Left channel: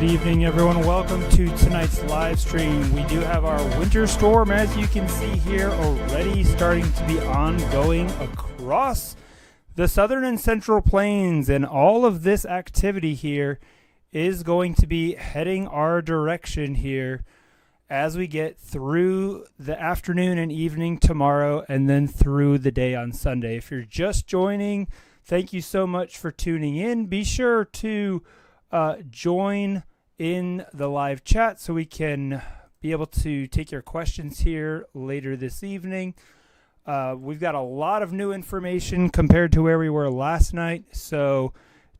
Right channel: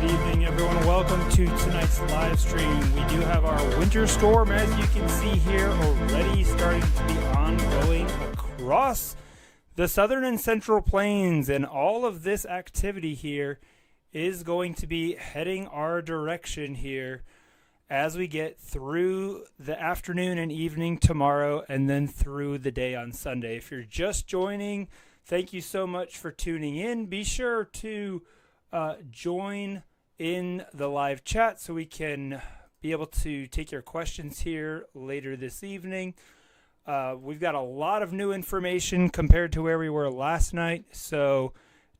Good evening, everyone. Welcome to tonight's live stream. We do have our winter storm, as you can see here, already starting to be ongoing across the southern and central plains, and all of this activity here is going to be heading our direction here as we get through the afternoon and evening tomorrow and then through the day on Sunday. If you're just joining, thank you so much for tuning in. Be sure to join in the live chat so we can be able to take your questions here later this evening. We've got a lot of new information compared to where we were last night, so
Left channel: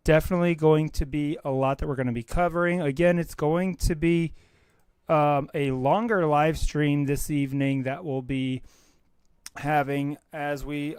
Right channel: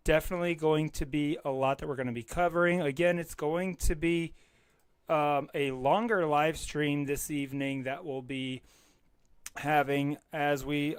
definitely going to be a lot that we're going to be covering. Again, it's going to be a longer live stream this evening that we'll be having as we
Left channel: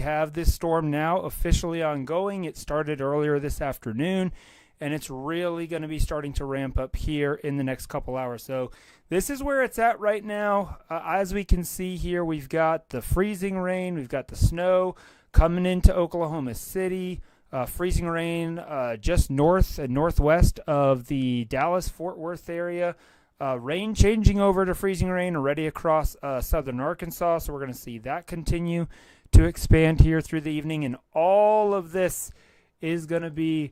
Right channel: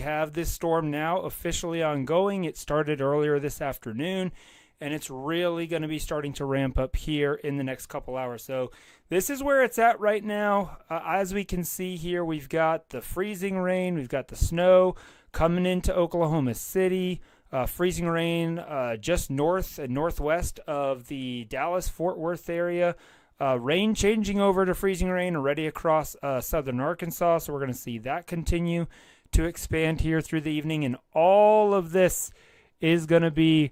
have this storm now officially ongoing. It started earlier this afternoon, and it's really going to be starting to ramp up here in the next couple hours. So this is where it's at right now. As we can see here, we've got the freezing rain, we've got the snow coming into Oklahoma City, freezing rain just north and northwest of the Dallas-Fort Worth area. Rain changing over to freezing rain already across southern Arkansas, so we're going to see that continue to expand here through the evening. And all of this is going to be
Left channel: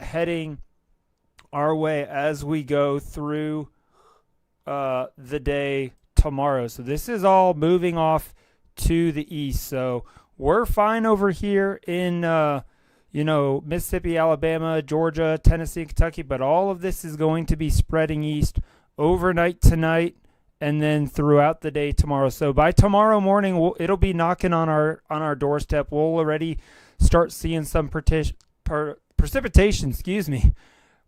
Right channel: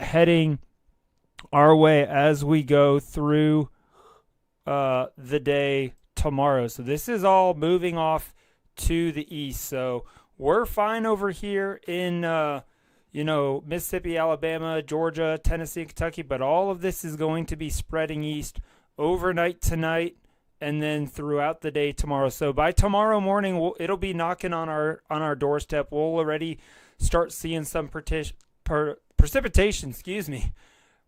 heading our way as we go through the day tomorrow. So this is all moving off to the east. So we're fine over here in Mississippi, Alabama, Georgia, Tennessee, Kentucky, but all of this is going to be spreading east overnight tonight and then throughout the day tomorrow. So by tomorrow morning, it'll be knocking on our doorstep. We'll already start seeing some precipitation.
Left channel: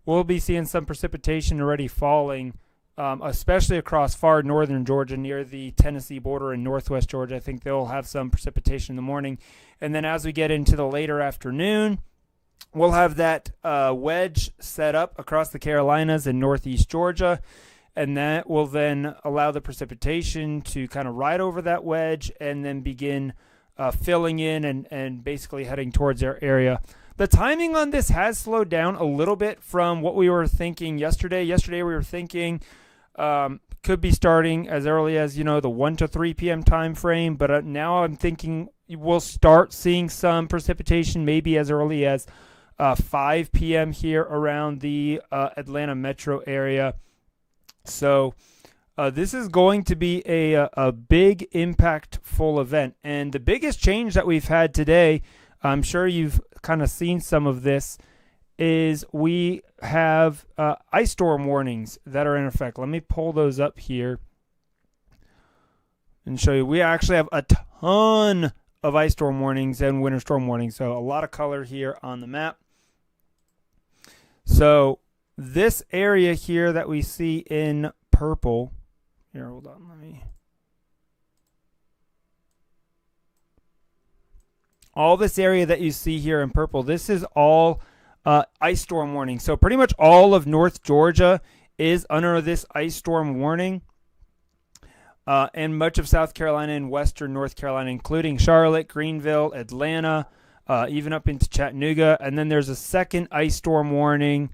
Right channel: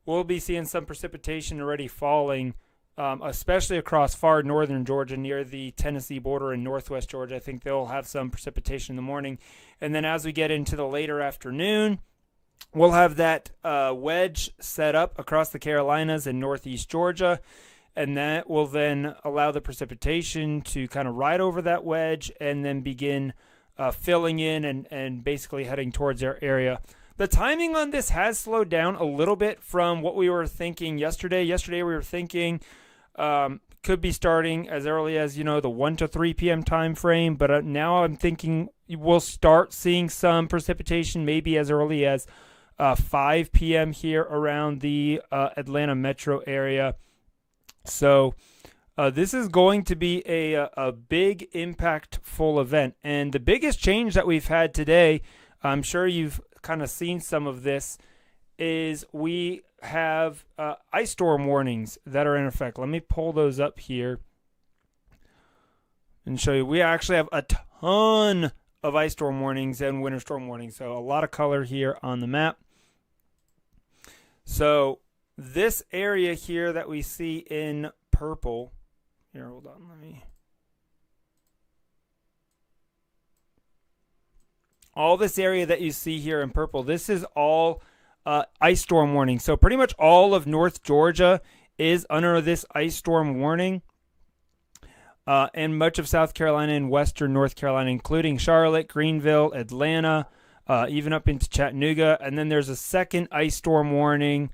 We'll be seeing some precipitation already falling, especially across far northern Georgia near the Tennessee border and northwest Georgia. I think they'll have some precipitation in the morning. And then as we get into the later afternoon, we'll have that wedge set up across the Carolinas and northeast Georgia. And that will then allow the precipitation to kind of ride over that wedge and then begin filling in and basically heading towards our area. The timing on this has slowed down a little bit from what we were thinking yesterday. Yesterday we were thinking could be starting as early as, the 1 to 3 p.m. time frame. But now I'm thinking we'll start seeing some precipitation maybe as early as 5 p.m. here around the Atlanta metro area. So this is going to be a big impactful event. And the biggest change that we've had today, I'm sure you've kind of seen some of this, is we have ice storm warnings that are in effect. Let me pull those up here and show you. We actually have a ton of ice storm warnings and winter storm warnings. So a lot of color here on the map. So this area here that we see in purple, here, hold on, all this area that you see here in purple, this is all ice storm warning. So pretty much all of North Georgia is under this ice storm warning, and much of South Carolina and western North Carolina, including Charlotte, Greenville, Atlanta, even up into Chattanooga. And then there's a second ice storm warning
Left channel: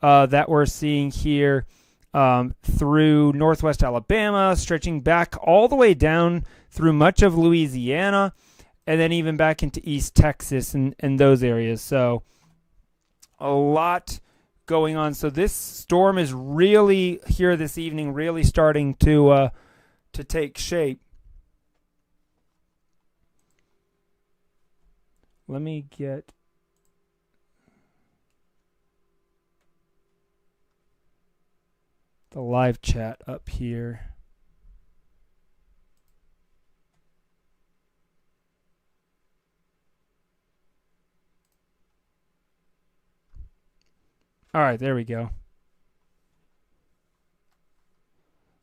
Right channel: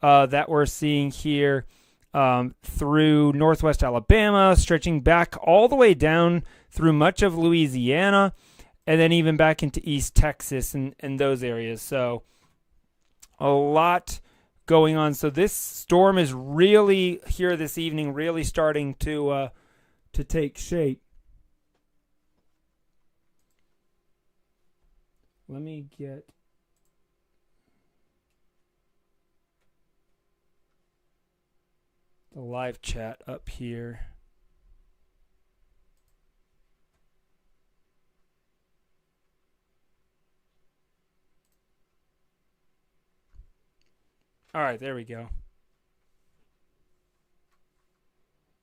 that we're seeing here through northwest Alabama, stretching back all the way down through much of Louisiana, and then even back into East Texas and those areas. So a lot going on. So this storm is really here this evening, really starting to take shape. Let me get the live chat up here. All right, there we go.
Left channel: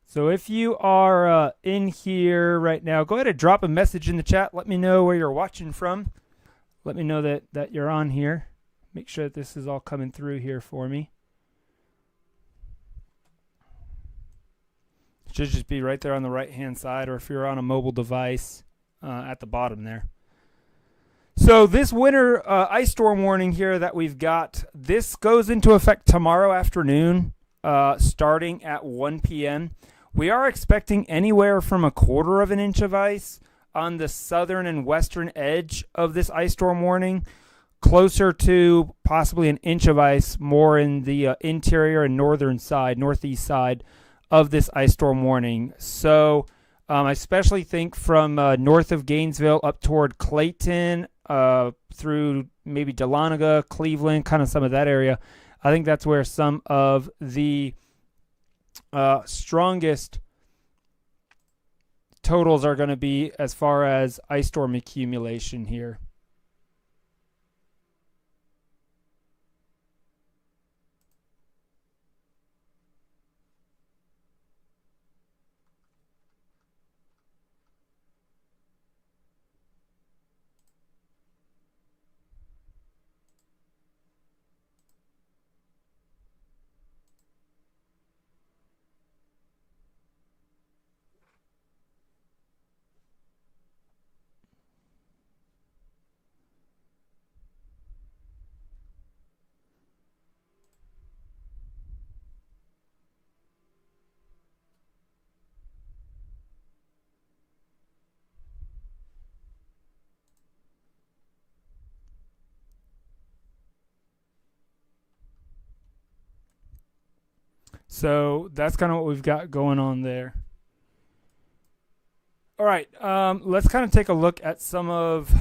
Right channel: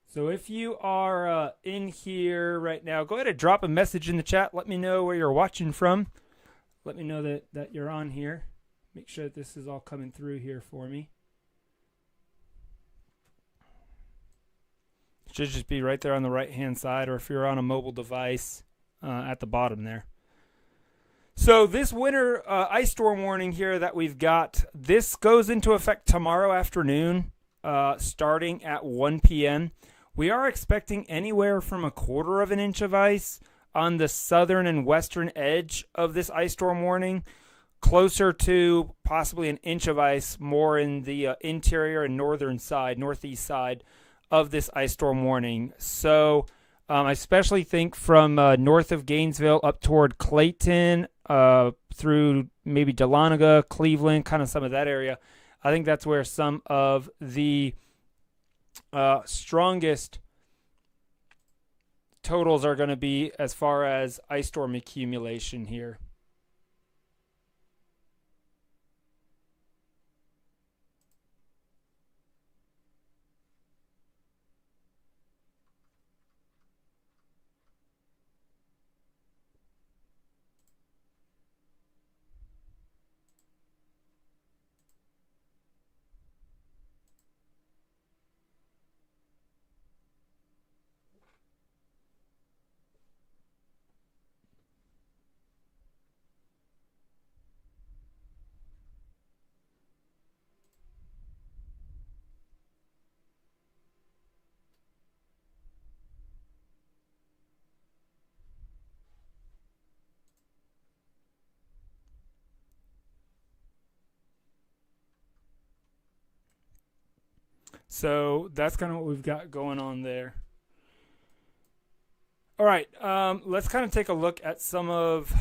So if you are in here right now, go ahead and drop a message in the chat. Let me know where you're watching from. Let me know that you're on here. Make sure that this is all coming through here for me. It should just be right there on the right-hand side, or if you're on a mobile device, at the bottom there. So this winter ice storm warning here that we've got, this goes into effect tomorrow afternoon, starting at 1 p.m. We are expecting anywhere from 1/4 of an inch of ice on the southern and western edge of this ice storm warning, closer to possibly 1 inch of ice more in the interior and northeast side of this ice storm warning. So I especially think from north of Gainesville up toward Clayton, through maybe Dahlonega, Cleveland, kind of some of that area. I think that's where some of the strongest totals are going to be as far as ice storm accumulation here. So that's kind of what we've got going on there. All right, let's kind of take a look at some of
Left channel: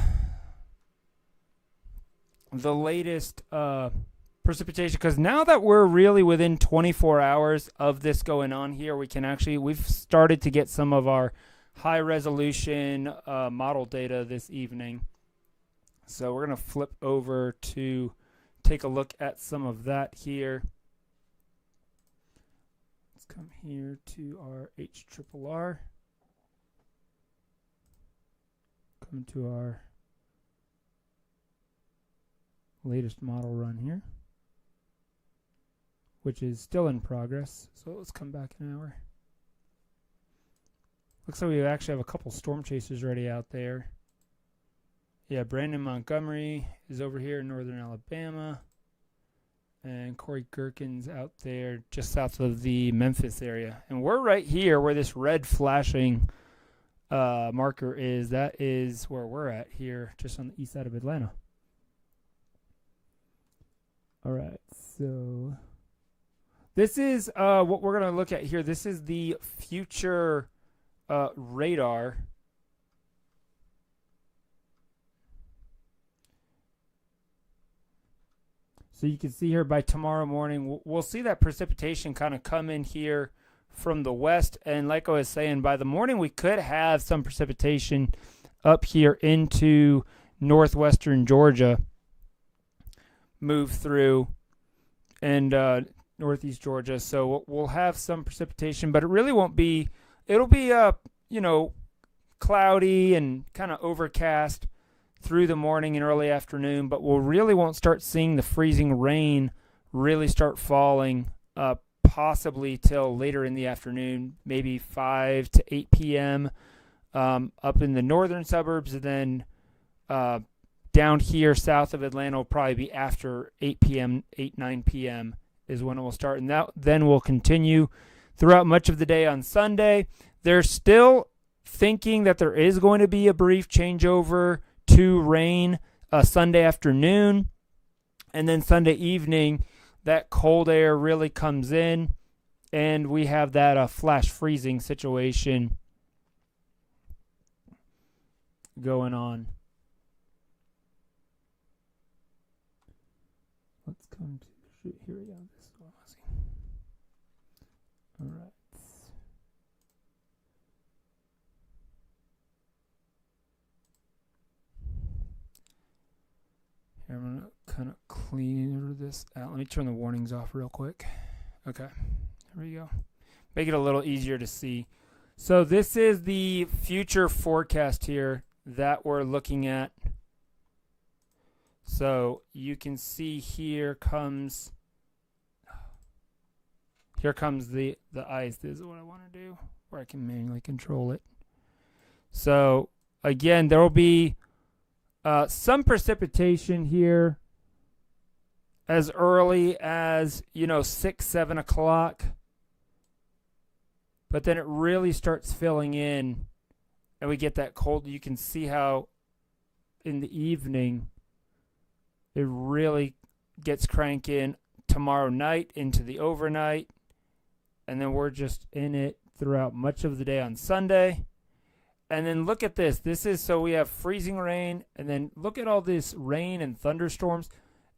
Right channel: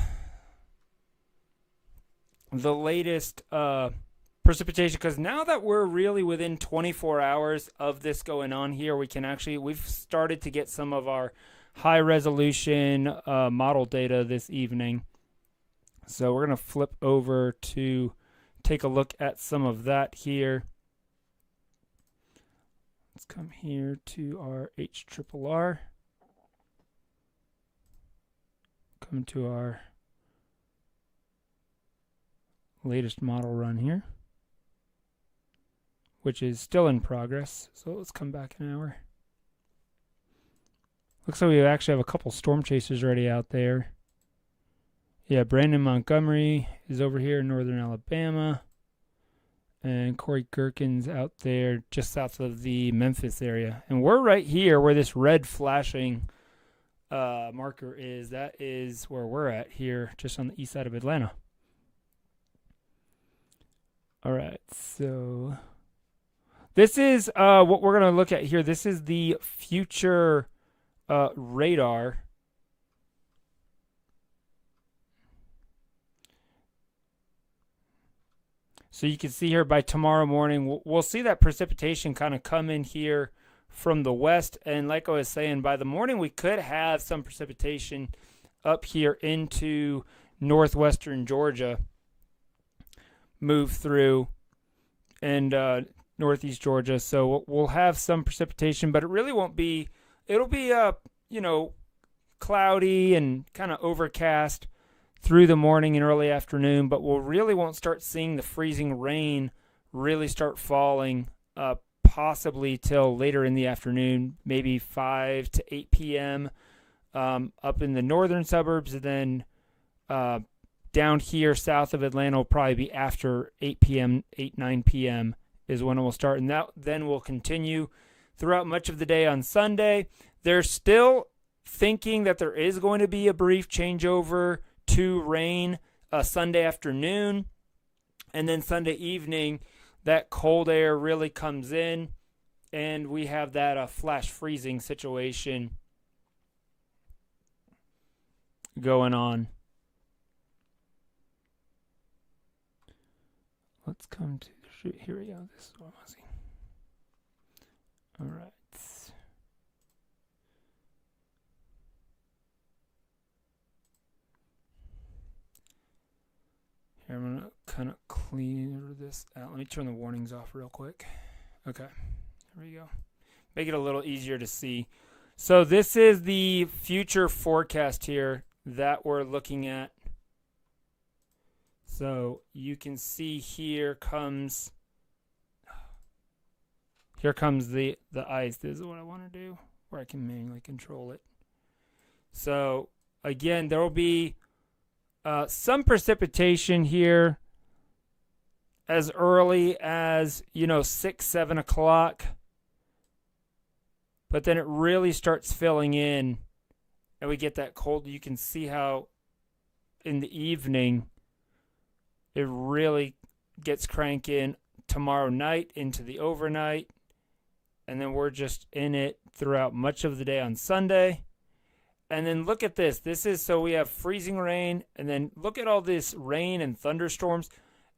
the latest precipitation, because now that we're really within 24 hours of this going on here, we've started to get some of our high resolution model data this evening. So we're going to flip over to take a look at some of that here. Let's come here to our HRRR. Come to our latest model run here, which is still in progress. So let's come back an hour. Looks like we actually have a couple storm chasers already out there. Yeah, Brandon Montgomery is over here in northern Alabama. And Corey Gherkin's out there just south of the Memphis area. And we're right here where this red flashing marker is. That is where we're at here, just on the east side of Atlanta. All right, so this is what we're going to look at here. This is the future radar. So you can see here by tomorrow morning, we'll see that precipitation kind of come in here from the west. And like I was saying, by the morning, we could have some precipitation up here into northwestern Georgia, move through, and northeast Georgia. So we'll have some precipitation, but it really won't be, it'll be, cloudy and kind of overcast through the morning and early afternoon, but we really won't start seeing the freezing rain really start falling possibly till later in the afternoon, maybe 5 to 8 p.m. Up in the northern suburbs, and then down here south of Atlanta will probably be after 8 p.m., 9 p.m. is when it will start, and that then will continue throughout much of the day on Sunday. They're still thinking that there is going to be a brief changeover to rain Sunday afternoon, and then Sunday evening that cold air really comes in and we have that flash freezing situation going on. Let's come to the shoot. Here we go. This is what I'm seeing. All right. Here, I'm going to kind of clear this out. Let me turn the warnings off real quick. Okay, there we go. Make it a little easier to see. So this is the future forecast here that we're looking at. So you can see here comes the ice. This is what I want to do, where I can manually control it. So again, there will be Some precipitation here as early as, 6, 7 o'clock. But then it really starts filling in, and we get that cold. You can see how in the evening it really gets cranking tomorrow night into the overnight. And then we're just in it throughout much of the day on Sunday. And then look at this. So we have freezing rain, and then look at all this rain and thunderstorms.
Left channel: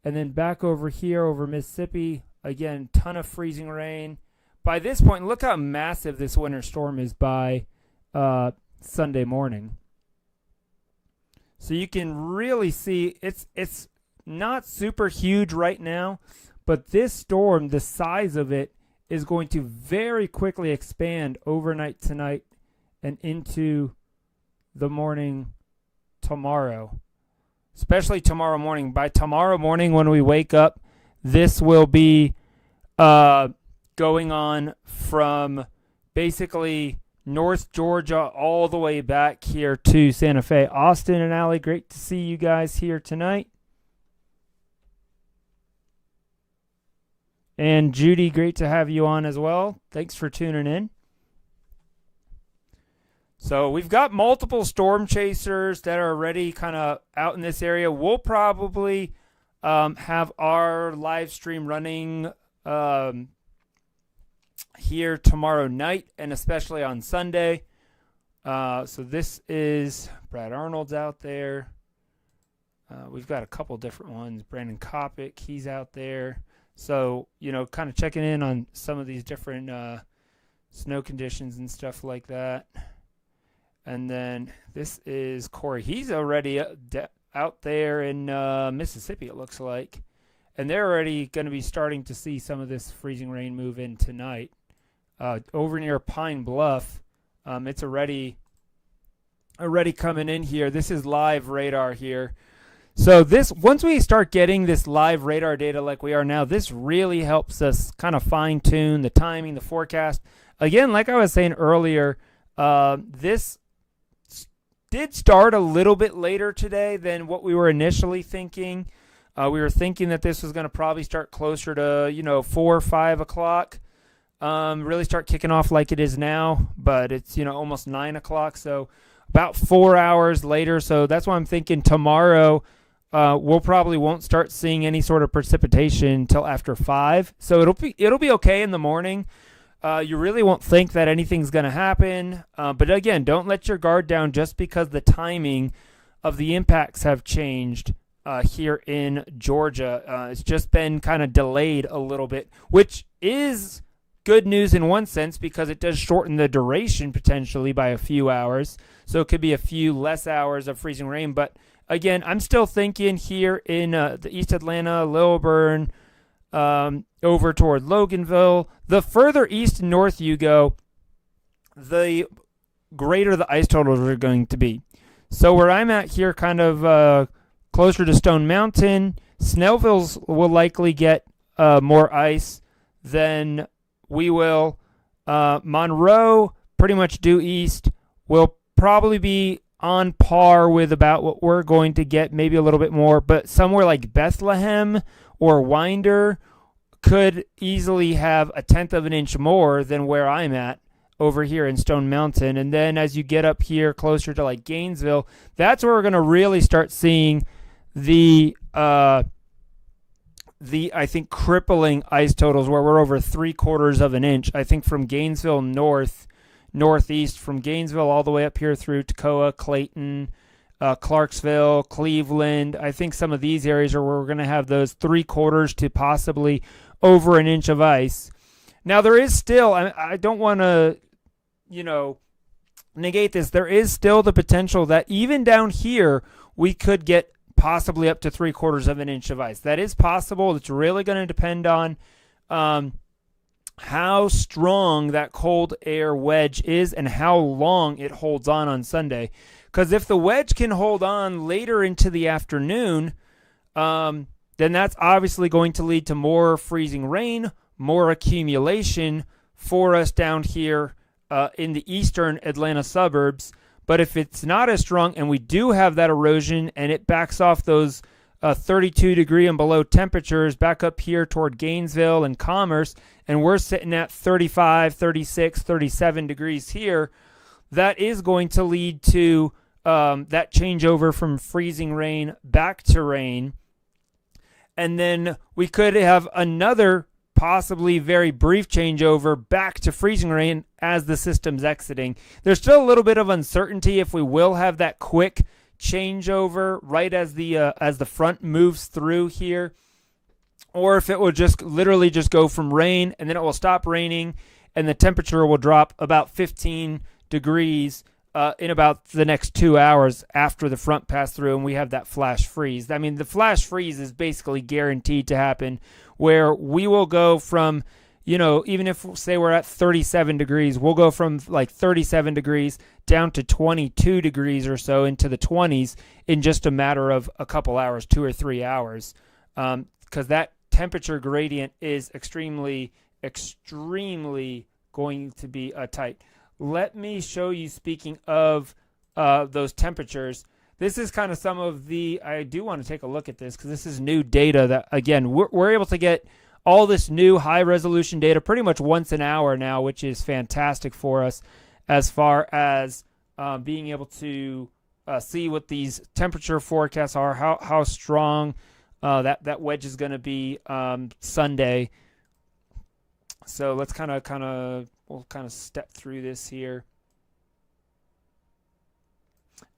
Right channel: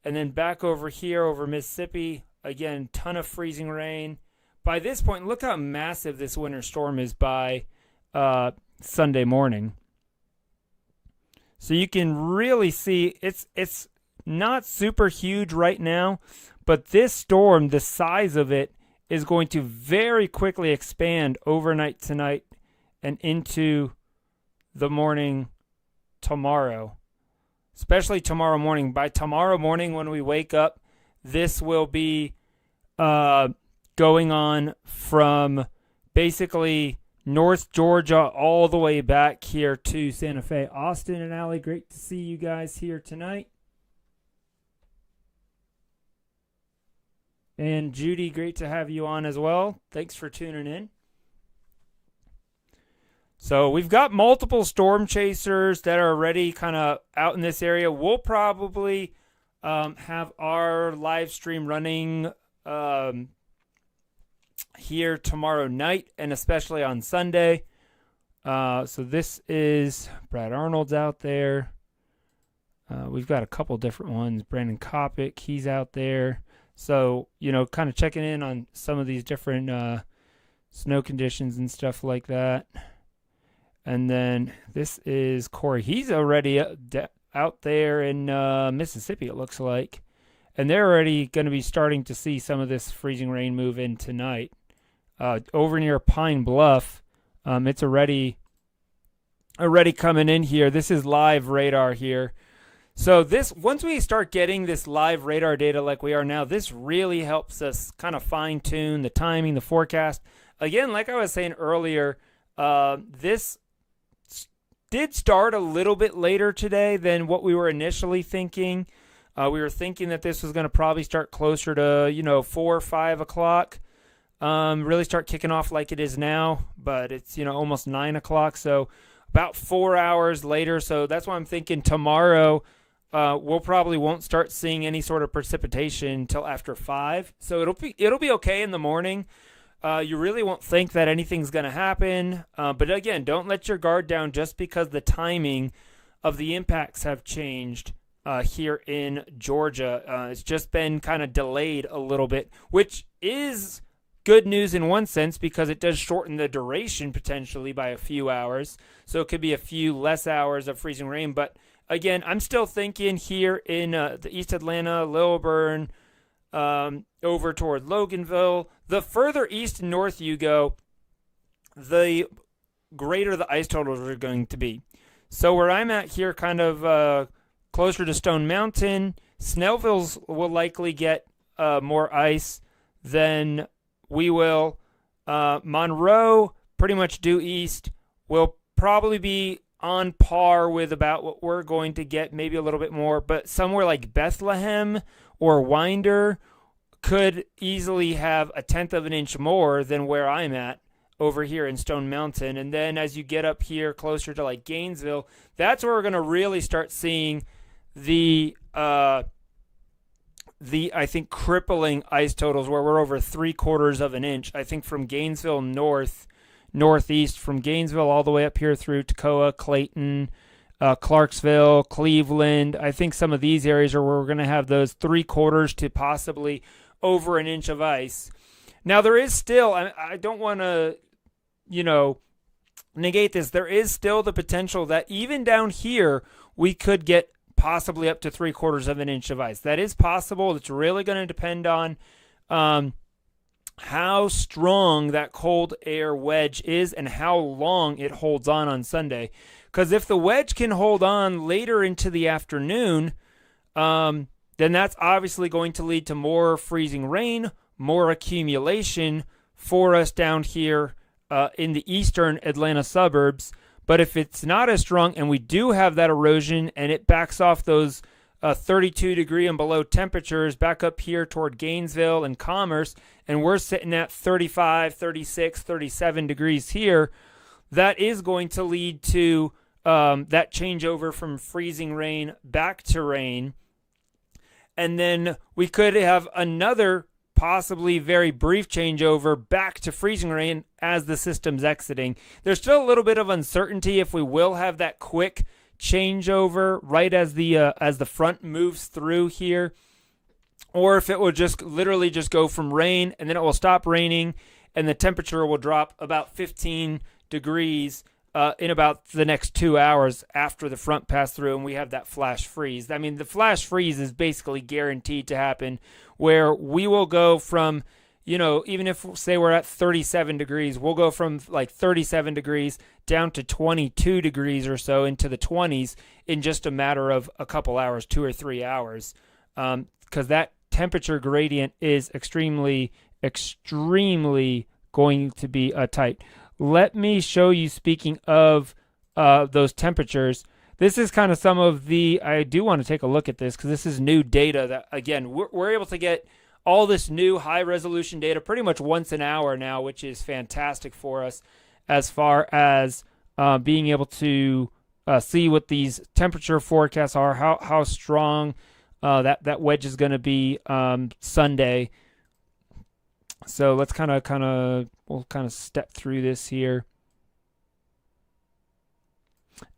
And then back over here over Mississippi, again, ton of freezing rain. By this point, look how massive this winter storm is by Sunday morning. So you can really see it's not super huge right now, but this storm, the size of it, is going to very quickly expand overnight tonight and into the morning tomorrow, especially tomorrow morning. By tomorrow morning when we wake up, this will be going on from basically North Georgia all the way back here to Santa Fe. Austin and Allie, great to see you guys here tonight. And Judy, great to have you on as well. Thanks for tuning in. So we've got multiple storm chasers that are already kind of out in this area. We'll probably have our live stream running here tomorrow night and especially on Sunday. So this is Brad Arnold's out there. We've got a couple different ones. Brandon Kopic, he's out there. So, kind of checking in on some of these different snow conditions and stuff like that. And then this is Corey. He's already out there in Mississippi, it looks like. And they're already going to be starting to see some of this freezing rain move in tonight. Over near Pine Bluff, it's already coming in here. This is live radar here. So once we start getting this live radar data like we are now, this really helps us kind of fine-tune the timing, the forecast. Again, like I was saying earlier, this did start a little bit later today than what we were initially thinking. We were thinking that this was going to probably start closer to, 4 or 5 o'clock, really start kicking off like it is now, but it's, almost 9 o'clock, so about 4 hours later. So that's why I'm thinking tomorrow we'll probably won't start seeing any sort of precipitation until after 5. So it'll be okay in the morning. You really won't think that anything's going to happen. But again, don't let your guard down just because the timing of the impacts have changed here in Georgia. It's just been kind of delayed a little bit, which is good news in one sense because it does shorten the duration potentially by a few hours. So it could be a few less hours of freezing rain. But again, I'm still thinking here in the East Atlanta, Lilburn, over toward Loganville. The further east and north you go, the greater the ice totals are going to be. So where I'm at here, kind of closer to Stone Mountain, Snellville's will likely get more ice than we will. Monroe, pretty much due east, will probably be on par with about what we're going to get, maybe a little bit more, but somewhere like Bethlehem or Winder could easily have a tenth of an inch more than where I'm at over here in Stone Mountain. And then as you get up here closer to like Gainesville, that's where we're going to really start seeing the I think crippling ice totals where we're over 3/4 of an inch. I think from Gainesville northeast, from Gainesville all the way up here through Toccoa, Clayton, Clarksville, Cleveland. I think some of these areas are where we're going to have those 3/4 to possibly over an inch of ice. Now there is still, I don't want to, negate this. There is still the potential that even down here we could get possibly up to 3/4 of an inch of ice. That is possible. It's really going to depend on how strong that cold air wedge is and how long it holds on Sunday. Because if the wedge can hold on later into the afternoon, then that's obviously going to lead to more freezing rain, more accumulation for us down here in the eastern Atlanta suburbs. But if it's not as strong and we do have that erosion and it backs off those 32 degree and below temperatures back up here toward Gainesville and Commerce, and we're sitting at 35, 36, 37 degrees here, that is going to lead to that changeover from freezing rain back to rain. And then we could have another possibly very brief changeover back to freezing rain as the system's exiting. There's still a little bit of uncertainty if we will have that quick changeover right as the front moves through here, or if it will just literally just go from rain and then it will stop raining and the temperature will drop about 15 degrees in about the next 2 hours after the front passed through and we have that flash freeze. I mean, the flash freeze is basically guaranteed to happen, where we will go from, even if, say, we're at 37 degrees, we'll go from like 37 degrees down to 22 degrees or so into the 20s in just a matter of a couple hours, 2 or 3 hours, because that temperature gradient is extremely, extremely going to be tight. Let me show you, speaking of those temperatures, this is kind of some of I do want to take a look at this because this is new data that, again, we're able to get all this new high-resolution data pretty much once an hour now, which is fantastic for us as far as being able to see what these temperature forecasts are, how strong that wedge is going to be Sunday. So let's we'll step through this here.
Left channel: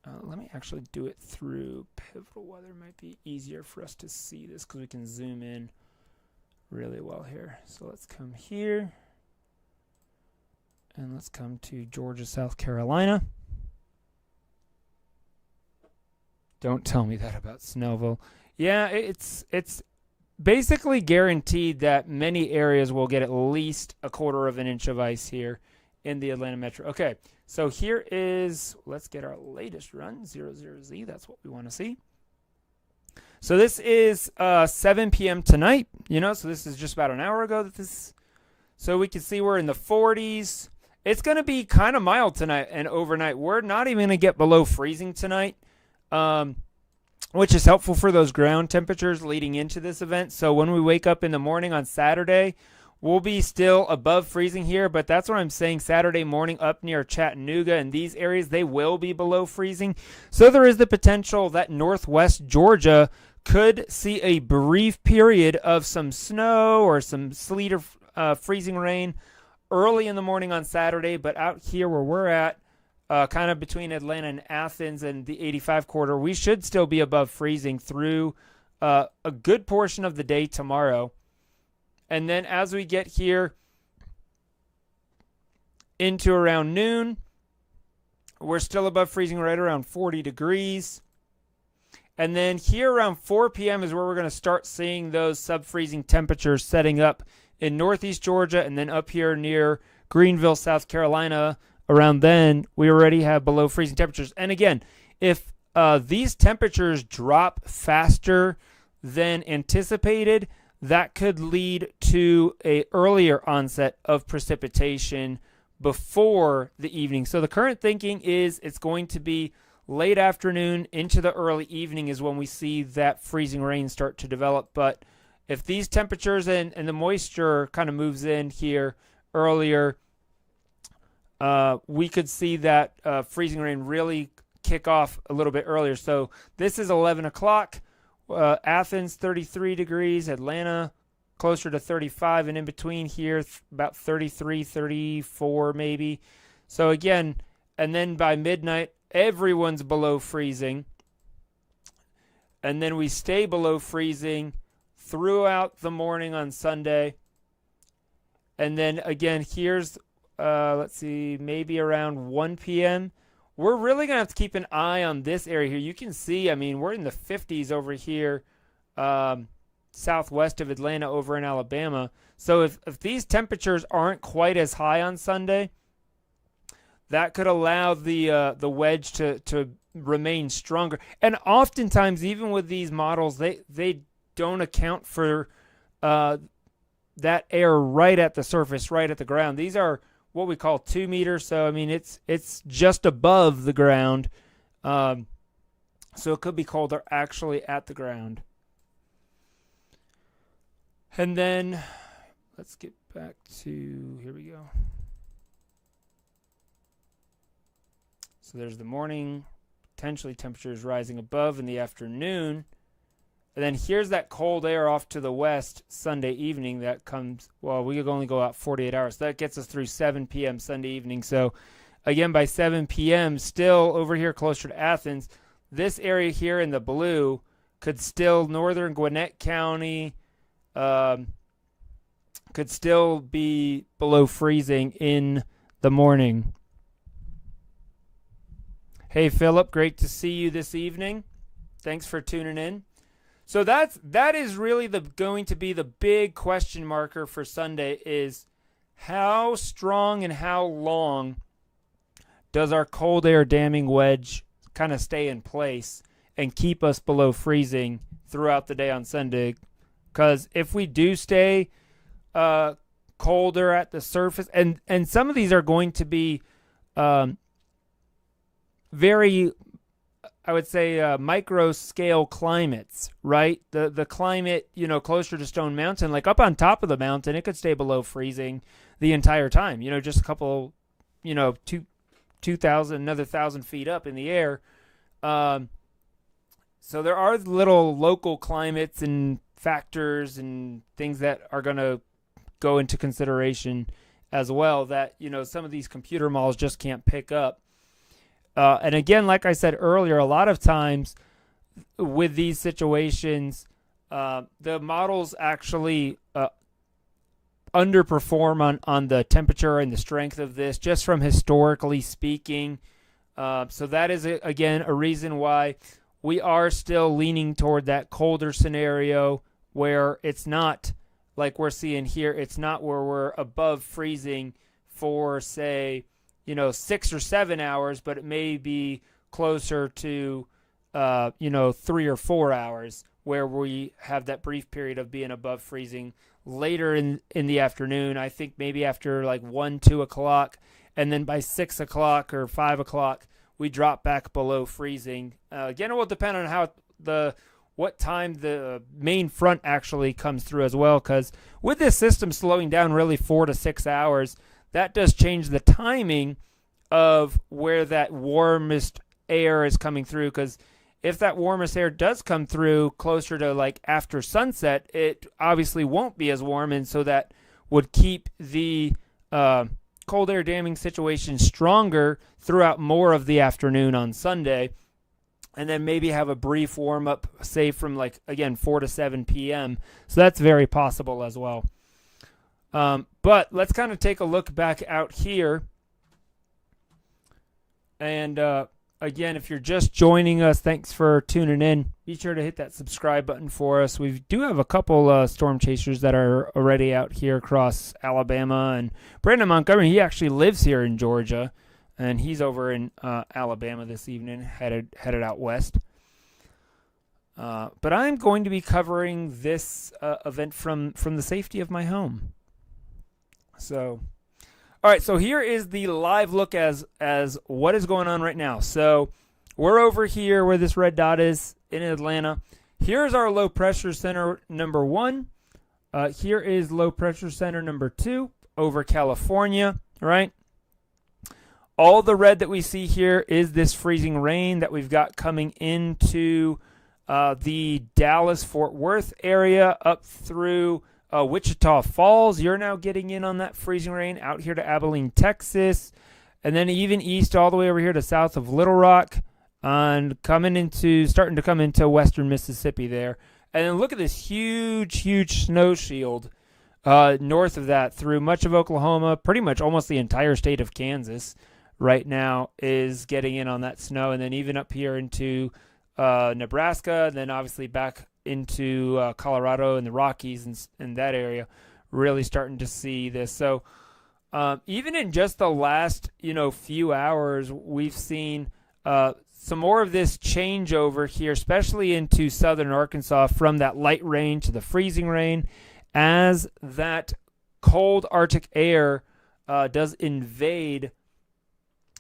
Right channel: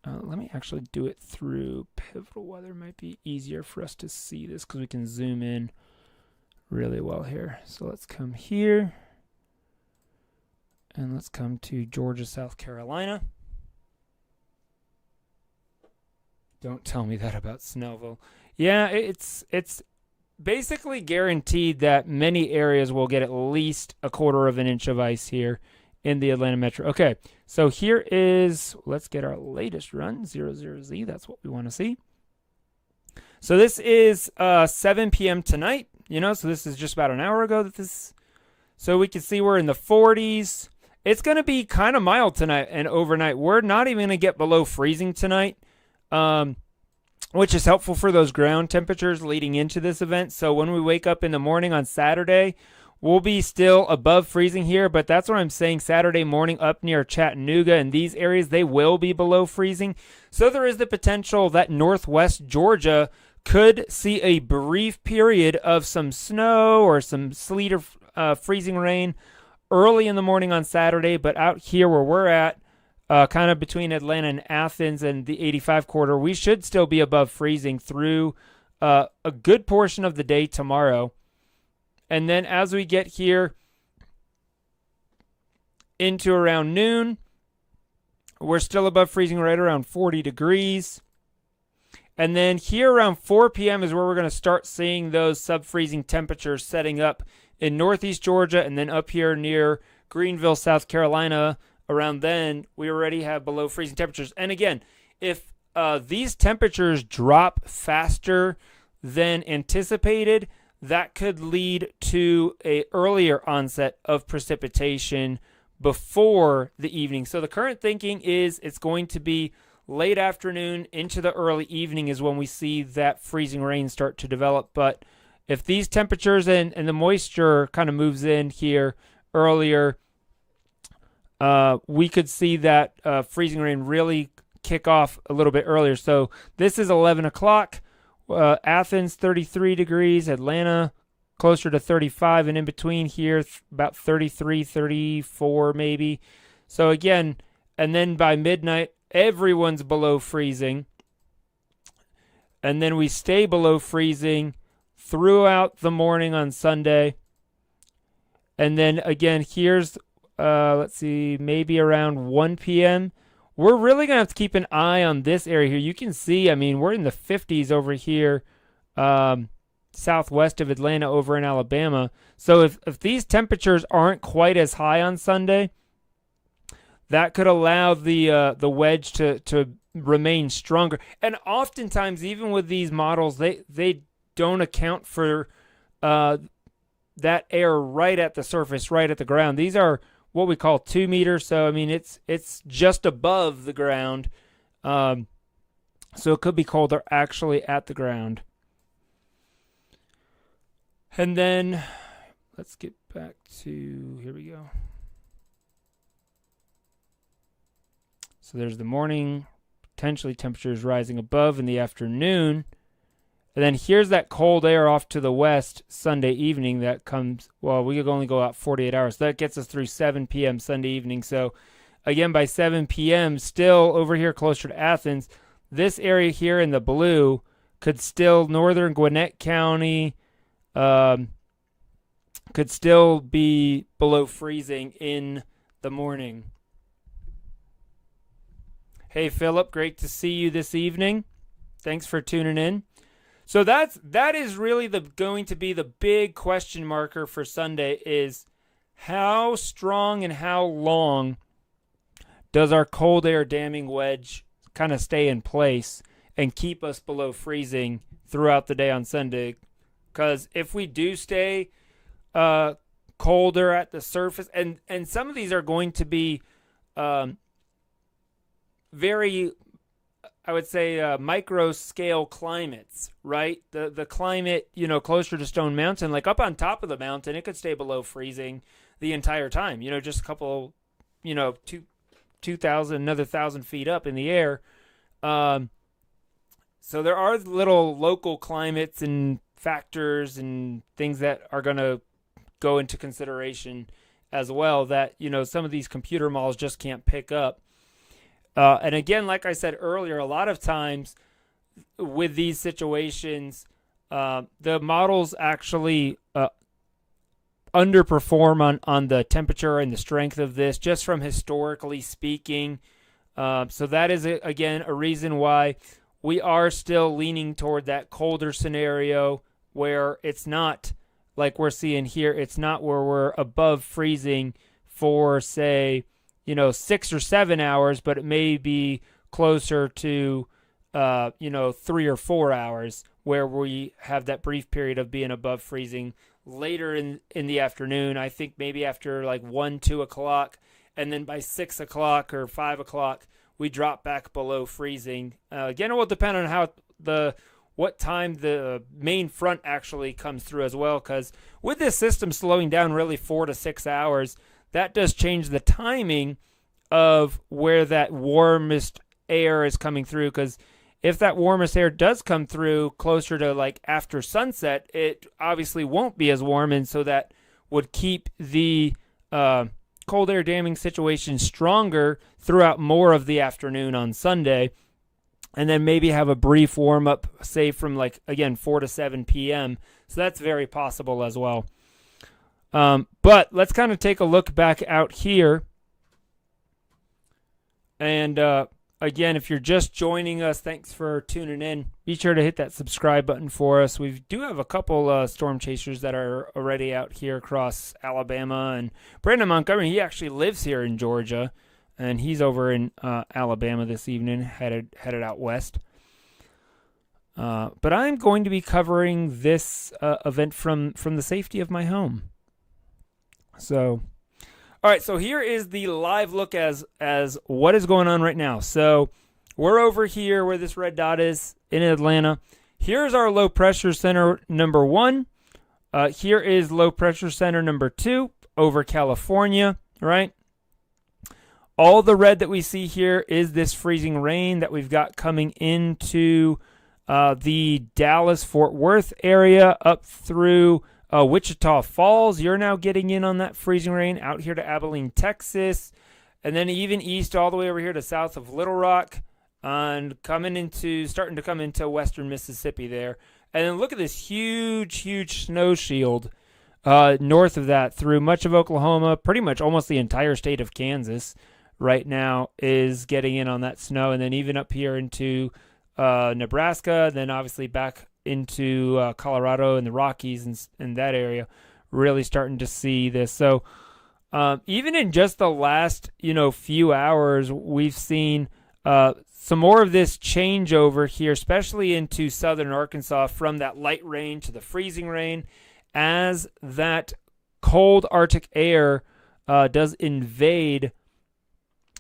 Let me actually do it through Pivotal Weather. Might be easier for us to see this because we can zoom in really well here. So let's come here. And let's come to Georgia, South Carolina. Don't tell me that about Snellville. Yeah, it's basically guaranteed that many areas will get at least 1/4 of an inch of ice here in the Atlanta metro. Okay, so here is, let's get our latest run, 00Z. That's what we want to see. So this is 7 p.m. tonight, so this is just about an hour ago that this, so we can see we're in the 40s. It's going to be kind of mild tonight and overnight. We're not even going to get below freezing tonight, which is helpful for those ground temperatures leading into this event. So when we wake up in the morning on Saturday, we'll be still above freezing here, but that's what I'm saying. Saturday morning up near Chattanooga and these areas, they will be below freezing. So there is the potential that northwest Georgia could see a brief period of some snow or some sleet or freezing rain early in the morning on Saturday, but out here where we're at, kind of between Atlanta and Athens and the 85 corridor, we should still be above freezing through a good portion of the day tomorrow. And then as we get here into around noon, we're still above freezing right around 40 degrees. And then here around 4 p.m. is where we're going to start seeing those sub-freezing temperatures setting up in northeast Georgia and then up here near Greenville, South Carolina. Around then, we already have below freezing temperatures. And again, if these temperatures drop faster than anticipated, that could lead to an earlier onset of precipitation before the evening. So the current thinking is it's going to be late afternoon into the early evening is when we see that freezing rain start to develop. But if these temperatures and the moisture kind of moves in here earlier, we could see that freezing rain really kick off a little bit earlier. So this is 11 o'clock. Athens, 33 degrees. Atlanta, closer to 35. And in between here, about 33, 34 maybe. So again, and then by midnight, everyone's below freezing. And then we stay below freezing throughout the morning on Sunday. And then again, here's, let's see, maybe around 1 p.m. We're really going to have to keep an eye on this area here. You can see, I mean, we're in the 50s over here, southwest of Atlanta over in Alabama. So if these temperatures aren't quite as high on Sunday, that could allow the wedge to remain stronger. And oftentimes, even with these models, they don't account for that air right at the surface, right at the ground. These are what we call 2 meters. So, I mean, it's just above the ground. So it could be colder actually at the ground. And then let's get back to, here we go. So there's the morning, potentially temperatures rising above in the afternoon. And then here's that cold air off to the west Sunday evening that comes, well, we could only go out 48 hours. That gets us through 7 p.m. Sunday evening. So, again, by 7 p.m., still over here closer to Athens, this area here in the blue could still, northern Gwinnett County, could still be below freezing in the morning. Hey, Philip, great to see you this evening. Thanks for tuning in. So that is really going to be the big question marker for Sunday, is how strong and how long does our cold air damming wedge kind of stay in place and keep us below freezing throughout the day on Sunday? Because if we do stay colder at the surface, and some of these are going to be very, I would say, micro scale climates, right? The climate, closer to Stone Mountain, like up on top of the mountain, it could stay below freezing the entire time. Just a couple, 2,000, another 1,000 feet up in the air. So there are little local climates and factors and things that are going to go into consideration as well that, some of these computer models just can't pick up. And again, like I said earlier, a lot of times with these situations, the models actually underperform on the temperature and the strength of this, just from historically speaking. So that is, again, a reason why we are still leaning toward that colder scenario where it's not like we're seeing here. It's not where we're above freezing for, say, 6 or 7 hours, but it may be closer to, 3 or 4 hours where we have that brief period of being above freezing later in the afternoon. I think maybe after like 1, 2 o'clock, and then by 6 o'clock or 5 o'clock, we drop back below freezing. Again, it will depend on what time the main front actually comes through as well, because with this system slowing down really 4 to 6 hours, that does change the timing of where that warmest air is coming through, because if that warmest air does come through closer to like after sunset, it obviously won't be as warm, and so that would keep the cold air damming situation stronger throughout more of the afternoon on Sunday, and then maybe have a brief warm-up, say from 4 to 7 p.m. So that's very possible as well. But let's kind of take a look back out here. And again, if you're just joining us, thanks for tuning in. Be sure to hit that subscribe button for us. We do have a couple storm chasers that are already out here across Alabama. And Brandon Montgomery, he actually lives here in Georgia, and he's over in Alabama this evening, headed out west. But I'm going to be covering this event from the safety of my home. So, all right, so here is the live look as what is going on right now. So we're over here where this red dot is in Atlanta. Here's our low pressure center number 1. Here is low pressure center number 2 over California, right? All the red that we see here is this freezing rain that we've got coming into the Dallas-Fort Worth area up through Wichita Falls. You're now getting in on that freezing rain out here to Abilene, Texas, and then even east all the way over here to south of Little Rock, and starting to come into western Mississippi there. And then look at this huge snow shield north of that through much of Oklahoma, pretty much almost the entire state of Kansas right now is getting in on that snow, and then even up here into Nebraska, then obviously back into Colorado and the Rockies and that area, really starting to see this. So even in just the last few hours, we've seen some more of this changeover here, especially into southern Arkansas, from that light rain to the freezing rain, as that cold Arctic air does invade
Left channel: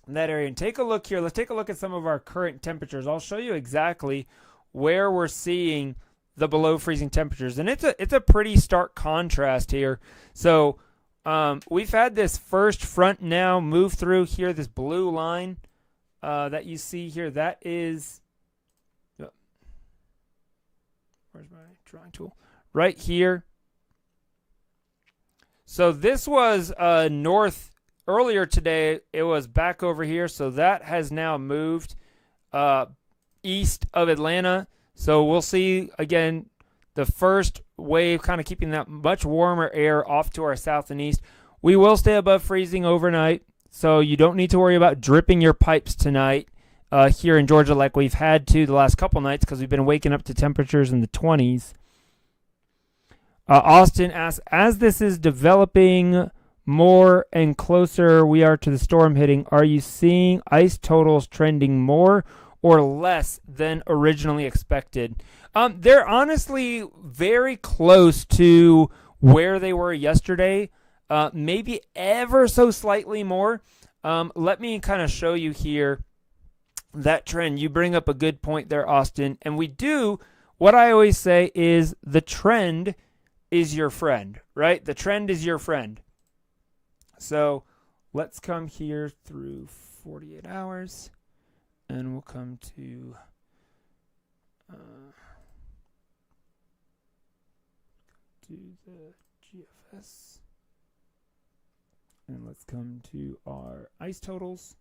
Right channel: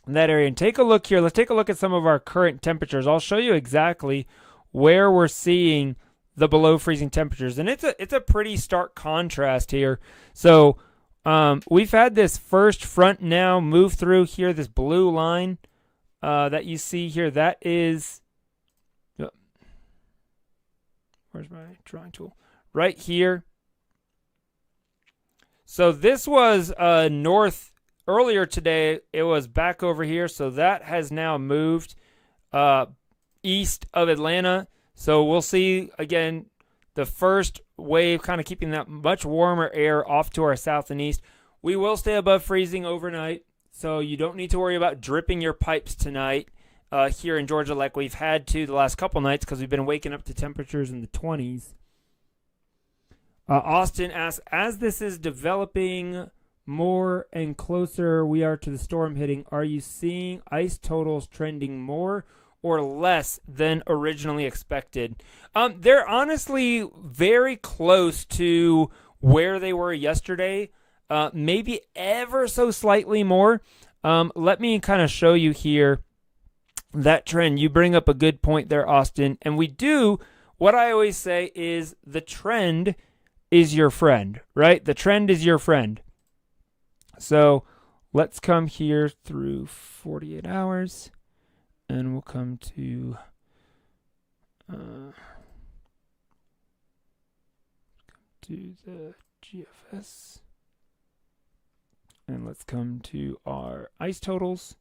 that area. And take a look here. Let's take a look at some of our current temperatures. I'll show you exactly where we're seeing the below freezing temperatures, and it's a pretty stark contrast here. So we've had this first front now move through here, this blue line that you see here. That is, where's my drawing tool? Right here. So this was north earlier today. It was back over here, so that has now moved east of Atlanta. So we'll see, again, the first wave kind of keeping that much warmer air off to our south and east. We will stay above freezing overnight, so you don't need to worry about dripping your pipes tonight here in Georgia like we've had to the last couple nights, because we've been waking up to temperatures in the 20s. Austin asks, as this is developing more and closer we are to the storm hitting, are you seeing ice totals trending more or less than originally expected? They're honestly very close to where they were yesterday, maybe ever so slightly more. Let me kind of show you here that trend. You bring up a good point there, Austin. And we do, what I always say is the trend is your friend, right? The trend is your friend. So let's come here through 48 hours. And we'll come to the GFS. And let's come to our ice totals.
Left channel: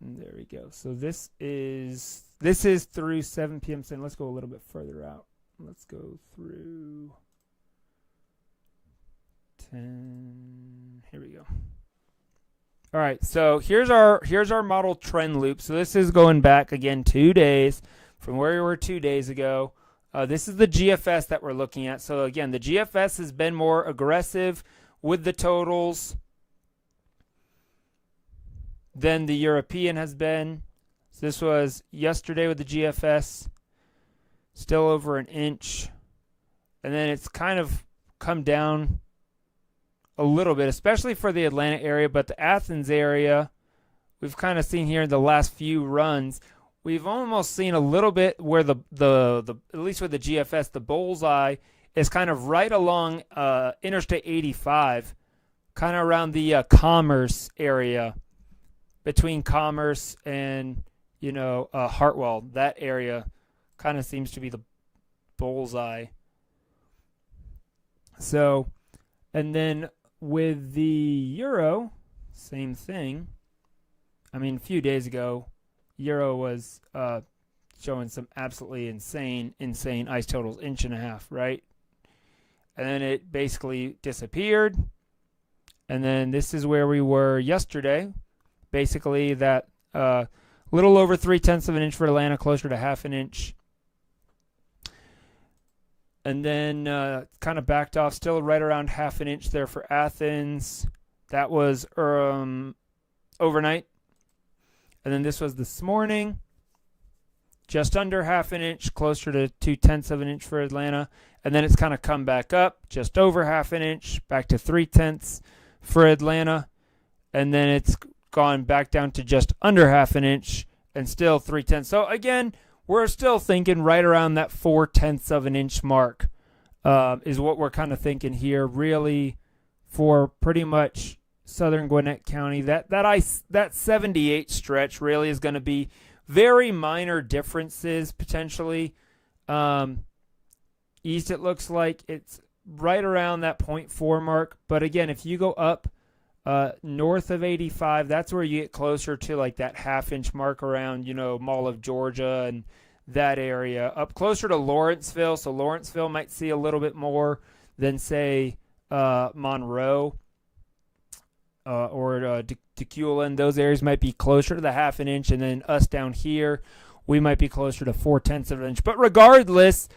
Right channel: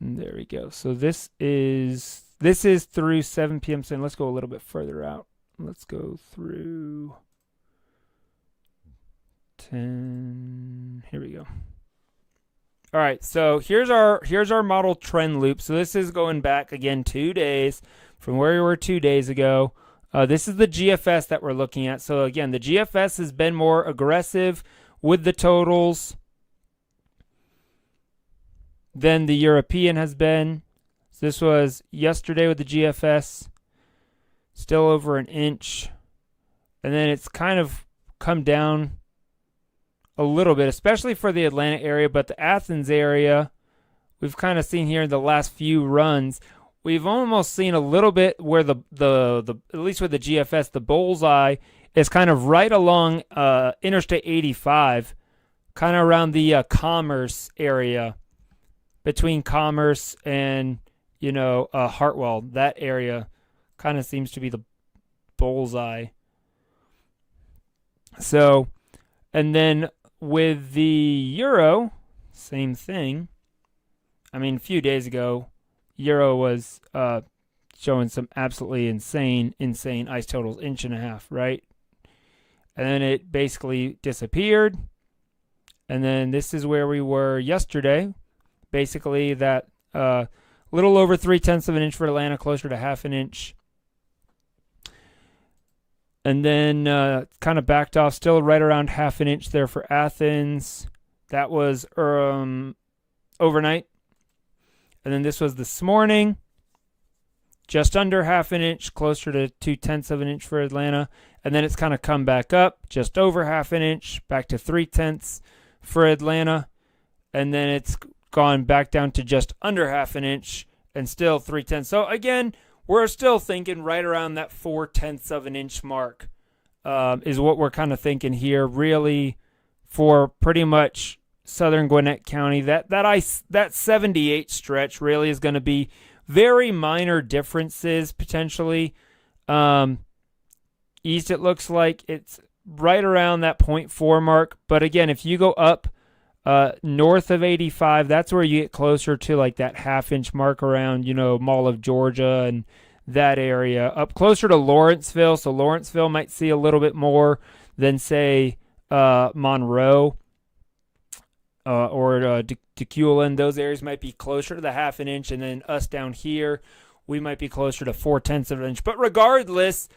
And there we go. So this is through 7 p.m. So let's go a little bit further out. Let's go through 10. Here we go. All right, so here's our model trend loop. So this is going back again 2 days from where we were 2 days ago. This is the GFS that we're looking at. So again, the GFS has been more aggressive with the totals than the European has been. So this was yesterday with the GFS, still over an inch. And then it's kind of come down a little bit, especially for the Atlanta area, but the Athens area, we've kind of seen here in the last few runs, we've almost seen a little bit where the at least with the GFS, the bullseye is kind of right along Interstate 85, kind of around the Commerce area, between Commerce and Hartwell. That area kind of seems to be the bullseye. So, and then with the Euro, same thing. I mean, a few days ago, Euro was showing some absolutely insane ice totals, 1.5 inches, right? And then it basically disappeared. And then this is where we were yesterday. Basically that little over 0.3 of an inch for Atlanta, closer to 0.5 inch. And then kind of backed off, still right around 0.5 inch there for Athens. That was overnight. And then this was this morning, just under 0.5 inch, closer to 0.2 of an inch for Atlanta. And then it's kind of come back up, just over 0.5 inch, back to 0.3 for Atlanta. And then it's gone back down to just under 0.5 inch and still 0.3. So again, we're still thinking right around that 0.4 of an inch mark is what we're kind of thinking here, really, for pretty much southern Gwinnett County. That 78 stretch really is going to be very minor differences potentially. East, it looks like it's right around that 0.4 mark. But again, if you go up north of 85, that's where you get closer to like that 0.5 inch mark around, Mall of Georgia and that area. Up closer to Lawrenceville, so Lawrenceville might see a little bit more than, say, Monroe or Dequelan. Those areas might be closer to the 0.5 inch, and then us down here, we might be closer to 0.4 of an inch. But regardless,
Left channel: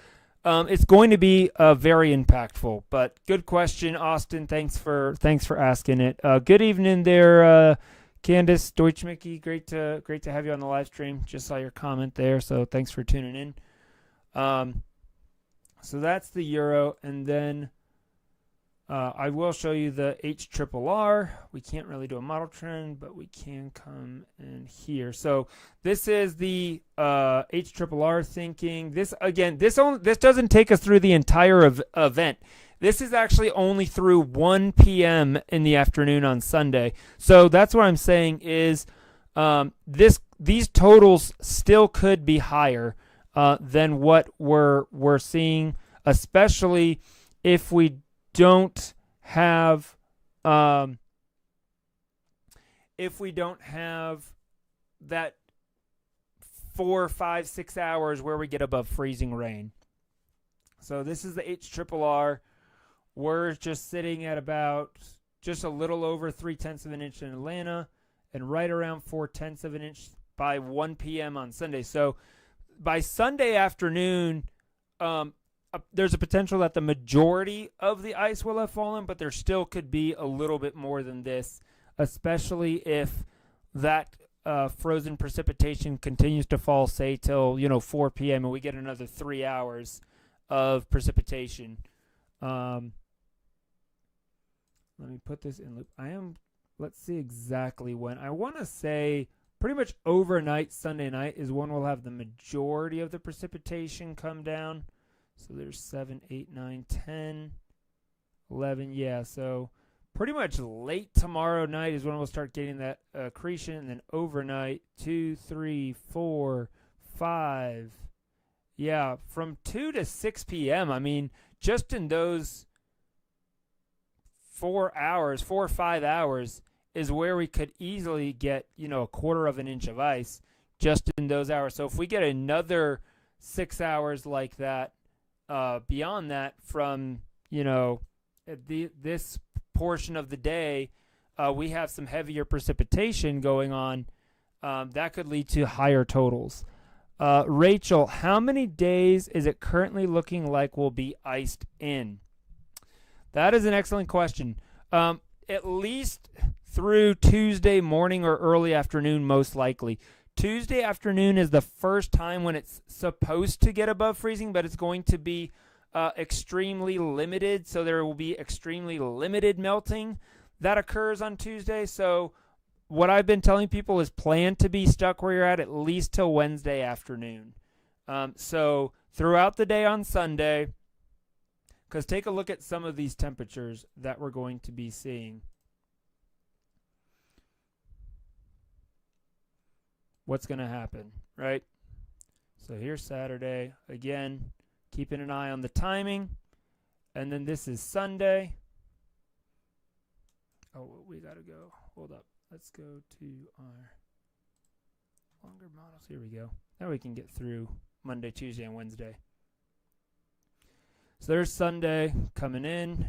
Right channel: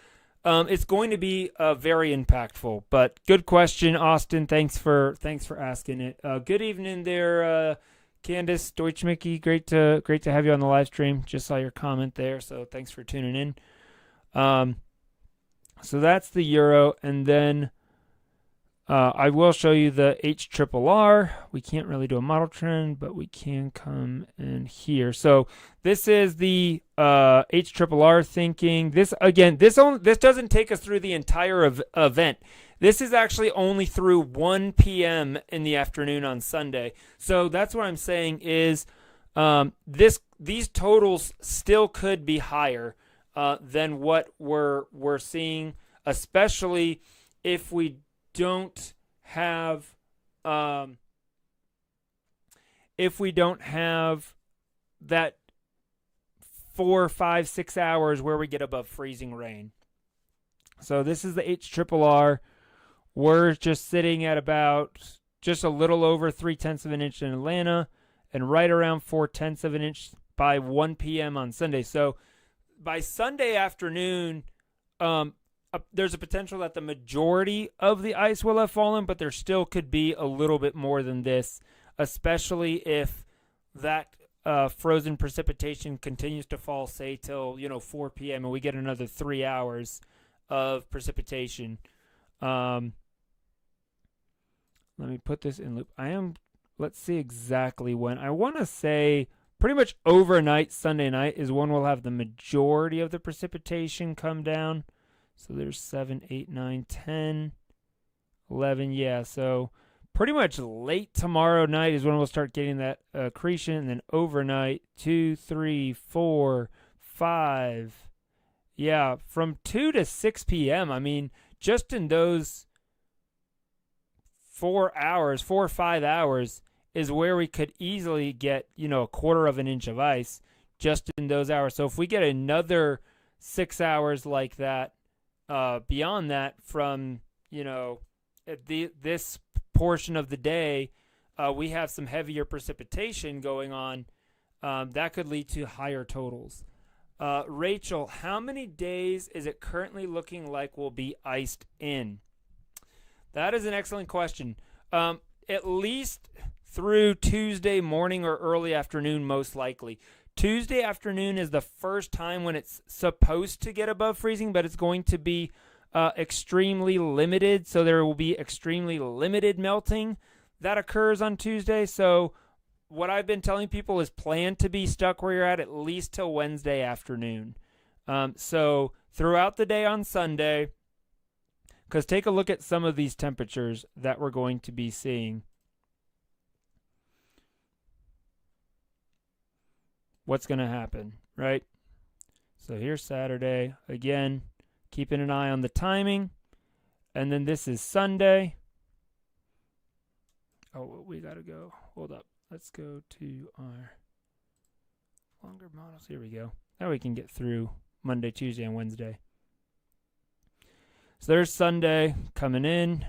it's going to be very impactful. But good question, Austin. Thanks for asking it. Good evening there, Candace Deutschmicky. Great to have you on the live stream. Just saw your comment there, so thanks for tuning in. So that's the Euro, and then I will show you the HRRR. We can't really do a model trend, but we can come in here. So this is the HRRR thinking. This again, this doesn't take us through the entire event. This is actually only through 1 p.m. in the afternoon on Sunday. So that's what I'm saying is these totals still could be higher than what we're seeing, especially if we don't have that 4, 5, 6 hours where we get above freezing rain. So this is the HRRR. We're just sitting at about just a little over 0.3 of an inch in Atlanta and right around 0.4 of an inch by 1 p.m. on Sunday. So by Sunday afternoon, there's a potential that the majority of the ice will have fallen, but there still could be a little bit more than this, especially if that frozen precipitation continues to fall, say, till 4 p.m. and we get another 3 hours of precipitation. Let me put this in loop. Let's see exactly when. I want to say pretty much overnight, Sunday night, is when we'll have the majority of the precipitation come down. So there's 7, 8, 9, 10, 11. Yeah, so pretty much late tomorrow night is when we'll start getting that accretion. And then overnight, 2, 3, 4, 5. Yeah, from 2 to 6 p.m. I mean, just in those 4 or 5 hours is where we could easily get, a quarter of an inch of ice just in those hours. So if we get another 6 hours like that, beyond that from, this portion of the day, we have some heavier precipitation going on. That could lead to higher totals. Rachel, how many days is it currently looking like will be iced in? That is an excellent question. At least through Tuesday morning or early afternoon, most likely. Tuesday afternoon is the first time when it's supposed to get above freezing, but it's going to be extremely limited. So there will be extremely limited melting that occurs on Tuesday. So what I've been telling people is plan to be stuck where you're at least till Wednesday afternoon. So throughout the day on Sunday, because take a look at some of these temperatures that we're going to be seeing. What's going to happen, right? So here's Saturday. Again, keeping an eye on the timing. And then this is Sunday. Oh, we got to go. Hold up. Let's go to our longer models. Here we go. Now we can get through Monday, Tuesday, and Wednesday. So there's Sunday coming in.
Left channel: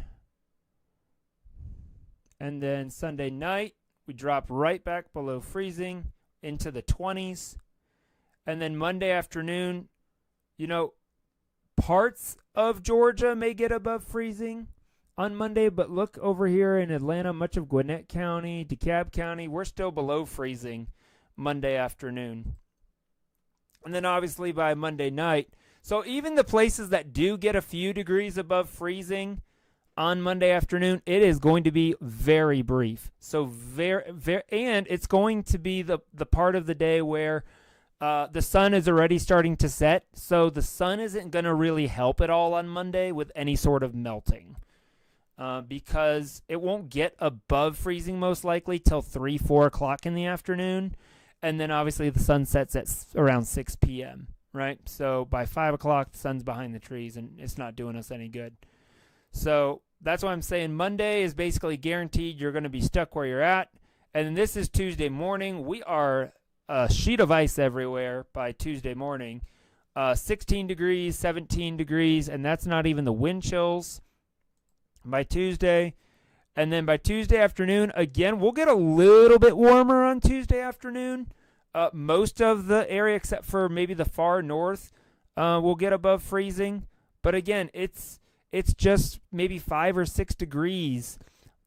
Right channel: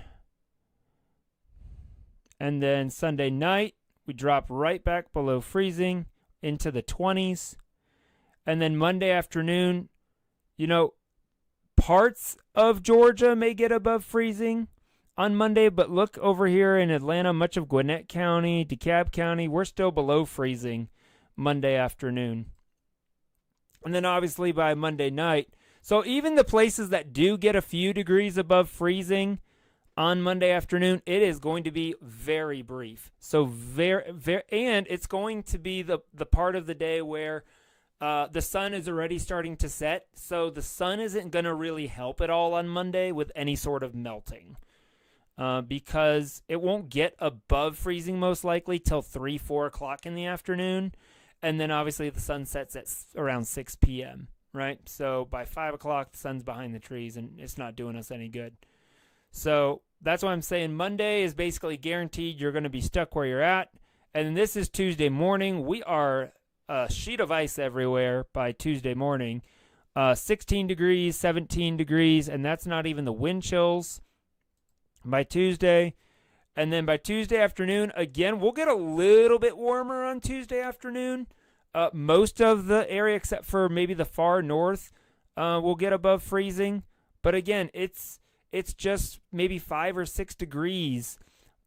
And then Sunday night, we drop right back below freezing into the 20s. And then Monday afternoon, parts of Georgia may get above freezing on Monday, but look over here in Atlanta, much of Gwinnett County, DeKalb County, we're still below freezing Monday afternoon. And then obviously by Monday night, so even the places that do get a few degrees above freezing on Monday afternoon, it is going to be very brief. So and it's going to be the part of the day where the sun is already starting to set. So the sun isn't going to really help at all on Monday with any sort of melting. Because it won't get above freezing most likely till 3, 4 o'clock in the afternoon. And then obviously the sun sets at around 6 p.m., right? So by 5 o'clock, the sun's behind the trees and it's not doing us any good. So that's why I'm saying Monday is basically guaranteed you're going to be stuck where you're at. And then this is Tuesday morning. We are a sheet of ice everywhere by Tuesday morning. 16 degrees, 17 degrees, and that's not even the wind chills by Tuesday. And then by Tuesday afternoon, again, we'll get a little bit warmer on Tuesday afternoon. Most of the area, except for maybe the far north, will get above freezing. But again, it's just maybe 5 or 6 degrees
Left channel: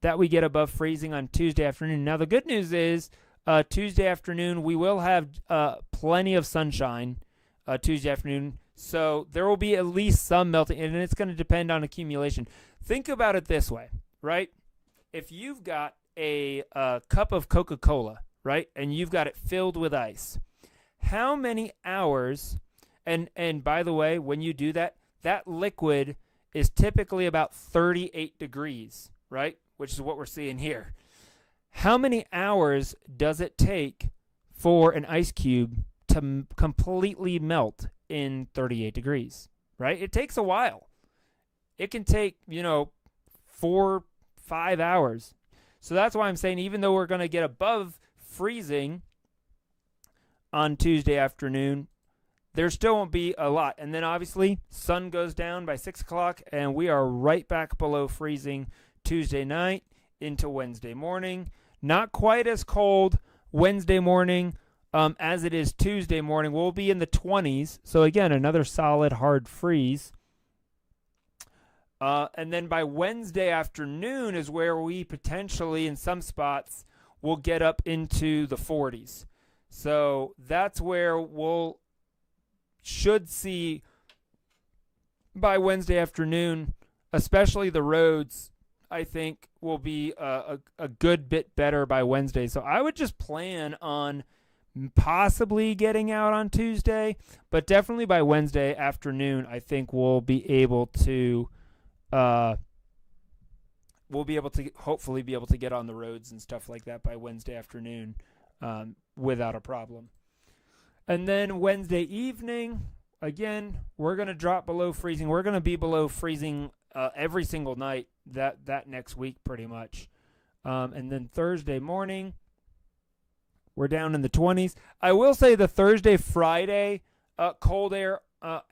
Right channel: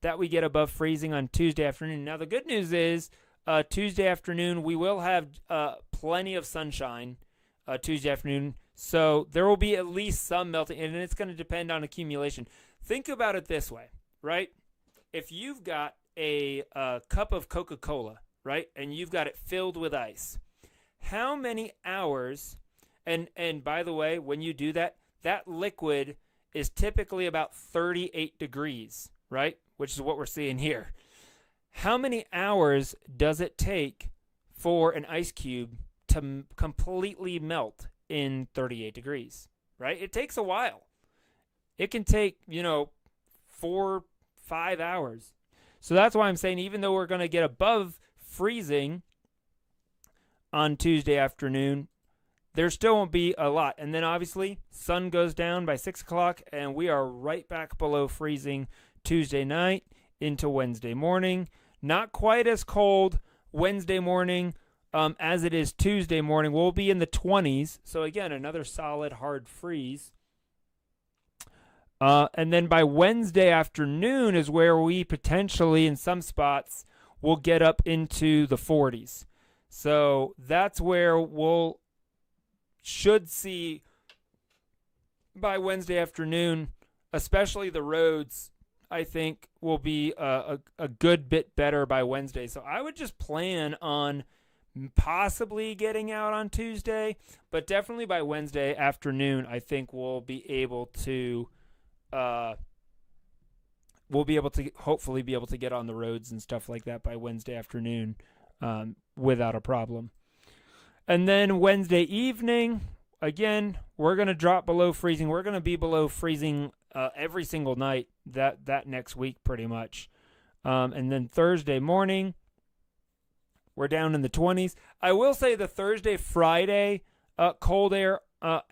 that we get above freezing on Tuesday afternoon. Now, the good news is Tuesday afternoon, we will have plenty of sunshine Tuesday afternoon. So there will be at least some melting, and it's going to depend on accumulation. Think about it this way. right? If you've got a cup of Coca-Cola, right, and you've got it filled with ice, how many hours, and by the way, when you do that, that liquid is typically about 38 degrees, right, which is what we're seeing here. How many hours does it take for an ice cube to completely melt in 38 degrees, right? It takes a while. It can take, 4-5 hours. So that's why I'm saying even though we're going to get above freezing on Tuesday afternoon, there still won't be a lot. And then obviously sun goes down by 6 o'clock and we are right back below freezing Tuesday night into Wednesday morning. Not quite as cold Wednesday morning as it is Tuesday morning. We'll be in the 20s. So again, another solid hard freeze. And then by Wednesday afternoon is where we potentially, in some spots, will get up into the 40s. So that's where we'll should see by Wednesday afternoon, especially the roads, I think will be a good bit better by Wednesday. So I would just plan on possibly getting out on Tuesday, but definitely by Wednesday afternoon, I think we'll be able to hopefully be able to get on the roads and stuff like that by Wednesday afternoon without a problem. And then Wednesday evening, again, we're going to drop below freezing. We're going to be below freezing every single night that next week pretty much. And then Thursday morning, we're down in the 20s. I will say the Thursday, Friday cold air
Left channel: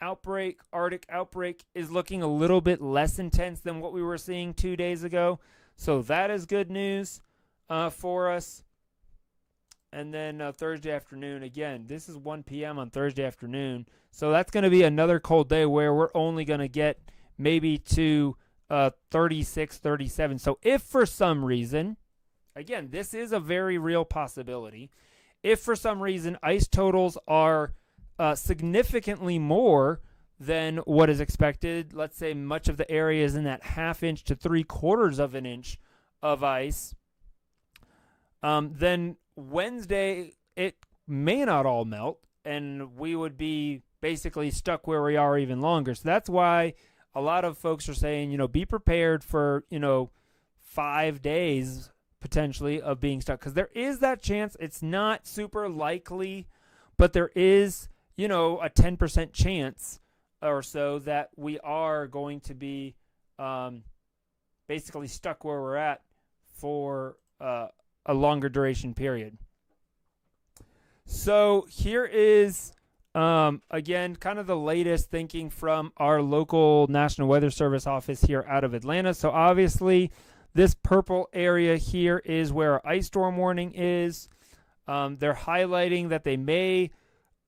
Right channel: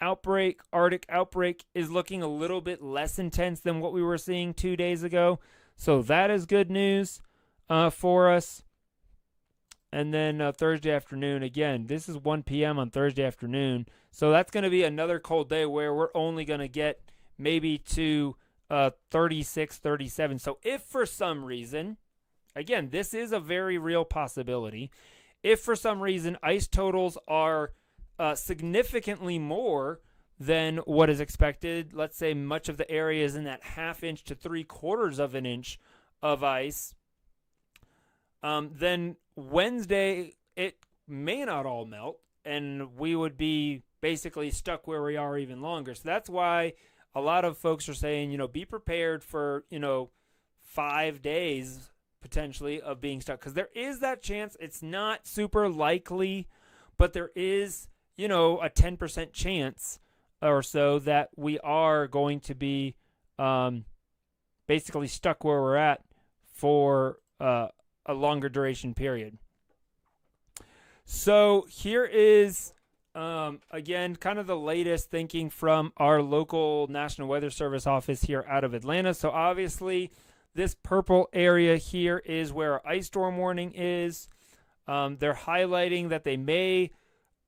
outbreak, Arctic outbreak, is looking a little bit less intense than what we were seeing 2 days ago. So that is good news for us. And then Thursday afternoon, again, this is 1 p.m. on Thursday afternoon. So that's going to be another cold day where we're only going to get maybe to 36, 37. So if for some reason, again, this is a very real possibility. If for some reason ice totals are significantly more than what is expected, let's say much of the area is in that 1/2 inch to 3/4 of an inch of ice, then Wednesday it may not all melt and we would be basically stuck where we are even longer. So that's why a lot of folks are saying, be prepared for, 5 days potentially of being stuck, because there is that chance. It's not super likely, but there is, a 10% chance or so that we are going to be basically stuck where we're at for a longer duration period. So here is, again, kind of the latest thinking from our local National Weather Service office here out of Atlanta. So obviously, this purple area here is where our ice storm warning is. They're highlighting that they may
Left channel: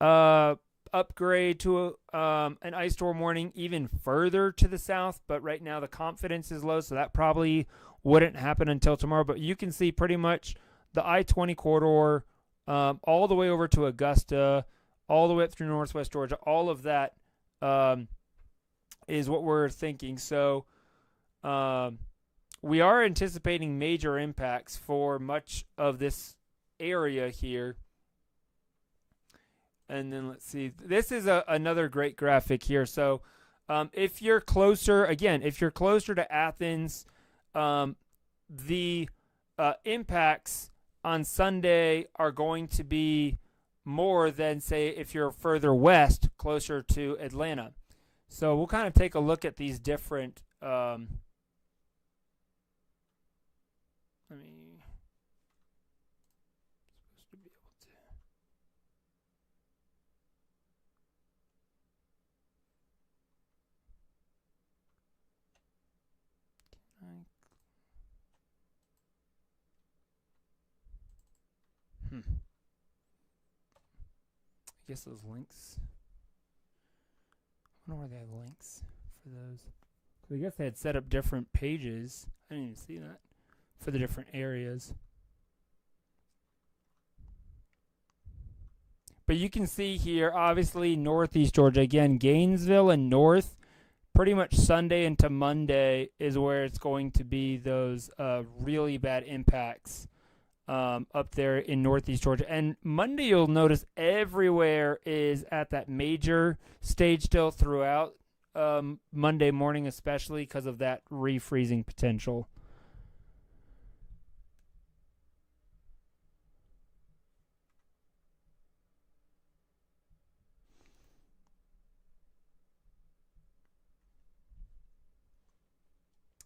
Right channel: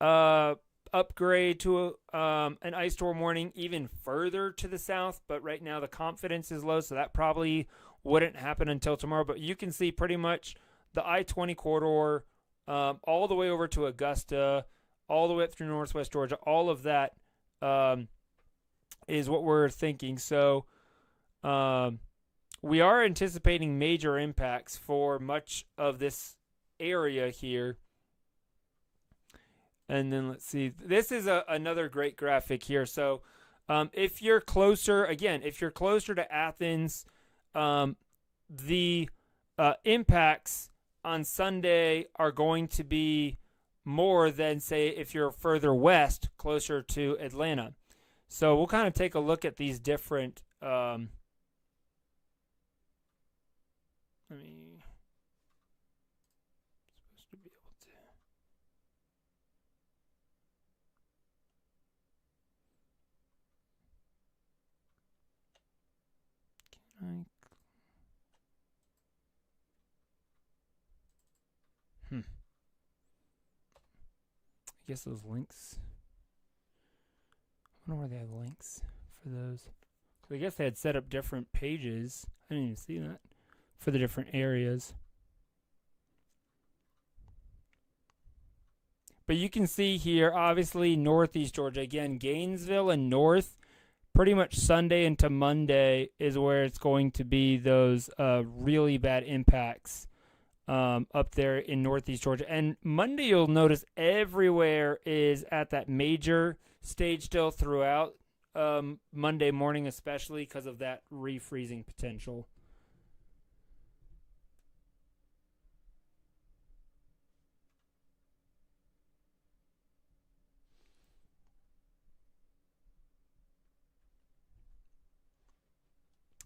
upgrade to an ice storm warning even further to the south, but right now the confidence is low, so that probably wouldn't happen until tomorrow. But you can see pretty much the I-20 corridor all the way over to Augusta, all the way up through northwest Georgia. All of that is what we're thinking. So we are anticipating major impacts for much of this area here. And then let's see. This is another great graphic here. So if you're closer, again, if you're closer to Athens, the impacts on Sunday are going to be more than, say, if you're further west, closer to Atlanta. So we'll kind of take a look at these different supposed to be able to. I guess those links. I wonder where they have links for those. So I guess they had set up different pages. I didn't even see that for the different areas. But you can see here, obviously, northeast Georgia. Again, Gainesville and north, pretty much Sunday into Monday is where it's going to be those really bad impacts up there in northeast Georgia. And Monday, you'll notice everywhere is at that major stage still throughout Monday morning, especially because of that refreezing potential.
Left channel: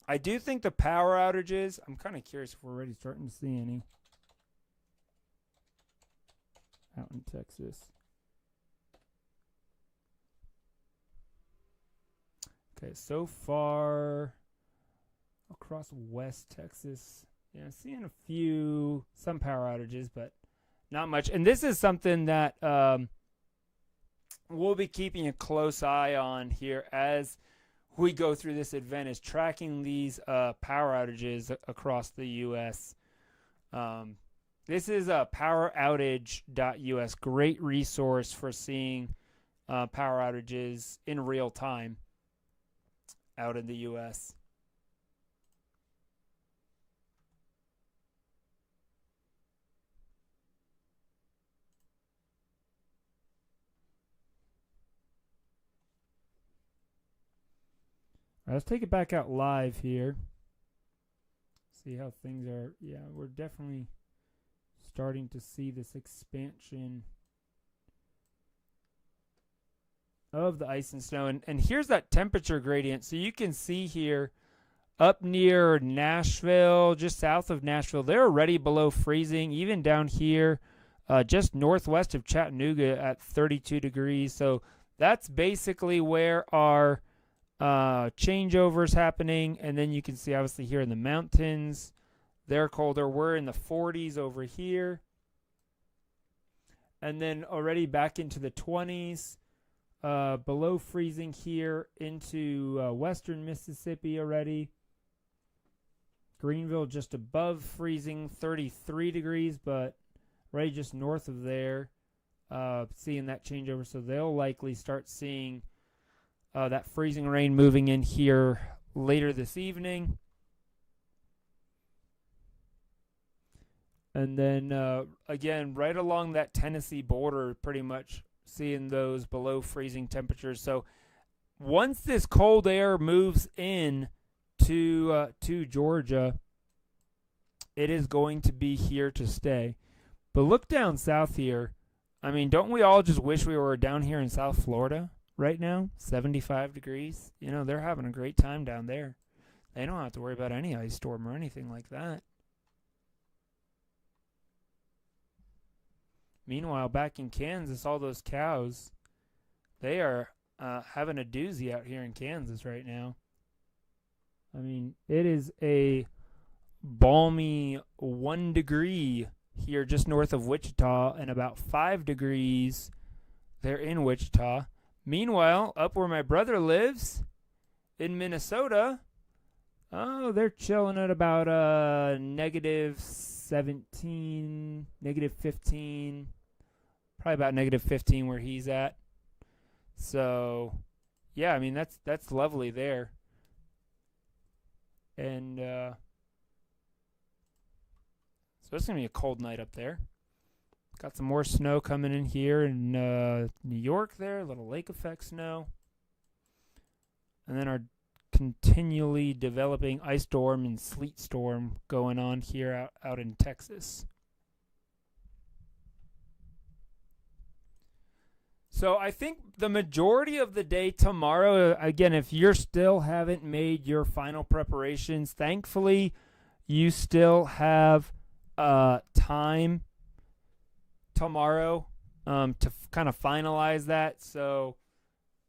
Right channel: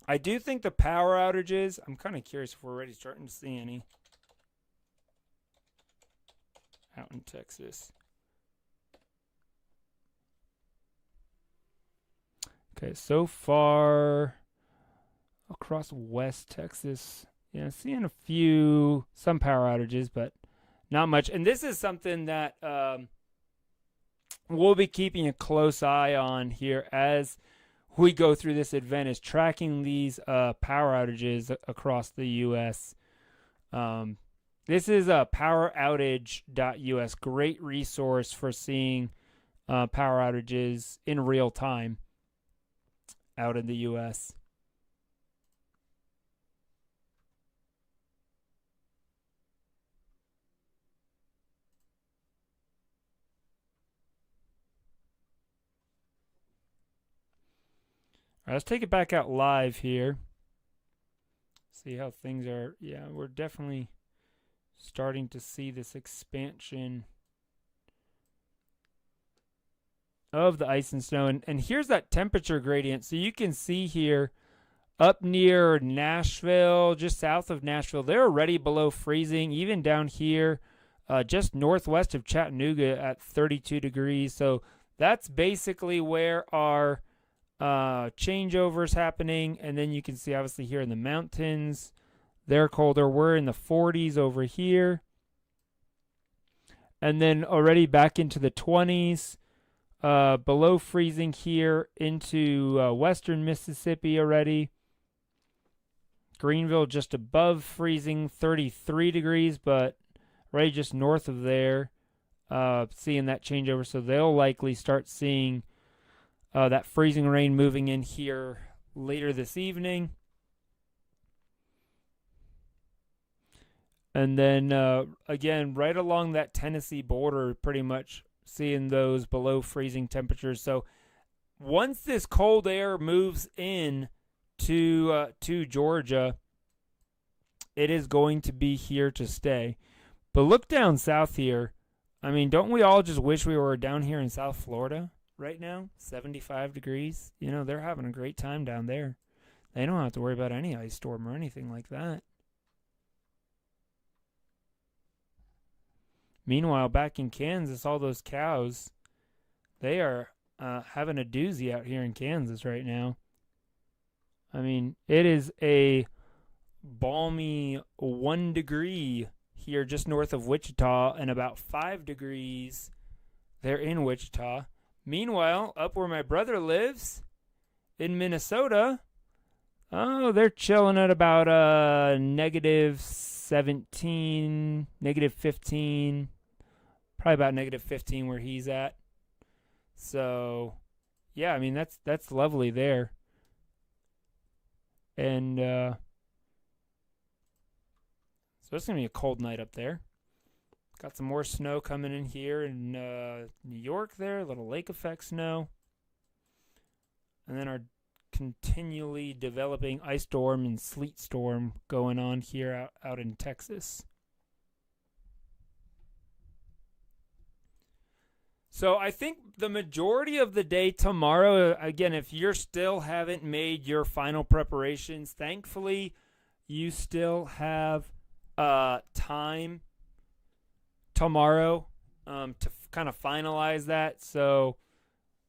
I do think the power outages, I'm kind of curious if we're already starting to see any out in Texas. Okay, so far across West Texas, yeah, seeing some power outages, but not much. And this is something that we'll be keeping a close eye on here as we go through this event, is tracking these power outages across the U.S. This is poweroutage.us, great resource for seeing power outages in real time out in the U.S. All right, let's take it back out live here. See how things are. Yeah, we're definitely starting to see this expansion of the ice and snow. And here's that temperature gradient. So you can see here up near Nashville, just south of Nashville, they're already below freezing. Even down here, just northwest of Chattanooga at 32 degrees. So that's basically where our changeovers happening. And then you can see obviously here in the mountains, they're colder. We're in the 40s over here. And then already back into the 20s, below freezing here into western Mississippi already. Greenville just above freezing, 33 degrees, but right just north of there, seeing that changeover. So they'll likely start seeing that freezing rain moving in here later this evening. And then, again, right along that Tennessee border, pretty much seeing those below freezing temperatures. So once this cold air moves in to Georgia, it is going to be here to stay. But look down south here. I mean, don't we all just wish we were down here in South Florida right now? 75 degrees. You know, they're having a great time down there. They don't have to worry about any ice storm or anything like that. Meanwhile, back in Kansas, all those cows, they are having a doozy out here in Kansas right now. I mean, it is a balmy 1 degree here just north of Wichita and about 5 degrees there in Wichita. Meanwhile, up where my brother lives in Minnesota, oh, they're chilling at about negative 17, negative 15, probably about negative 15 where he's at. So, yeah, I mean, that's lovely there. And so it's going to be a cold night up there. Got some more snow coming in here in New York there, a little lake effect snow. And then our continually developing ice storm and sleet storm going on here out in Texas. So I think the majority of the day tomorrow, again, if you still haven't made your final preparations, thankfully you still have time tomorrow to kind of finalize that. So,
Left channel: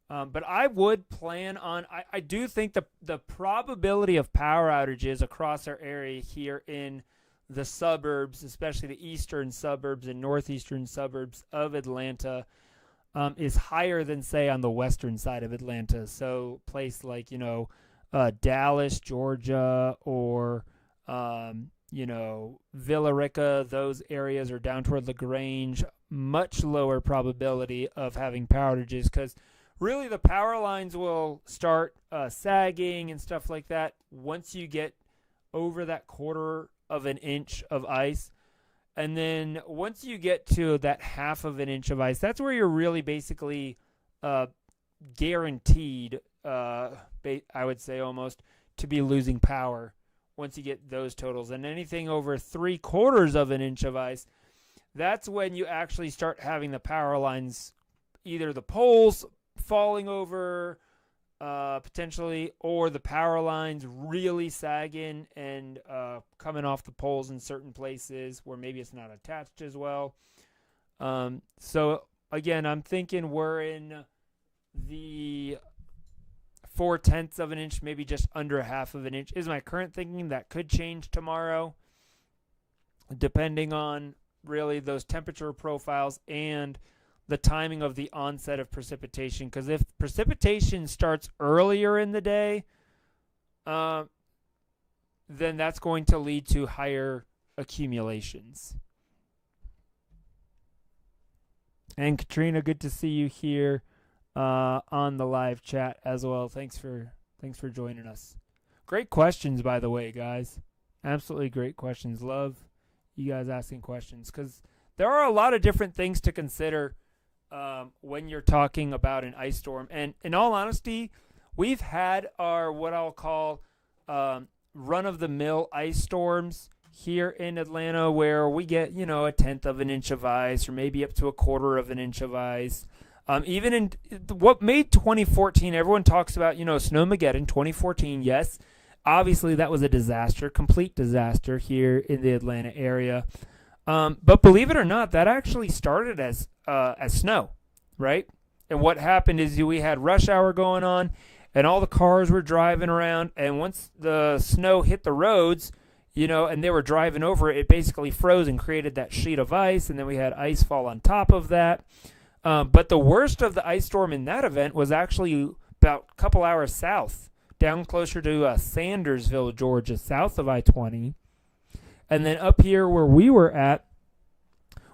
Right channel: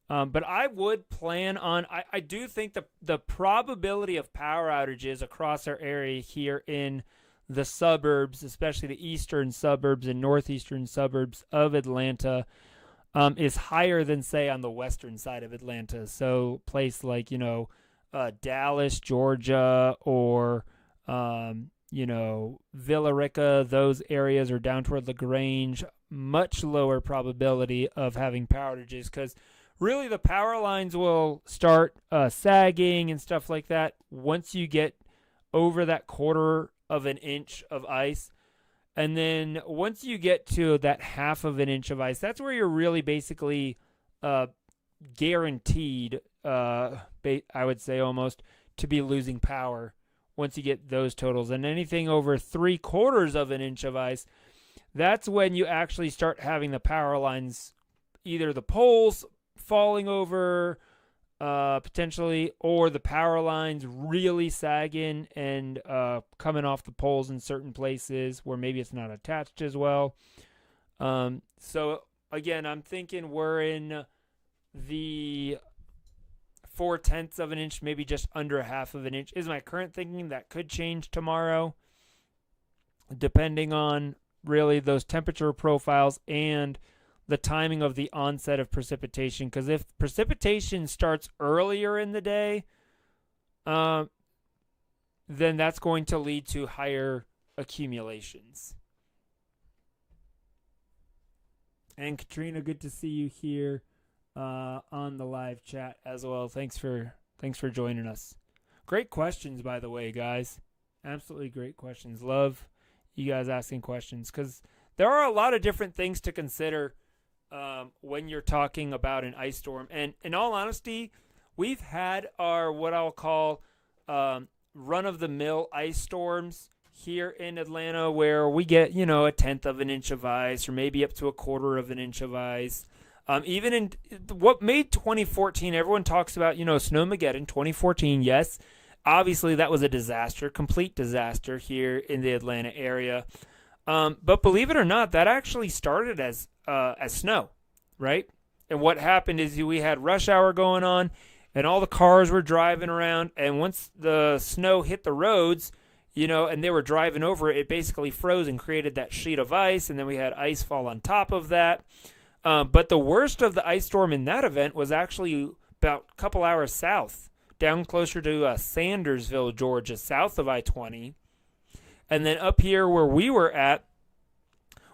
but I would plan on, I do think the probability of power outages across our area here in the suburbs, especially the eastern suburbs and northeastern suburbs of Atlanta, is higher than, say, on the western side of Atlanta. So place like, Dallas, Georgia, or, Villa Rica, those areas are down toward LaGrange, much lower probability of having power outages because really the power lines will start sagging and stuff like that once you get over that 1/4 of an inch of ice. And then once you get to that 1/2 of an inch of ice, that's where you're really basically guaranteed, I would say almost, to be losing power once you get those totals. And anything over 3/4 of an inch of ice, that's when you actually start having the power lines, either the poles falling over potentially, or the power lines really sagging and coming off the poles in certain places where maybe it's not attached as well. So again, I'm thinking we're in the 4/10 of an inch, maybe just under 1/2 of an inch is my current thinking. That could change tomorrow depending on really those temperature profiles and the timing of the onset of precipitation. Because if precipitation starts earlier in the day, then that's going to lead to higher accumulations. And Katrina, good to see you here on the live chat as well. Thanks for joining us. Great questions, by the way, guys. Absolutely great questions. Love you guys asking questions, because there are a lot of different things to consider when you're talking about an ice storm. And in all honesty, we've had our what I'll call run-of-the-mill ice storms here in Atlanta, where we get, 1/10 of an inch of ice, or maybe up to 1/4 of an inch of ice. Even in what made 2014, everyone talks about, Snowmageddon 2014. Yes, obviously that was a disaster, complete disaster here in the Atlanta area. But believe it or not, that actually started as snow, right? And what happened is we had rush hour going on, and all the cars were driving around. And once the snow hit the roads, and they were driving over it, it basically froze and created that sheet of ice. And then we had ice fall on top of that. But the worst of the ice storm in that event was actually about a couple hours south, down closer to Sandersville, Georgia, south of I-20. And then up here where we were at,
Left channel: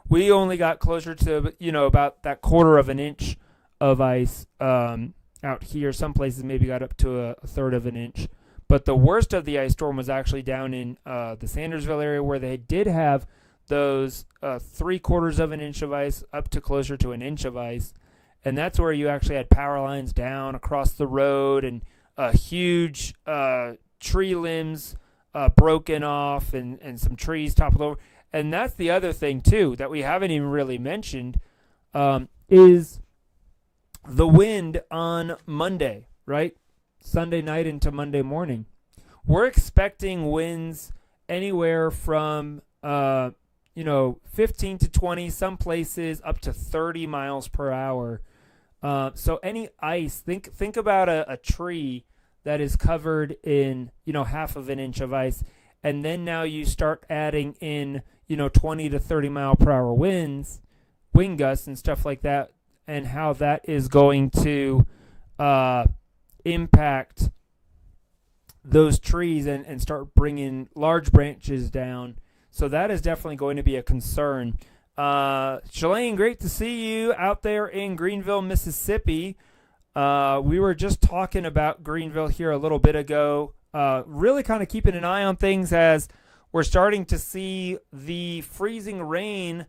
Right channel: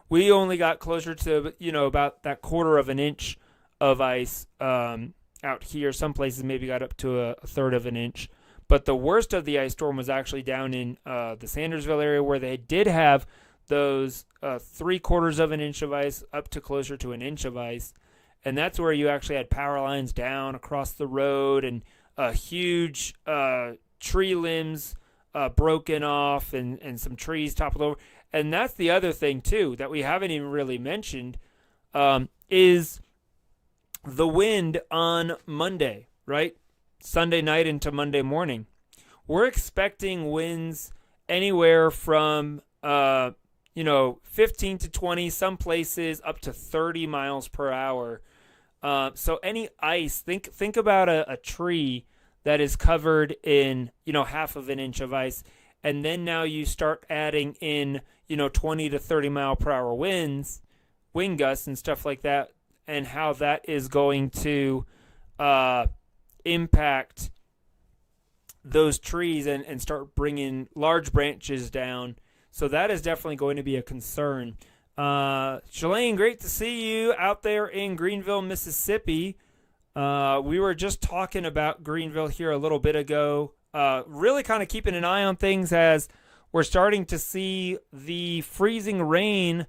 we only got closer to, about that 1/4 of an inch of ice out here. Some places maybe got up to a 1/3 of an inch. But the worst of the ice storm was actually down in the Sandersville area, where they did have those 3/4 of an inch of ice up to closer to an inch of ice. And that's where you actually had power lines down across the road, and huge tree limbs broken off, and some trees toppled over. And that's the other thing, too, that we haven't even really mentioned, is the wind on Monday, right? Sunday night into Monday morning. We're expecting winds anywhere from 15 to 20, some places up to 30 miles per hour. So any ice, think about a tree that is covered in, 1/2 of an inch of ice. And then now you start adding in, 20 to 30 mile per hour winds, wind gusts and stuff like that, and how that is going to impact those trees and start bringing large branches down. So that is definitely going to be a concern. Shalane, great to see you out there in Greenville, Mississippi. We were just talking about Greenville here a little bit ago. Really kind of keeping an eye on things as we're starting to see the freezing rain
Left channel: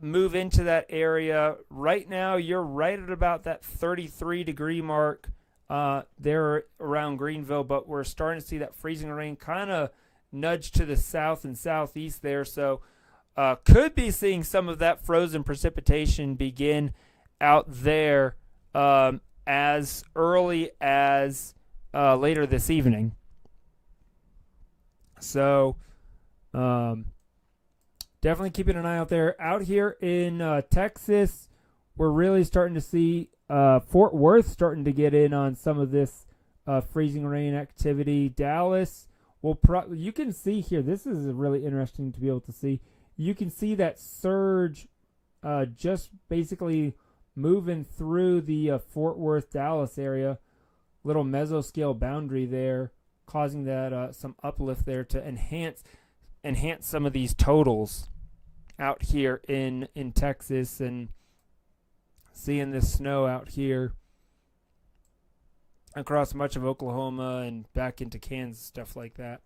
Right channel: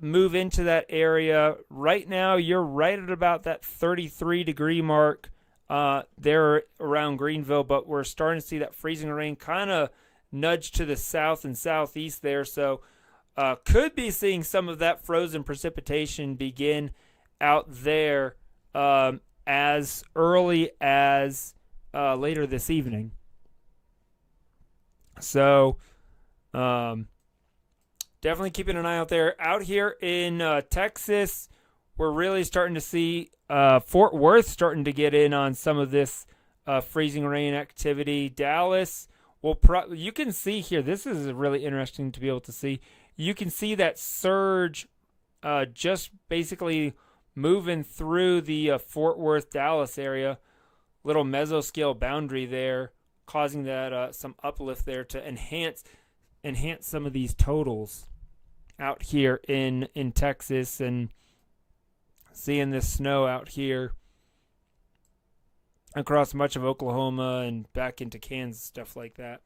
move into that area. Right now, you're right at about that 33-degree mark there around Greenville, but we're starting to see that freezing rain kind of nudge to the south and southeast there. So could be seeing some of that frozen precipitation begin out there as early as later this evening. So definitely keeping an eye out there. Out here in Texas, we're really starting to see Fort Worth starting to get in on some of this freezing rain activity. Dallas, you can see here, this is really interesting to be able to see. You can see that surge just basically moving through the Fort Worth, Dallas area. Little mesoscale boundary there, causing that some uplift there to enhance some of these totals out here in Texas, and seeing this snow out here across much of Oklahoma and back into Kansas, stuff like that.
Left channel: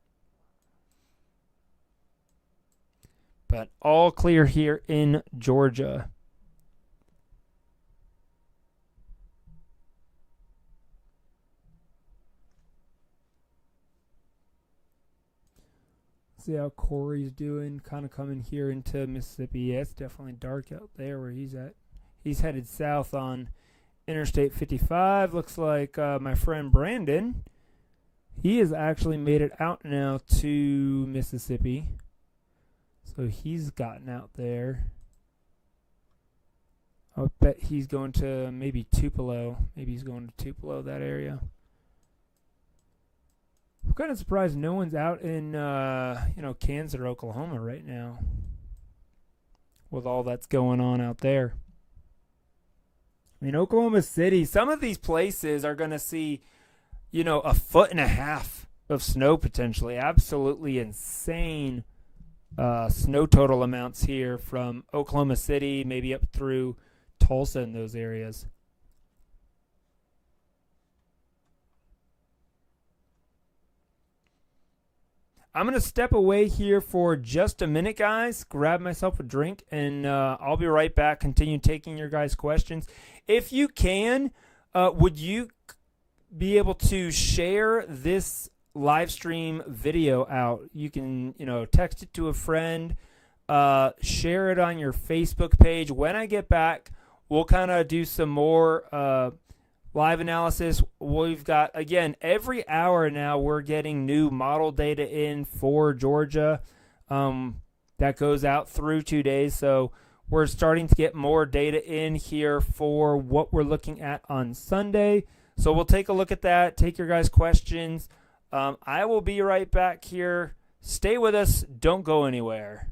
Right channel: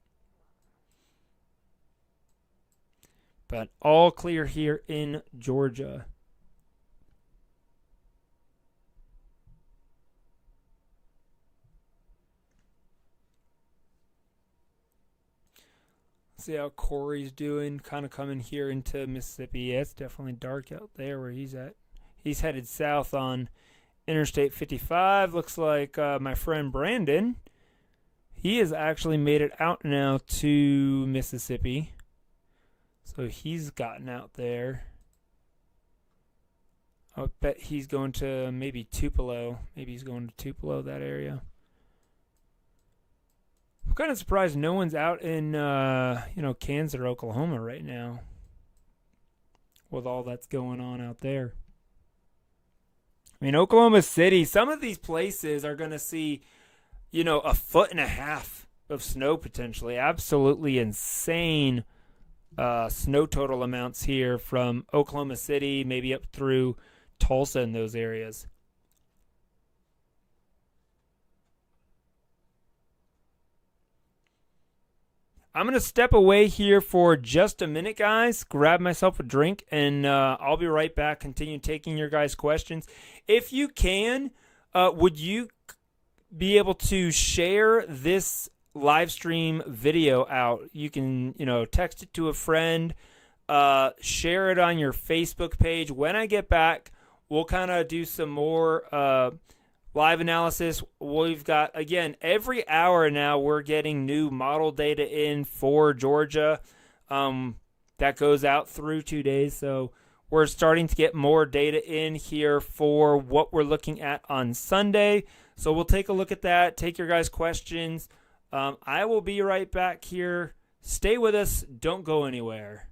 But all clear here in Georgia. See how Corey's doing, kind of coming here into Mississippi. Yeah, it's definitely dark out there where he's at. He's headed south on Interstate 55. Looks like my friend Brandon, he has actually made it out now to Mississippi. So he's gotten out there. I bet he's going to maybe Tupelo. Maybe he's going to Tupelo, that area. I'm kind of surprised no one's out in, Kansas or Oklahoma right now with all that's going on out there. I mean, Oklahoma City, some of these places are going to see, 1.5 feet of snow potentially. Absolutely insane snow total amounts here from Oklahoma City, maybe up through Tulsa and those areas. I'm going to step away here for just a minute, guys, grab myself a drink, and I'll be right back, continue taking your guys' questions. If you can, would you be able to share this live stream video out? You can, text it to a friend, share it on your Facebook page. When I get back, we'll kind of do some more live analysis. We've got, again, every hour now we're getting new model data in for Georgia. That goes out through 2 days. So we're starting to get more data in here for what we're looking at on Sunday. So we'll take a look at that, take your guys' questions. I will be right back here. Stay with us. Don't go anywhere.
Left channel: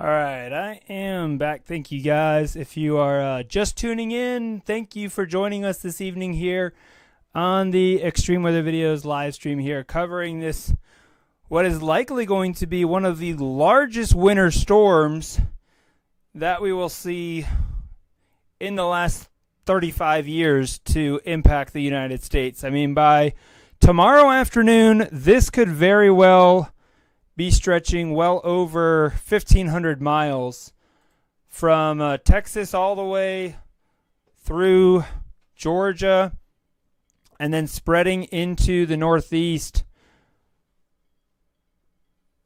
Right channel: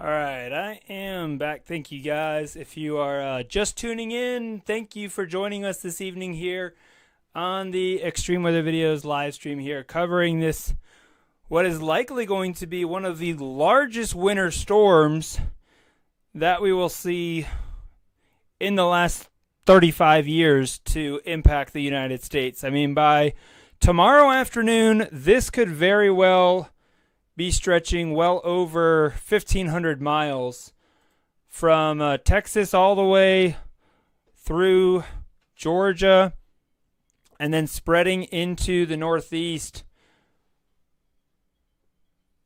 All right, I am back. Thank you, guys. If you are just tuning in, thank you for joining us this evening here on the Extreme Weather Videos live stream here, covering this, what is likely going to be one of the largest winter storms that we will see in the last 35 years to impact the United States. I mean, by tomorrow afternoon, this could very well be stretching well over 1,500 miles from Texas all the way through Georgia, and then spreading into the Northeast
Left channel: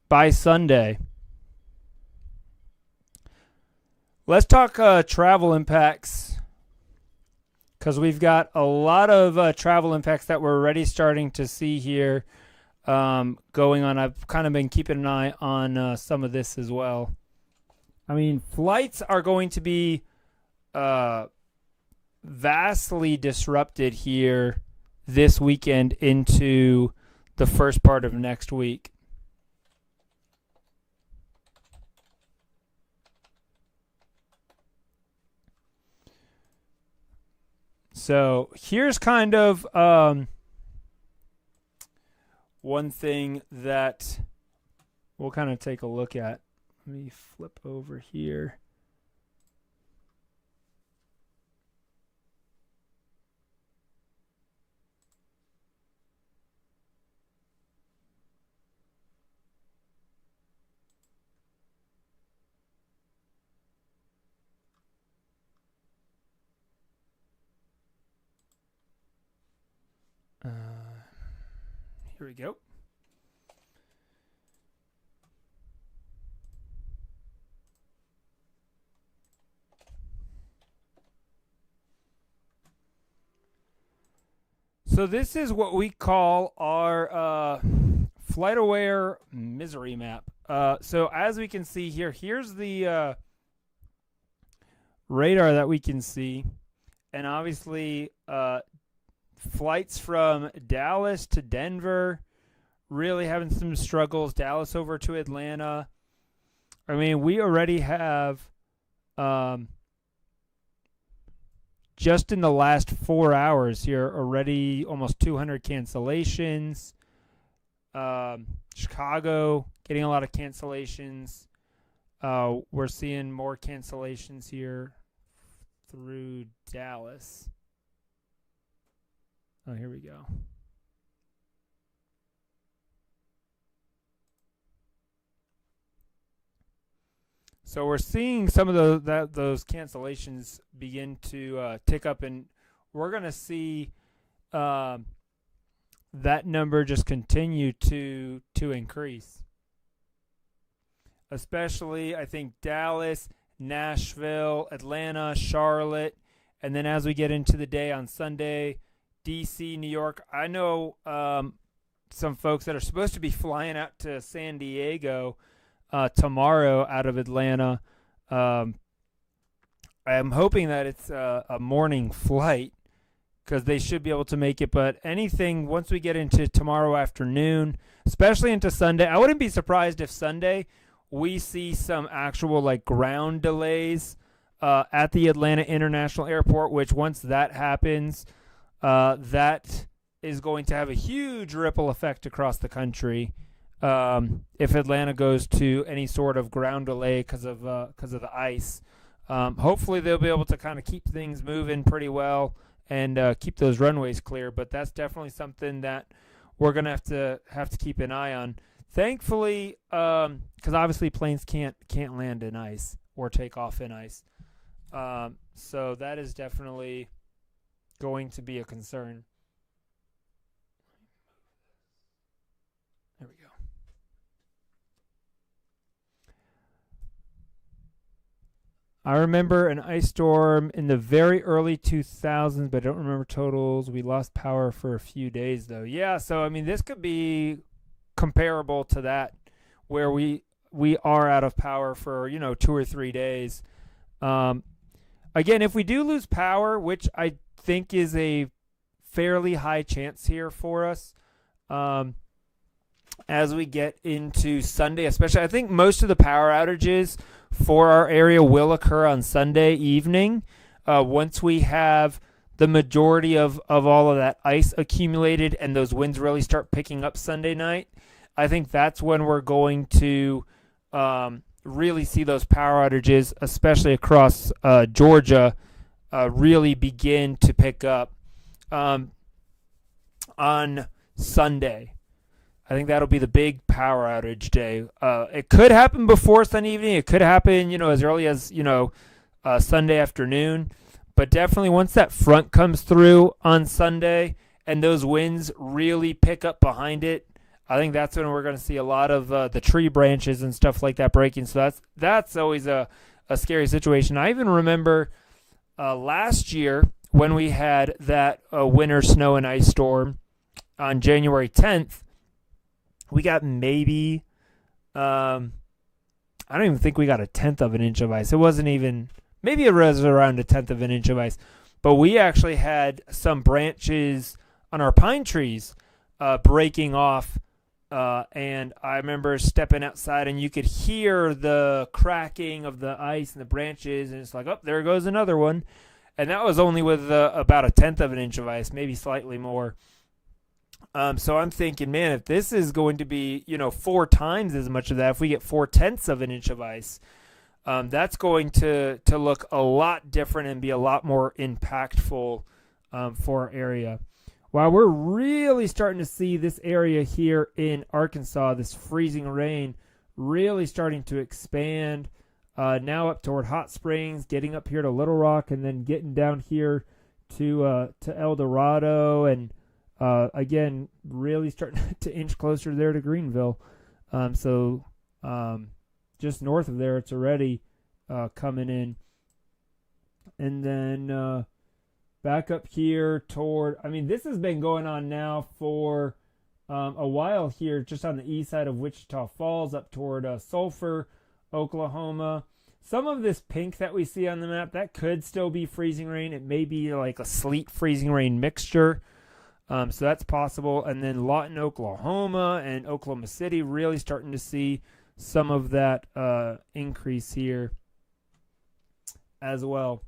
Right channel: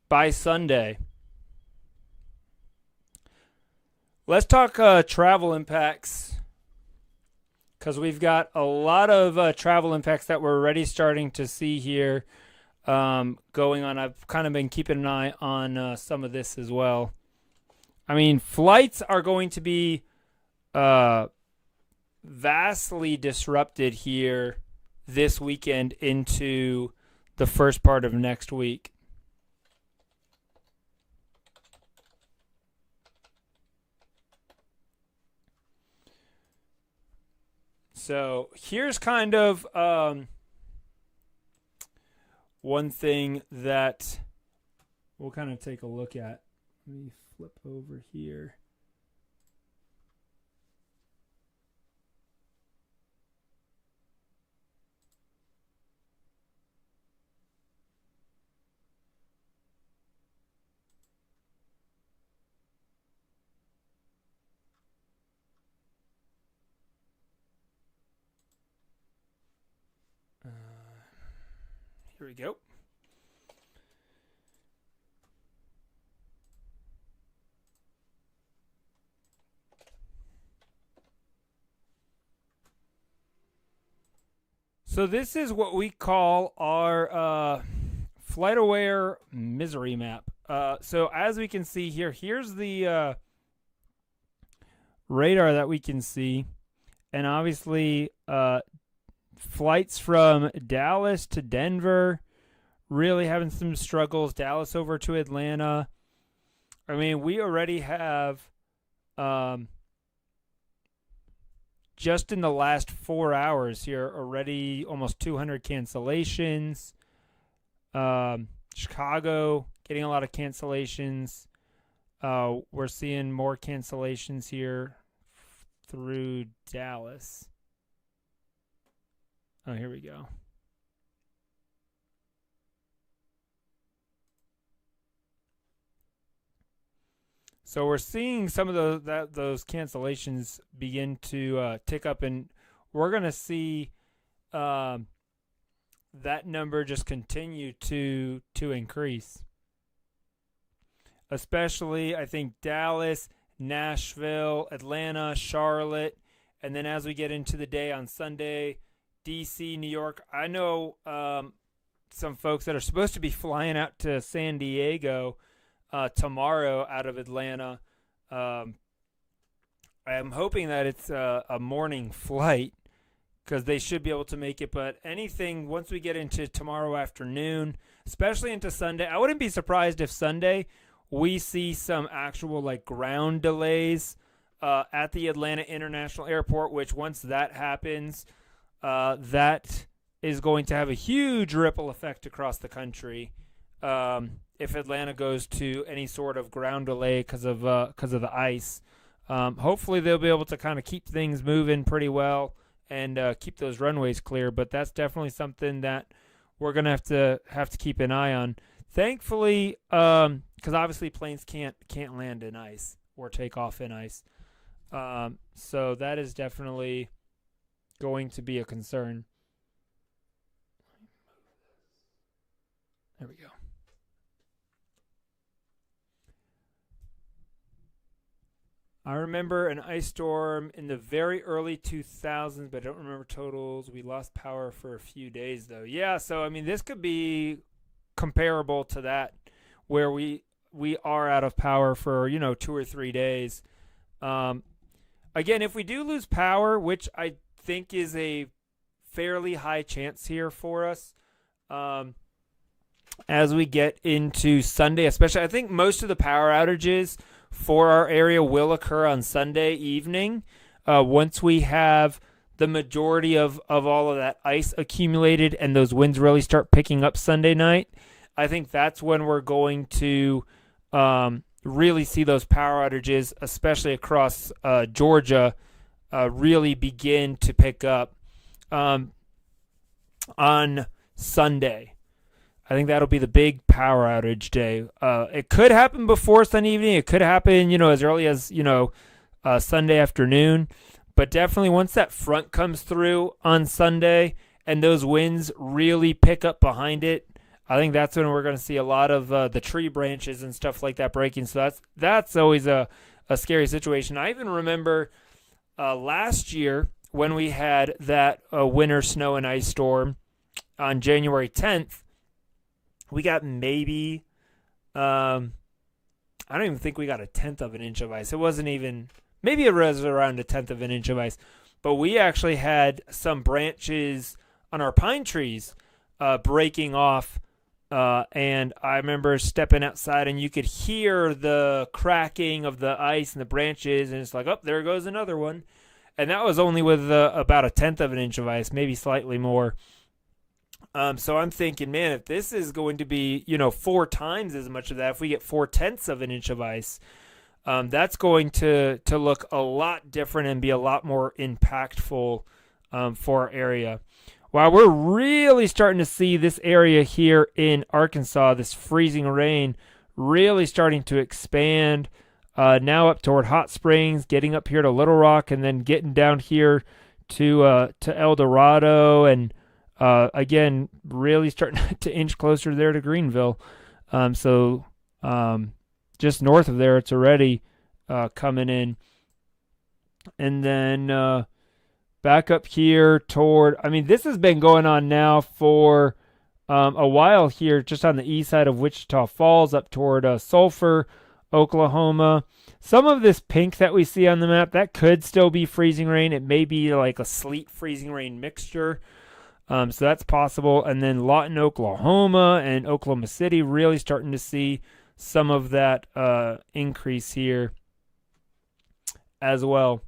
by Sunday. Let's talk travel impacts, because we've got a lot of travel impacts that we're already starting to see here going on. I've kind of been keeping an eye on some of this as well. I mean, flights are going to be vastly disrupted here this weekend into the first part of next week. So here's kind of one thing that we'll kind of take a look at. Let me flip over here. Here we go. So this is what we call our FlightAware misery map. So as we can see here, here's the radar that we can see. And obviously flights from Dallas to Denver really having some struggles. Dallas over to Atlanta. I mean, we already have just in the last 4 hours here already almost 200 cancellations. Chicago getting a lot of cancellations. We're seeing more cancellations here through Dallas. Oh, here we go. So we're seeing some of those cancellations begin to tick up, and we're going to see that number just continue to increase. Especially, I think, Dallas, Nashville, Atlanta, Charlotte, and then as we get into the day on Sunday, D.C., New York. I know some folks that are supposed to be flying out to San Diego tomorrow out of Atlanta. I'm hoping that it's a morning flight because they should be able to make it. But anything once we get into tomorrow afternoon, especially into Sunday, I wouldn't be surprised if Sunday we see some actual like ground delays at the Atlanta International Airport, which once that happens, that is going to have a huge ripple effect across the country. If Atlanta goes to any sort of ground delay because of the ice, hopefully they'll be able to kind of keep things moving pretty well and keep those runways clear. But that's definitely something that we're gonna have to keep an eye on. Thankfully, because obviously planes can't land in ice or take off in ice, so that is definitely going to be a concern. There we go. I remember an ice storm in the very early 2000s, but I don't remember totals. We lost power for a few days, though. Yeah, so, I mean, this could be comparable to that, where we are out of power for, 2 or 3 days. Again, if we do lose power, which I think is a fairly high chance here for us, as we get into Sunday, especially, I think most of the power outages for our area will occur on Sunday evening. Once we have the majority of all of that ice accumulated and those winds really start picking up Sunday night, I think that's when we're going to really see those power outages, especially across Georgia, really begin to pick up on Sunday. I think that'll be the big power outage day. It could happen before Sunday evening. It could happen, as early as, Sunday afternoon. But definitely once that front comes through on Sunday and those winds really pick up behind it, I think that's when we're going to see a lot of the tree branches and stuff like that breaking. So that's always a scary situation. I even remember last year when we had that winter snow and ice storm on January 10th, we got maybe, I don't even think we got a tenth of an inch of ice. It wasn't even, maybe it was around a tenth of an inch of ice. But we actually had some branches on our pine trees breaking off. And I remember stepping outside and you could hear the cracking of the ice and the branches. And it's like, oh, there goes another one. And that was only with about a tenth of an inch of ice, maybe slightly more. So I'm thinking, man, if this is going to be, 4 times as much of that, if we get 4/10 of an inch of ice, that's going to look a lot different and be a lot more impactful for our area. Wow, we're really starting to see this area here in Arkansas, this freezing rain, really starting to expand. Now up toward Hot Springs, getting up here to Little Rock, and then getting down here to El Dorado, and again, really starting to inch closer there to Greenville. So just north of there, it's already coming in. And then back up here toward, this has been going on now for a while here, just on the east side of Wichita Falls, up toward Sulphur, Oklahoma. Some of this pink that we see on the map, that could still be freezing rain. It may be like a sleet freezing rain mixture. So that's possible. And then Lawton, Oklahoma, and Oklahoma City, really starting to see some of that increase here as well.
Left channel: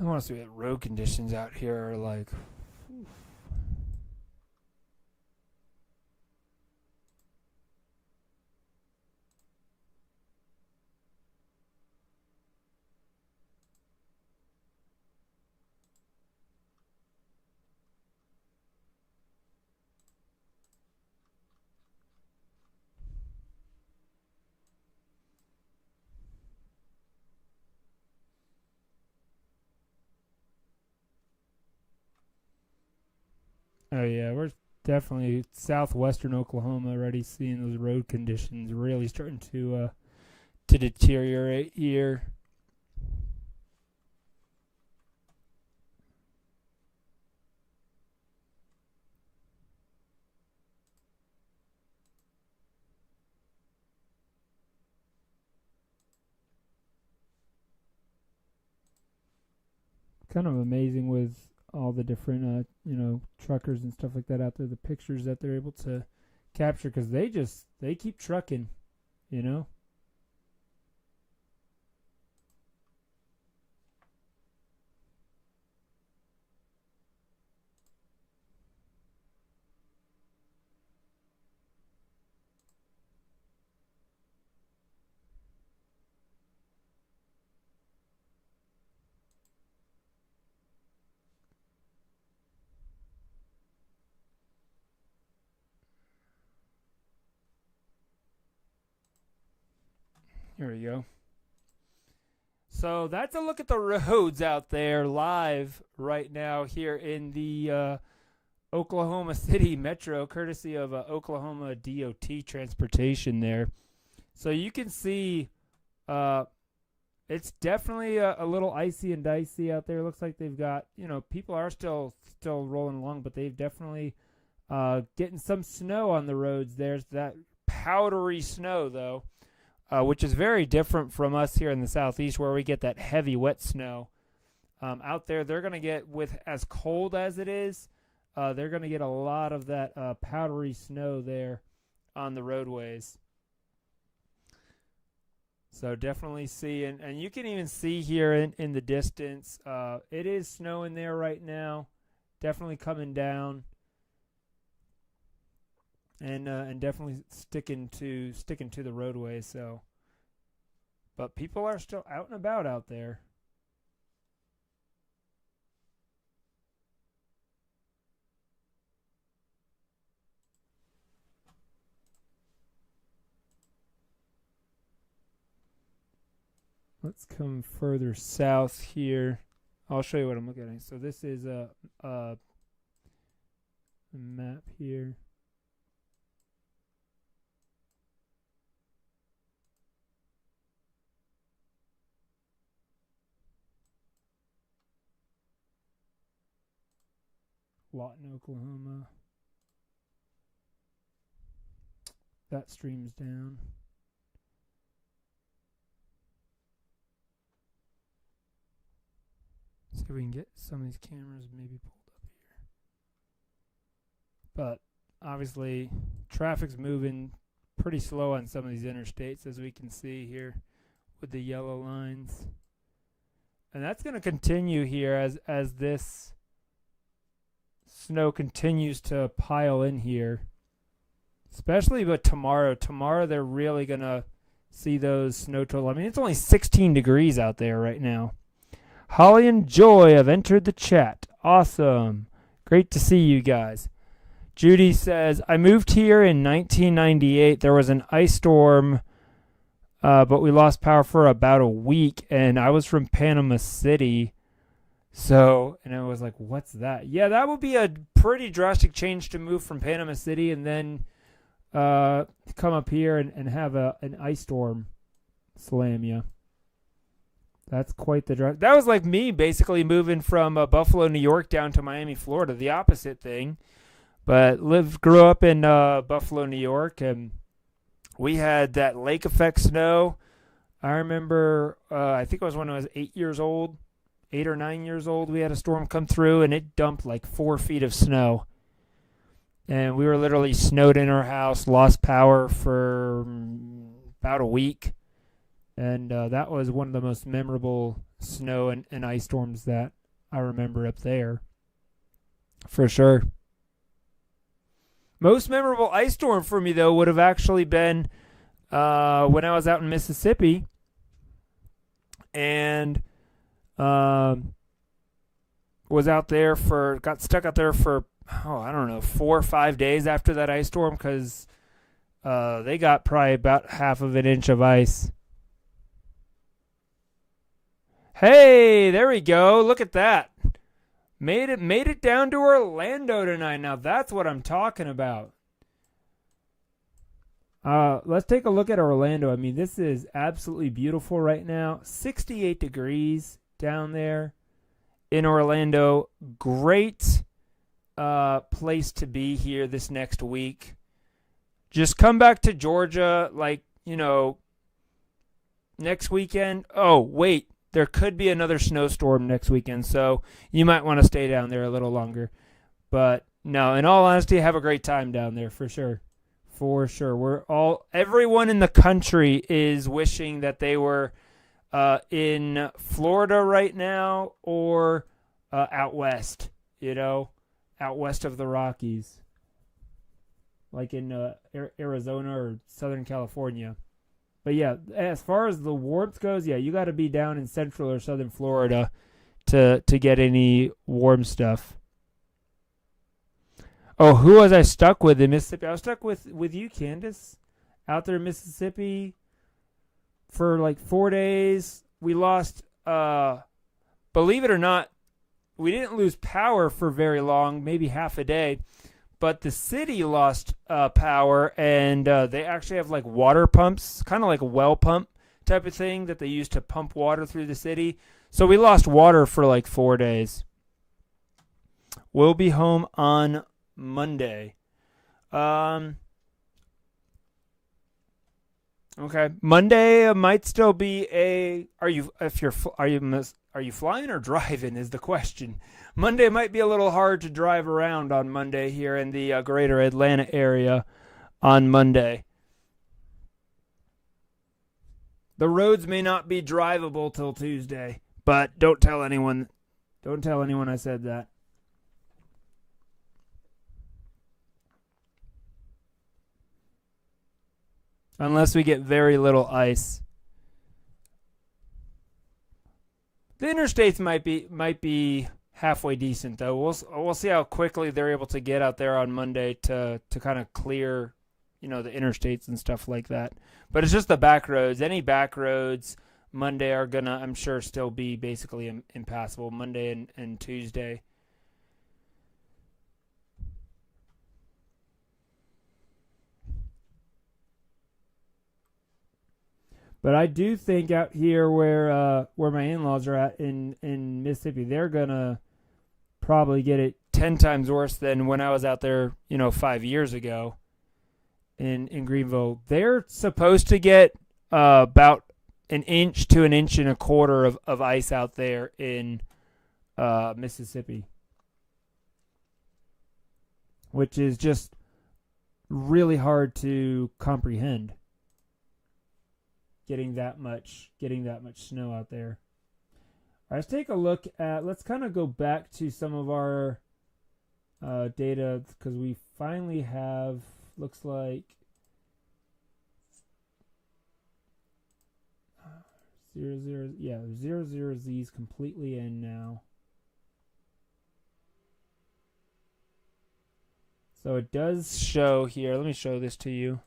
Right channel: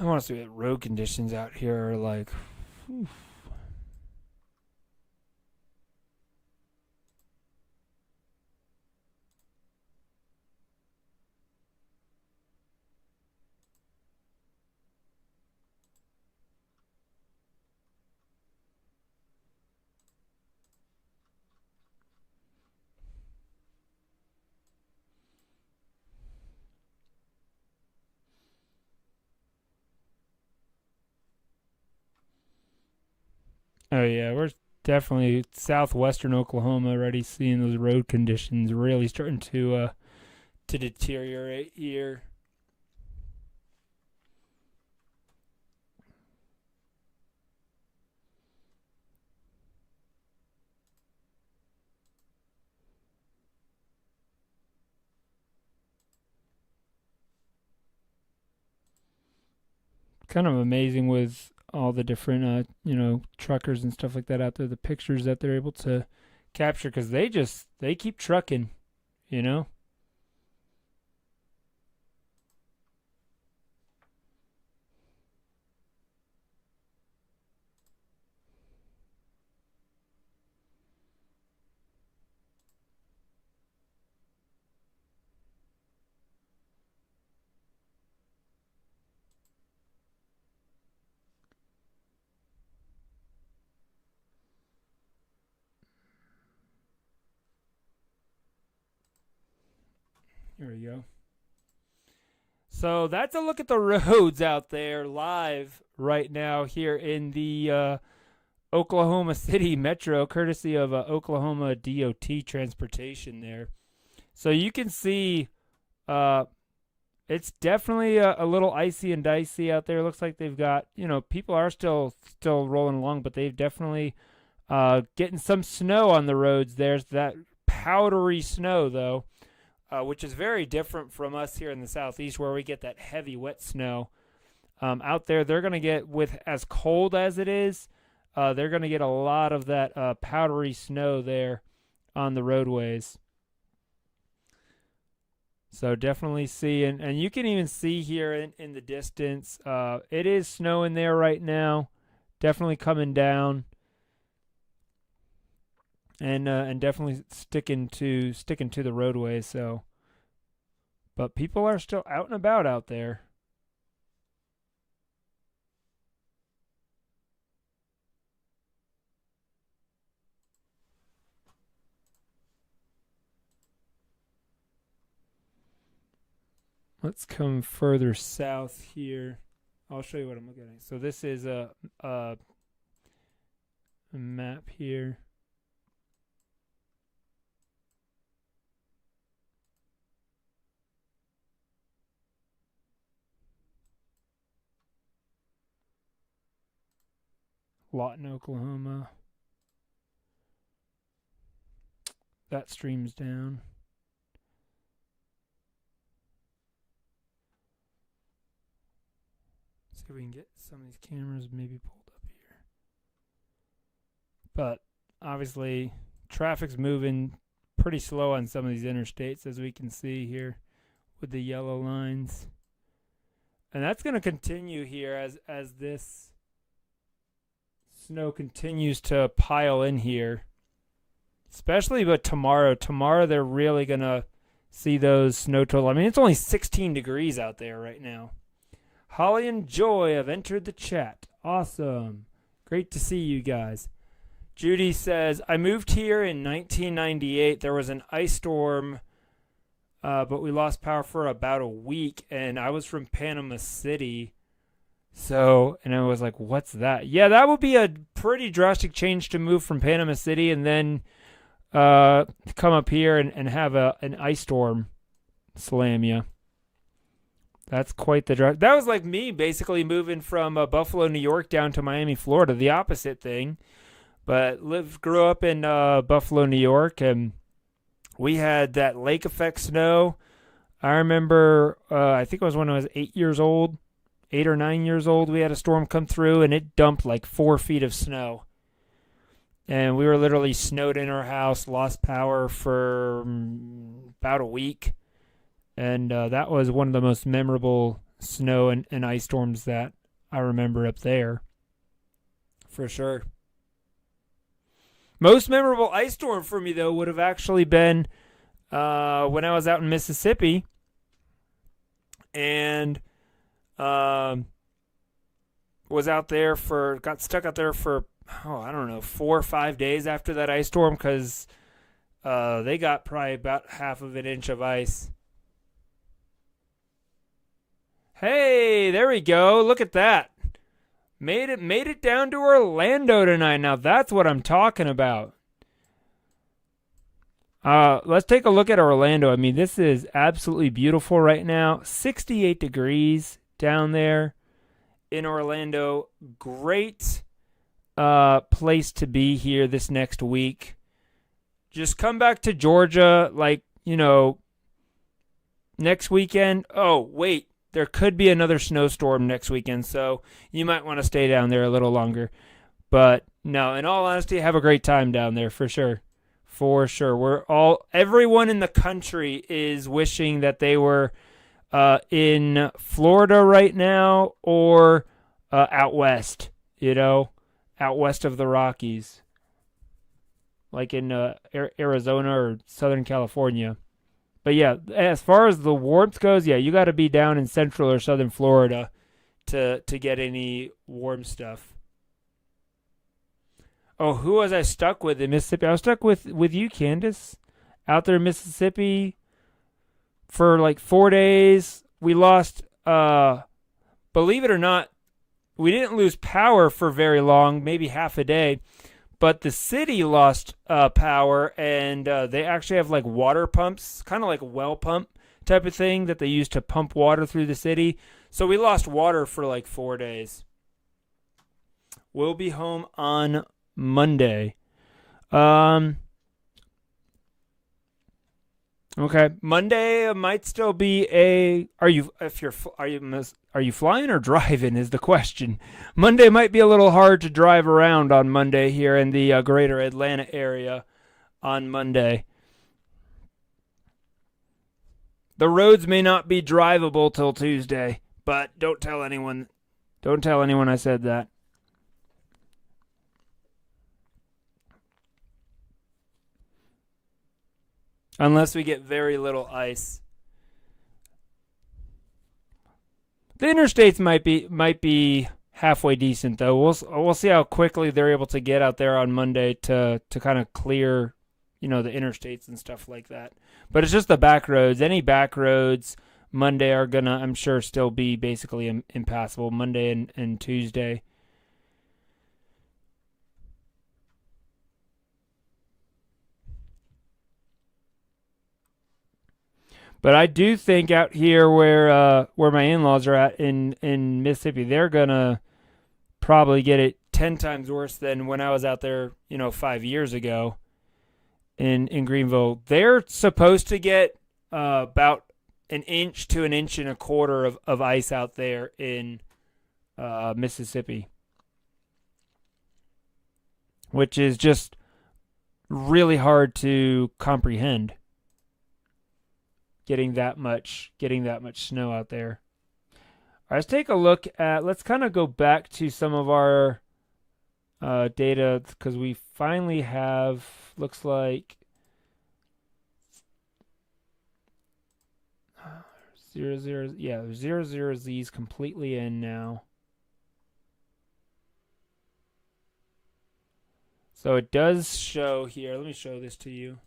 I want to see what road conditions out here are like. Oof. Oh yeah, we're definitely southwestern Oklahoma already seeing those road conditions really starting to deteriorate here. Kind of amazing with all the different truckers and stuff like that out there, the pictures that they're able to capture, because they keep trucking, you know. Here we go. So that's a look at the roads out there live right now here in the Oklahoma City Metro, courtesy of Oklahoma DOT Transportation there. So you can see it's definitely a little icy and dicey out there. It looks like they've got, people are still rolling along, but they've definitely getting some snow on the roads. There's that powdery snow, though. Which is very different from us here in the southeast, where we get that heavy wet snow. Out there, they're going to get, with as cold as it is, they're going to get a lot of that powdery snow there on the roadways. So definitely see, and you can even see here in the distance, it is snowing there right now, definitely coming down. And definitely sticking to the roadway. So, but people are still out and about out there. Let's come further south here. I'll show you what I'm looking at. So this is a map here. Lawton, Oklahoma. That streams down. See if we can get some of these cameras maybe pulled up here. But obviously, traffic's moving pretty slow on some of these interstates, as we can see here with the yellow lines. And that's going to continue here as this snow continues to pile in here. Especially but tomorrow. Tomorrow they're really going to see those snow totals. I mean, it's only 16 degrees out there right now. Holly and Joy have entered the chat. Awesome. Great to see you guys. Judy says, I moved here in 1998. There was an ice storm, but we lost power for about a week, and I was from Panama City. So, and I was like, what's that? Yeah, that would be a pretty drastic change to move from Panama City and then come up here and have an ice storm slam you. That's quite the drive. That was like me basically moving from Buffalo, New York down to Miami, Florida, the opposite thing. But grew up in Buffalo, New York, and we had that lake effect snow. I remember, I think it was when I was 8 or 9 years old, we had a storm come through, and it dumped like 4 feet of snow. And we were literally snowed in our house, lost power for about a week. And that was one of the most memorable snow and ice storms that I remember up there. For sure. Most memorable ice storm for me, though, would have actually been when I was out in Mississippi. And was out there got stuck out there for, I don't know, 4 or 5 days after that ice storm because they got probably about half of an inch of ice. Hey, there we go. Look at that. Made it down to Orlando tonight. Now that's what I'm talking about. Let's take a look at Orlando. I mean, this is absolutely beautiful right now. 68 degrees down there in Orlando. Great place to be here this next week. Just come back to Georgia, next weekend. Oh, wait. There could be another snowstorm next weekend, so you might want to stay down there a little longer. But no, in all honesty, have a great time down there for sure. For sure. Everyone in the country is wishing that they were in Florida right now or out west, out west of the Rockies, like in Arizona or Southern California. But yeah, as far as the warmth goes, yeah, you got to be down in Central or Southern Florida to get any warm stuff. Oh, who was I stuck with in Mississippi? I was stuck with you, Candace, out there in Mississippi for like 4 days. We lost, believe it or not, we didn't lose power for very long, maybe half a day. But the city lost power, and they actually have like water pumps, kind of like a well pump type of thing that they use to pump water through the city. So we lost water for like 4 days. We'll be home on Monday. Okay, Monday might still be Are you flying or driving is the question. Monday might be a little hard to drive around on Monday here in the greater Atlanta area on Monday. The roads may not be drivable till Tuesday, but don't tell anyone. Don't tell anyone I said that. Unless we get very little ice. The interstates might be halfway decent though. We'll see how quickly they're able to get out there on Monday to kind of clear, the interstates and stuff like that. But it's just the back roads. Any back roads Monday are going to, I'm sure, still be basically impassable. Monday and Tuesday. But I do think out here where my in-laws are at in Mississippi, they're going to probably get it 10 times worse than when I was out there, 5 years ago in Greenville. They're supposed to get about an inch to an inch and a quarter of ice out there in Mississippi, which is just really hard to comprehend. Getting that much snow out there. All right, let's take a look at. Let's kind of go back to some of our data because we finally have. Looks like 00. Yeah, 00Z's completely in now. So it does show here. Let me show this to you.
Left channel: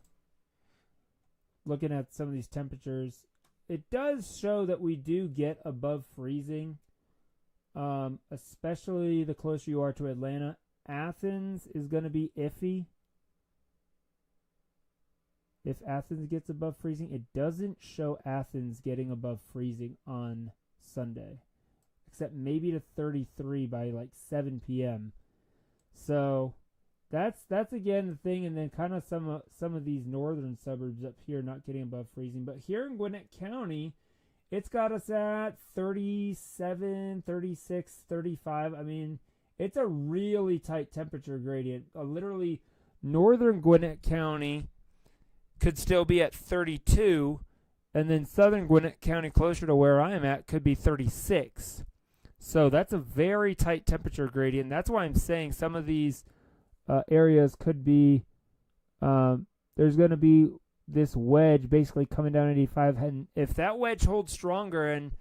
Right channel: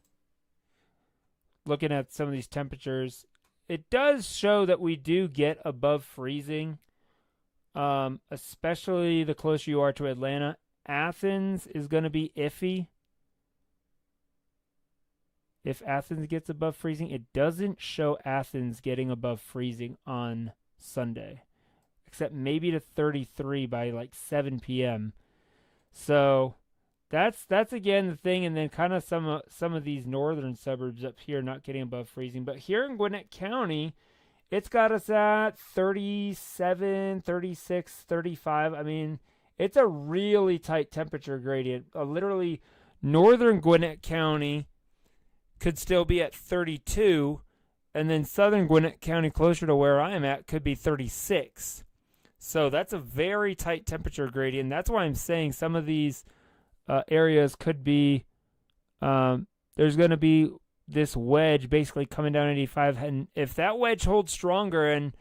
Looking at some of these temperatures, it does show that we do get above freezing, especially the closer you are to Atlanta. Athens is going to be iffy. If Athens gets above freezing, it doesn't show Athens getting above freezing on Sunday, except maybe to 33 by like 7 p.m. So that's again the thing, and then kind of some of these northern suburbs up here not getting above freezing. But here in Gwinnett County, it's got us at 37, 36, 35. I mean, it's a really tight temperature gradient. Literally, northern Gwinnett County could still be at 32, and then southern Gwinnett County, closer to where I'm at, could be 36. So that's a very tight temperature gradient. That's why I'm saying some of these areas could be, there's going to be this wedge basically coming down 85. And if that wedge holds stronger and,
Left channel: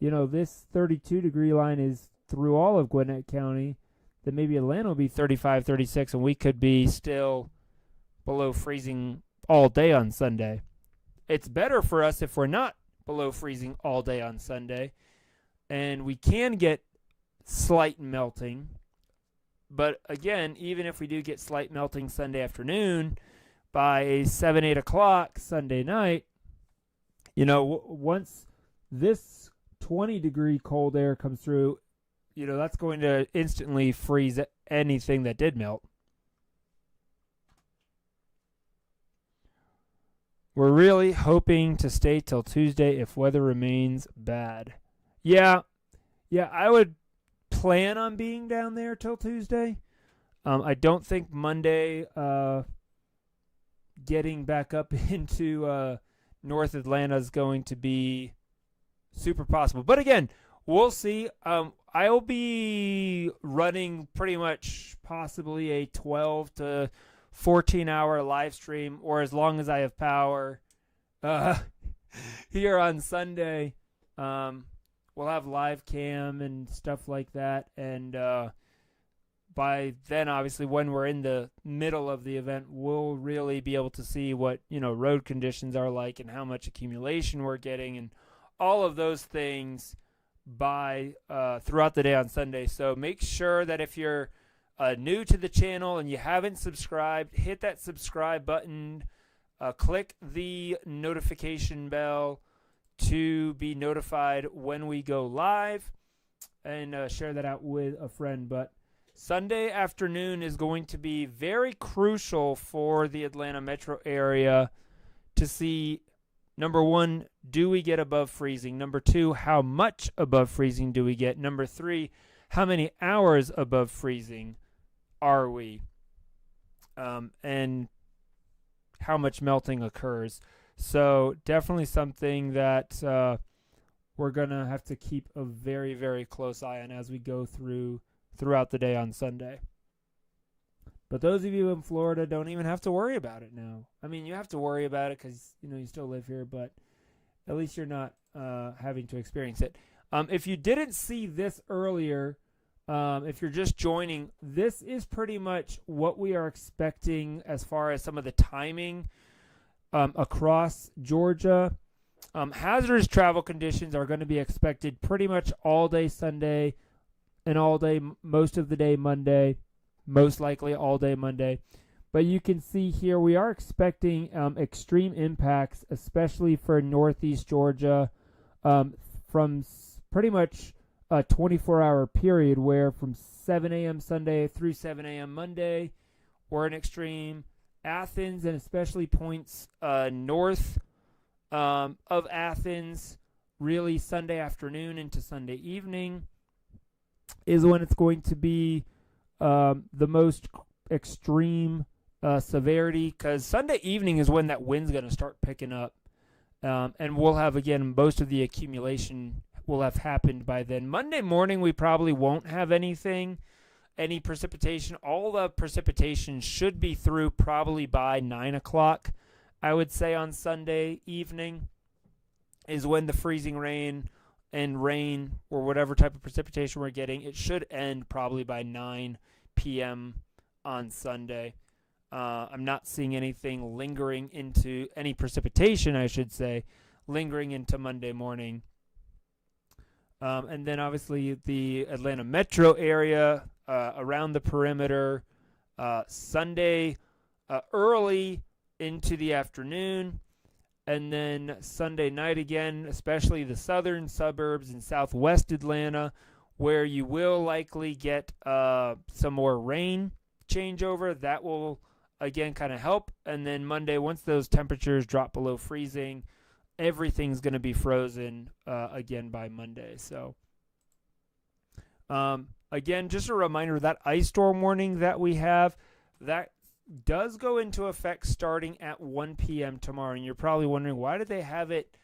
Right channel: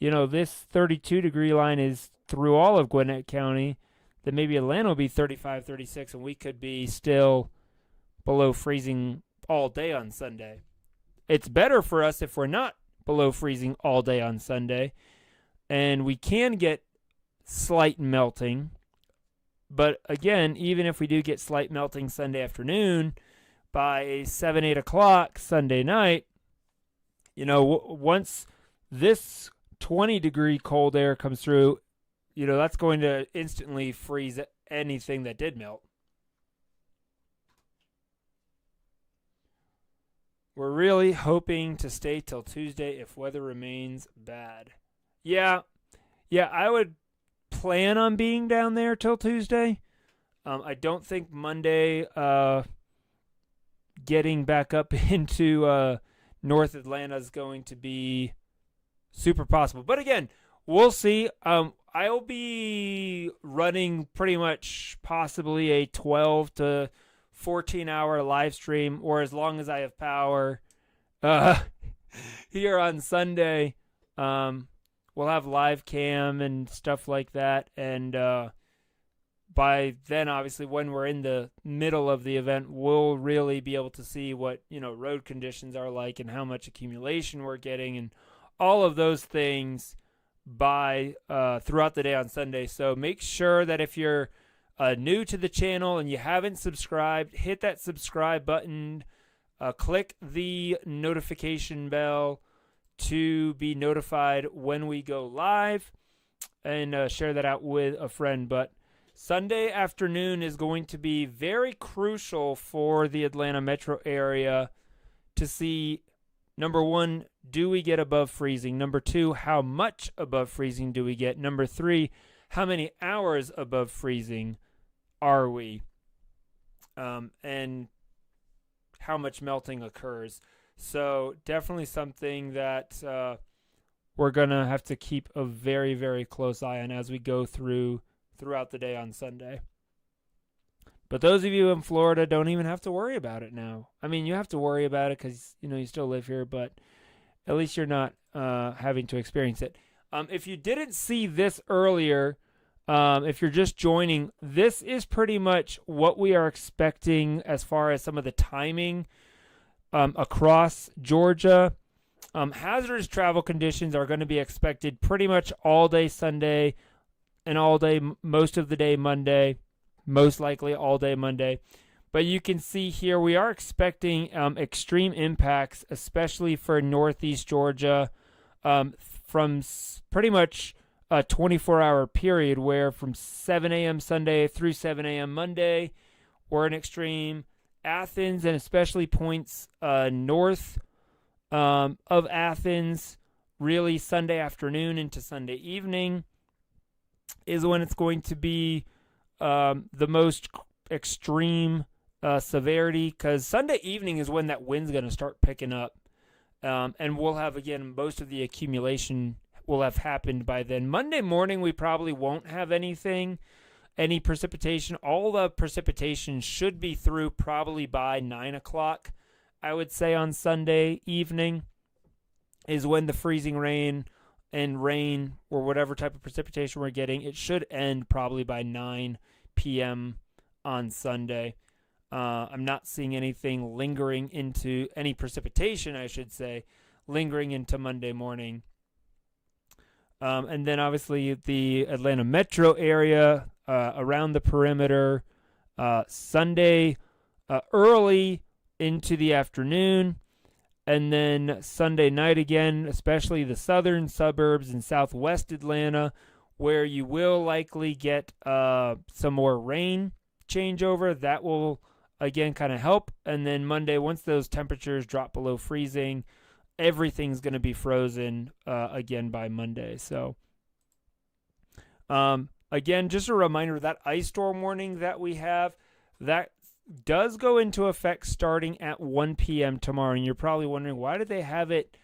this 32 degree line is through all of Gwinnett County, then maybe Atlanta will be 35, 36, and we could be still below freezing all day on Sunday. It's better for us if we're not below freezing all day on Sunday, and we can get slight melting. But again, even if we do get slight melting Sunday afternoon, by 7, 8 o'clock Sunday night, once this 20-degree cold air comes through, that's going to instantly freeze anything that did melt. We're really hoping to stay till Tuesday if weather remains bad. Yeah, I would plan on being down there till Tuesday. I don't think Monday getting back up into North Atlanta is going to be super possible. But again, we'll see. I'll be running pretty much possibly a 12 to 14-hour live stream, or as long as I have power here on Sunday. We'll have live cam and stuff like that, and by then, obviously, when we're in the middle of the event, we'll really be able to see what road conditions are like and how much accumulation we're getting and all of those things by throughout the day on Sunday. So make sure that if you're new to the channel and you haven't subscribed, hit that subscribe button, click the notification bell to be notified when we go live, and share that out with a friend. But Sunday afternoon is going to be very crucial for the Atlanta metro area to see, number one, do we get above freezing? Number two, how much above freezing do we get? Number three, how many hours above freezing are we? And how much melting occurs. So definitely something that we're going to have to keep a very, very close eye on as we go throughout the day on Sunday. But those of you in Florida don't even have to worry about it now. I mean, you have to worry about it because, you still live here, but at least you're not having to experience it. If you didn't see this earlier, if you're just joining, this is pretty much what we are expecting as far as some of the timing across Georgia. Hazardous travel conditions are going to be expected pretty much all day Sunday and all day, most of the day Monday, most likely all day Monday. But you can see here we are expecting extreme impacts, especially for northeast Georgia, from pretty much a 24-hour period where from 7 a.m. Sunday through 7 a.m. Monday, we're in extreme. Athens and especially points north of Athens, really Sunday afternoon into Sunday evening is when it's going to be the most extreme severity, because Sunday evening is when that wind's going to start picking up. And we'll have, again, most of the accumulation will have happened by then. Monday morning, we probably won't have any precipitation. All the precipitation should be through probably by 9 o'clock, I would say, on Sunday evening is when the freezing rain and rain or whatever type of precipitation we're getting, it should end probably by 9 p.m. on Sunday. I'm not seeing anything lingering into any precipitation, I should say, lingering into Monday morning. And then obviously the Atlanta metro area, around the perimeter, Sunday early into the afternoon, and then Sunday night again, especially the southern suburbs and southwest Atlanta, where you will likely get some more rain changeover. That will, again, kind of help. And then Monday, once those temperatures drop below freezing, everything's going to be frozen again by Monday. So, again, just a reminder, that ice storm warning that we have, that does go into effect starting at 1 p.m. tomorrow. And you're probably wondering, why did they have it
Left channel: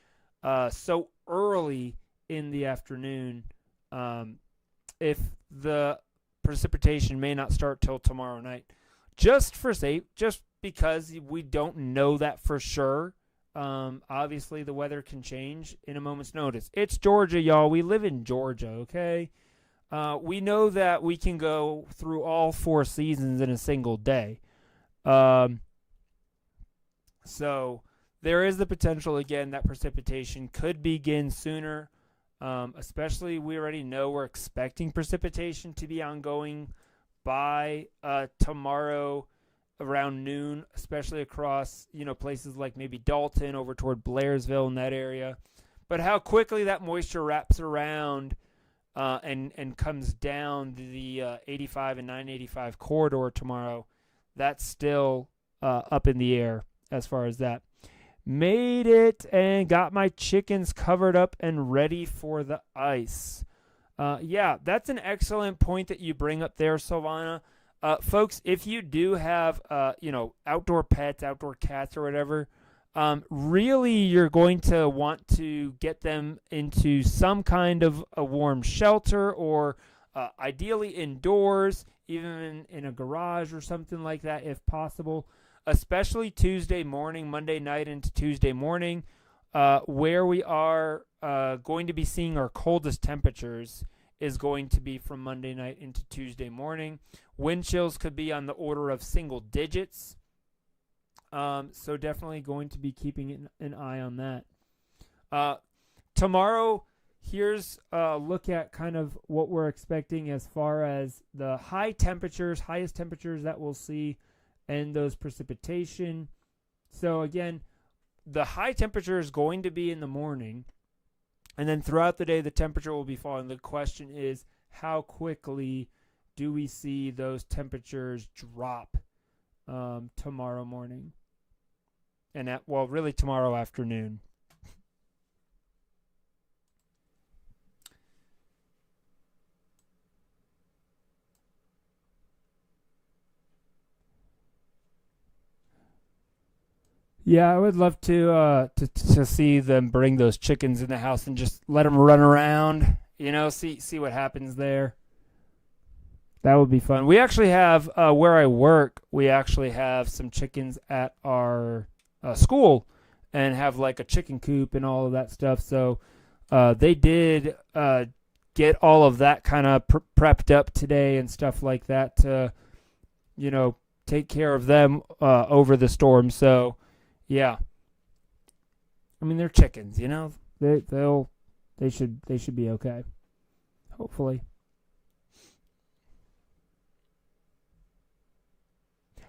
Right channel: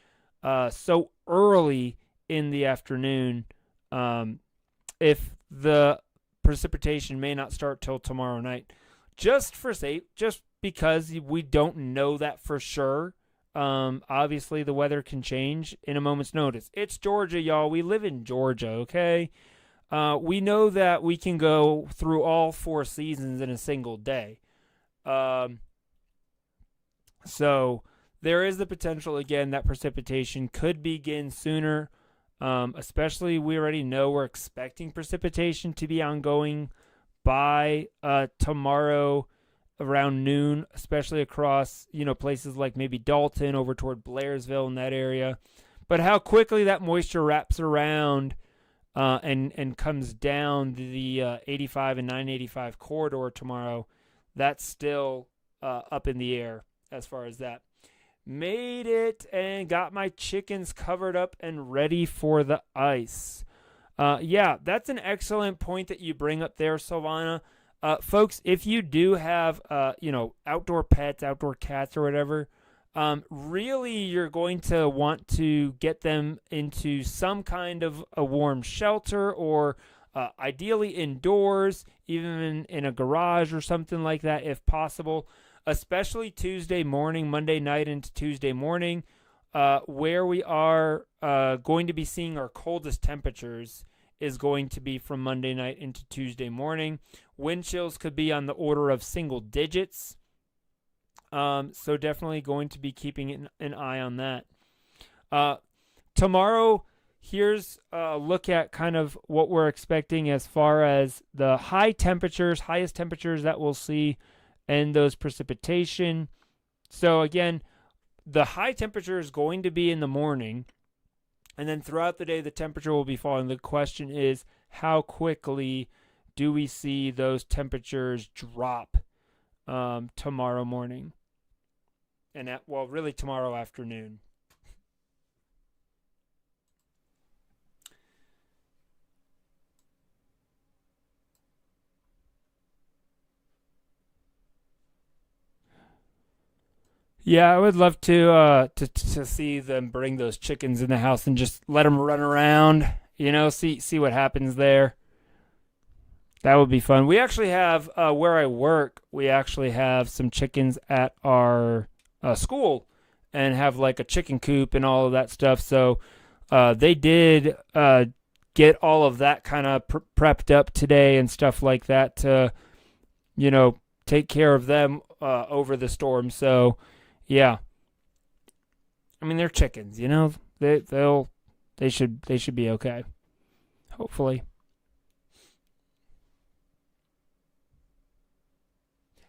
so early in the afternoon if the precipitation may not start till tomorrow night? Just because we don't know that for sure. Obviously, the weather can change in a moment's notice. It's Georgia, y'all. We live in Georgia, okay? We know that we can go through all 4 seasons in a single day. So there is the potential, again, that precipitation could begin sooner. Especially, we already know we're expecting precipitation to be ongoing by tomorrow around noon, especially across, places like maybe Dalton over toward Blairsville in that area. But how quickly that moisture wraps around and comes down the 85 and 985 corridor tomorrow, that's still up in the air as far as that. Made it and got my chickens covered up and ready for the ice. Yeah, that's an excellent point that you bring up there, Silvana. Folks, if you do have, outdoor pets, outdoor cats or whatever, really you're going to want to get them into some kind of a warm shelter, or ideally indoors, even in a garage or something like that if possible, especially Tuesday morning, Monday night into Tuesday morning, where we are going to be seeing our coldest temperatures is going to be from Monday night into Tuesday morning. Wind chills could be on the order of single digits. So definitely going to be keeping an eye on that. Tomorrow, here's a look at kind of what we're expecting as far as the highest temperatures that we'll see and those precipitation. So again, the high temperature is going to be in the morning, and then throughout the day, the temperature will be falling. The question is, how quickly do we see those temperatures drop tomorrow morning? And really tomorrow afternoon. Yeah, I would love to see them bring those chickens in the house and just let them run around. See what happens there. That would be fun. We actually have where I work. We actually have some chickens at our school, and have like a chicken coop and all of that stuff. So they did get all of that kind of prepped up today and stuff like that to, take care of them over the storm. So. Yeah. I mean, they're chickens, you know. They should be okay. Hopefully.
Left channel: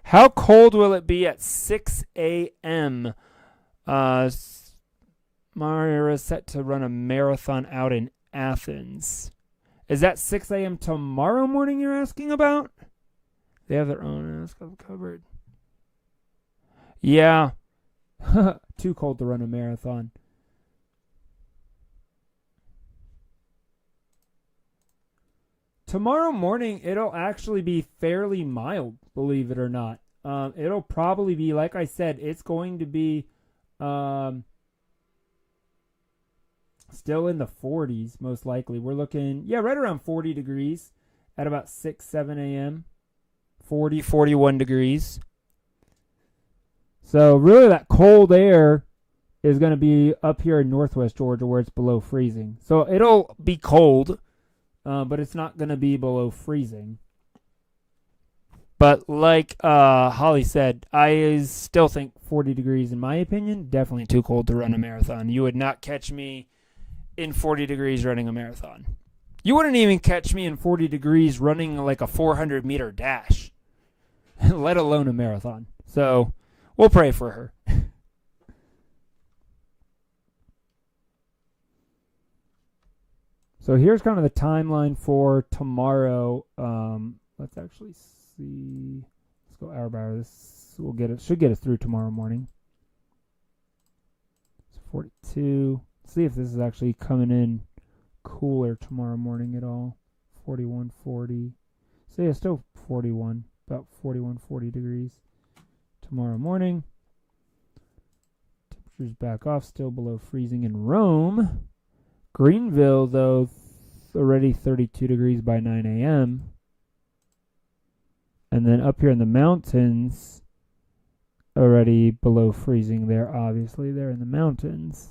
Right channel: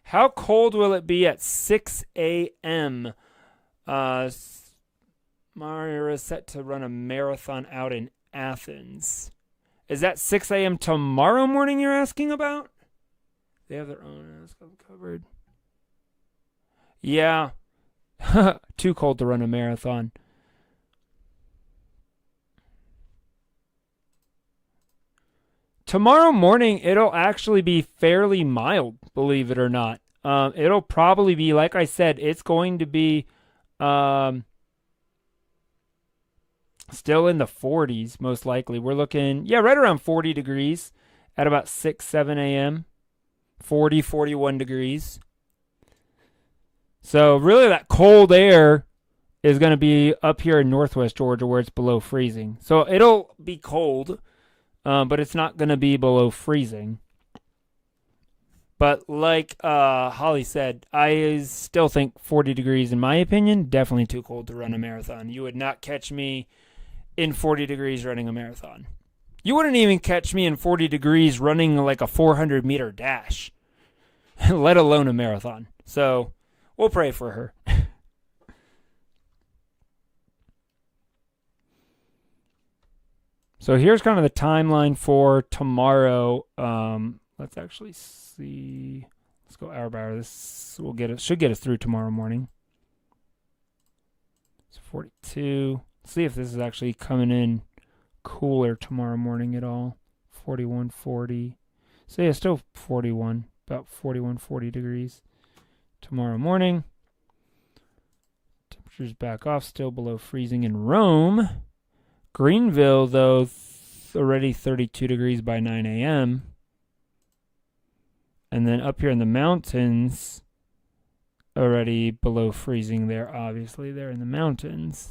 How cold will it be at 6 a.m.? Mario is set to run a marathon out in Athens. Is that 6 a.m. tomorrow morning you're asking about? They have their own covered. Yeah. Too cold to run a marathon. Tomorrow morning, it'll actually be fairly mild, believe it or not. It'll probably be, like I said, it's going to be still in the 40s, most likely. We're looking, right around 40 degrees at about 6, 7 a.m. 40, 41 degrees. So really that cold air is going to be up here in northwest Georgia where it's below freezing. So it'll be cold, but it's not going to be below freezing. But like Holly said, I still think 40 degrees, in my opinion, definitely too cold to run a marathon. You would not catch me in 40 degrees running a marathon. You wouldn't even catch me in 40 degrees running like a 400-meter dash, let alone a marathon. So we'll pray for her. So here's kind of the timeline for tomorrow. Let's actually see. Let's go hour by hour. This should get us through tomorrow morning. It's 42. Let's see if this is actually coming in cooler tomorrow morning at all. 41, 40. So yeah, still 41, about 41, 40 degrees tomorrow morning. Temperatures back off, still below freezing in Rome. Greenville, though, already 32 degrees by 9 a.m. And then up here in the mountains, already below freezing there, obviously. They're in the mountains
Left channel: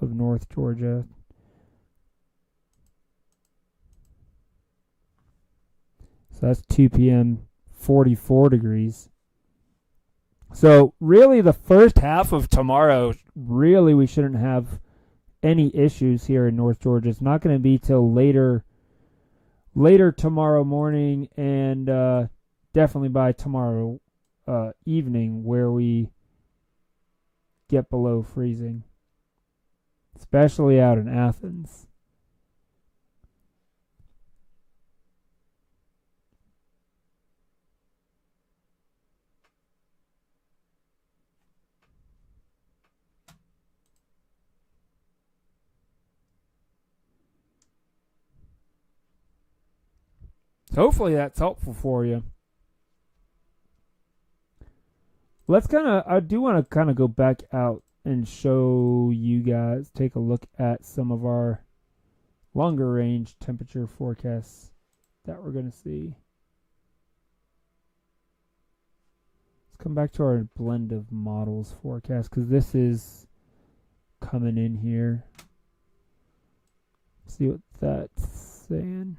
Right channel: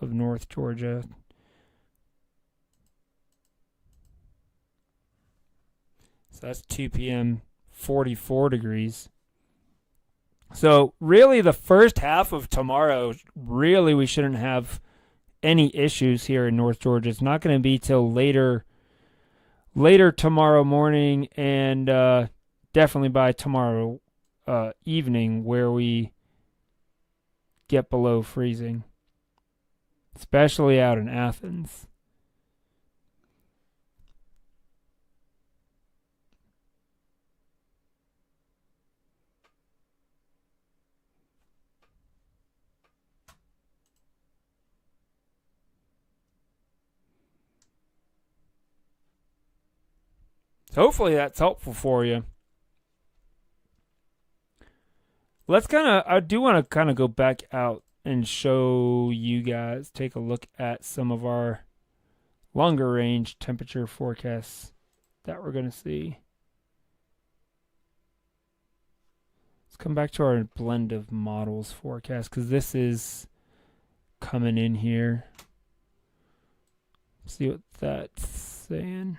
of North Georgia. So that's 2 p.m., 44 degrees. So really the first half of tomorrow, really we shouldn't have any issues here in North Georgia. It's not going to be till later tomorrow morning and definitely by tomorrow evening where we get below freezing, especially out in Athens. Hopefully that's helpful for you. I do want to kind of go back out and show you guys, take a look at some of our longer range temperature forecasts that we're going to see. Let's come back to our blend of models forecast because this is coming in here. See what that's saying.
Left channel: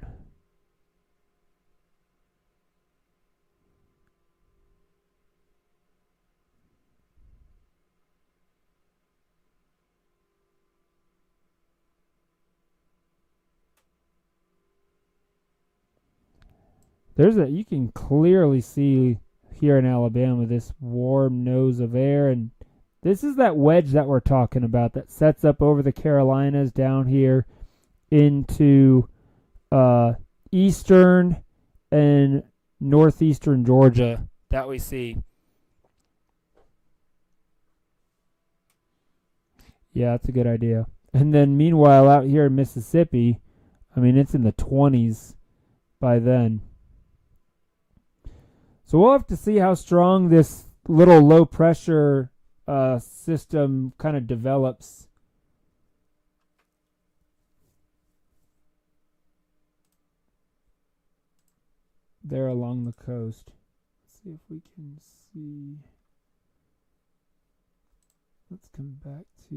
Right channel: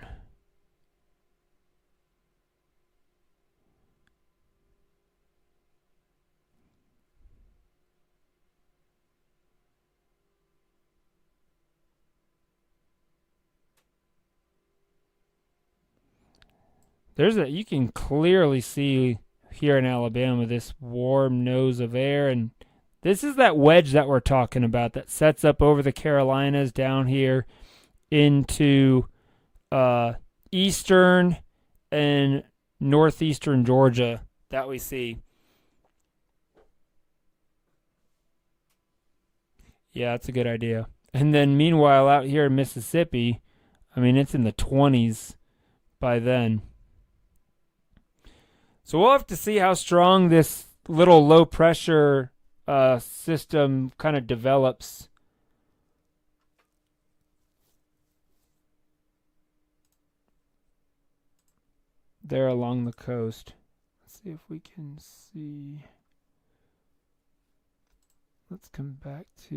You can clearly see here in Alabama this warm nose of air, and this is that wedge that we're talking about that sets up over the Carolinas down here into eastern and northeastern Georgia that we see. Yeah, that's a good idea. And then meanwhile out here in Mississippi, I mean, it's in the 20s by then. So we'll have to see how strong this little low pressure system kind of develops. There along the coast. Let's see if we can see. Let's come back to,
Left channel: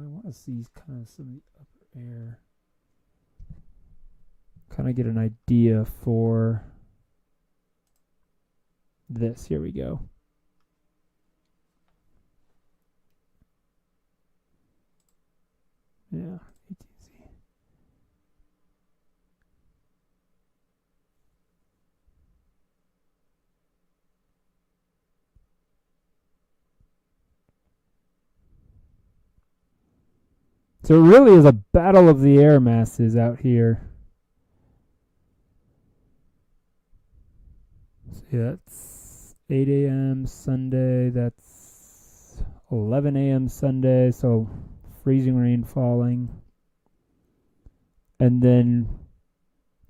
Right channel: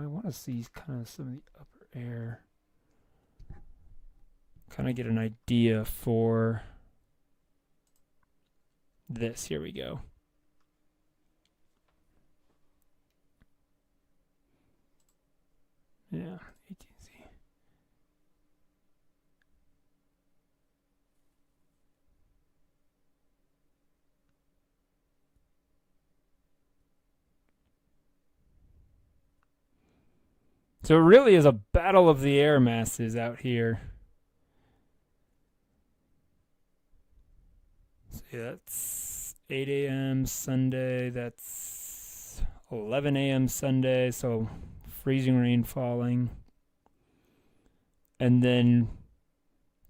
I want to see kind of some of the upper air. Kind of get an idea for this. Here we go. Yeah. So it really is a battle of the air masses out here. See, that's 8 a.m. Sunday. That's 11 a.m. Sunday. So freezing rain falling. And then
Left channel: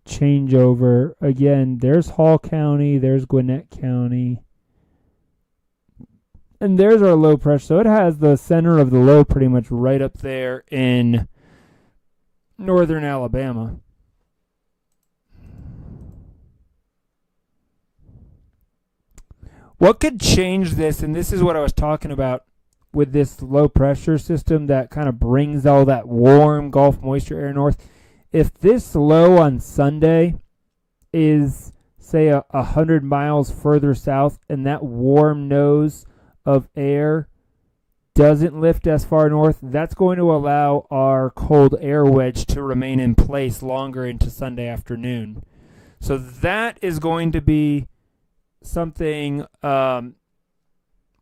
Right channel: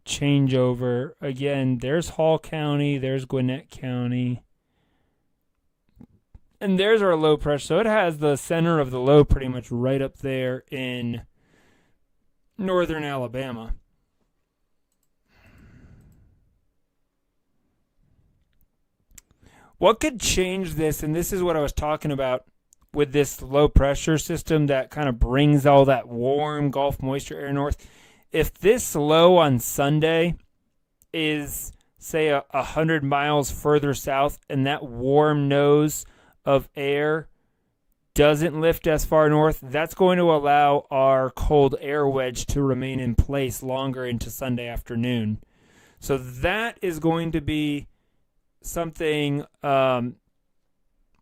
changeover. Again, there's Hall County. There's Gwinnett County. And there's our low pressure. So it has the center of the low pretty much right up there in northern Alabama. What could change this, and this is what I was talking about with this low pressure system that kind of brings all that warm Gulf moisture air north. If this low on Sunday is, say, 100 miles further south, and that warm nose of air doesn't lift as far north, that's going to allow our cold air wedge to remain in place longer into Sunday afternoon. So that is going to be something we're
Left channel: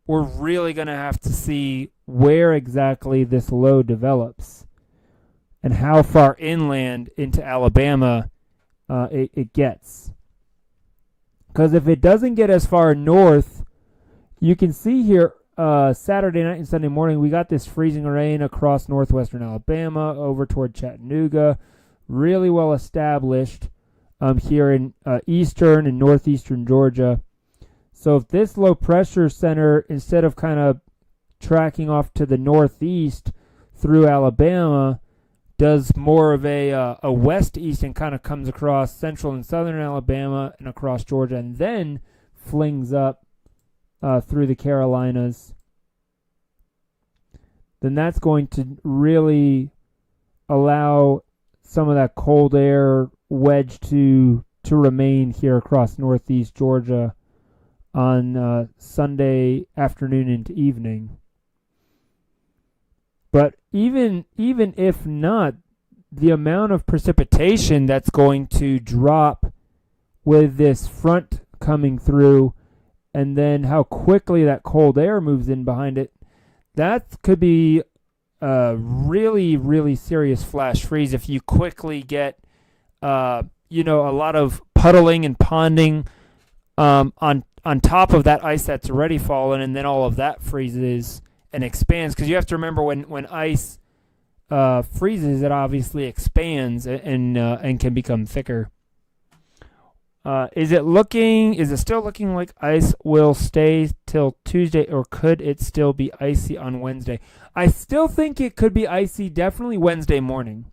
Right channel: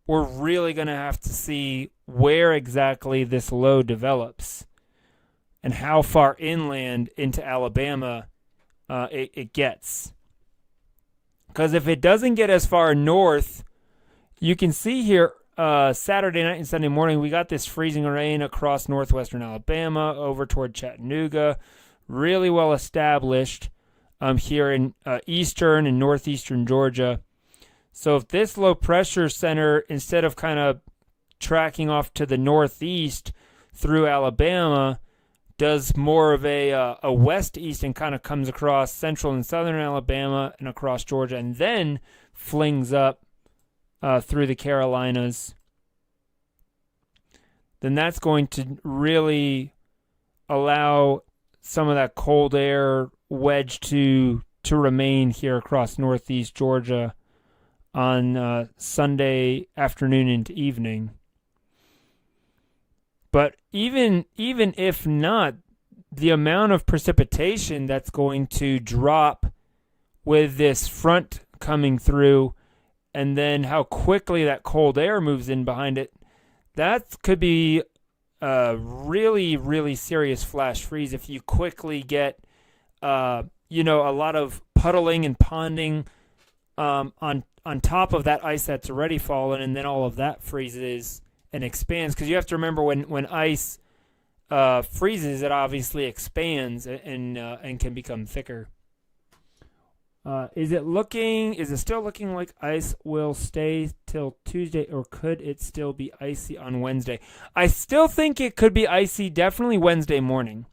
really going to have to see where exactly this low develops and how far inland into Alabama it gets. Because if it doesn't get as far north, you can see here Saturday night and Sunday morning, we got this freezing rain across northwestern Alabama over toward Chattanooga. Really well established here in eastern and northeastern Georgia. So if this low pressure center, instead of kind of tracking off to the northeast through Alabama, does more of a west-east and kind of comes across central and southern Alabama and across Georgia and then flings up through the Carolinas, then that's going to really allow some of that cold air wedge to remain here across northeast Georgia on Sunday afternoon into evening. But even if not, the amount of precipitation that's going to drop with this front coming through, and then how quickly that cold air moves in behind it, that could be a really, really serious flash freeze if you quickly get, a lot of puddling and ponding on top of that ice that's already fallen, and then all of that freezes and expands. Because you have to remember when ice freezes, it obviously expands and can become thicker. Is it still looking like ice will stay till Tuesday, or could it still be icy on Wednesday? I still think it could be icy, definitely Wednesday morning.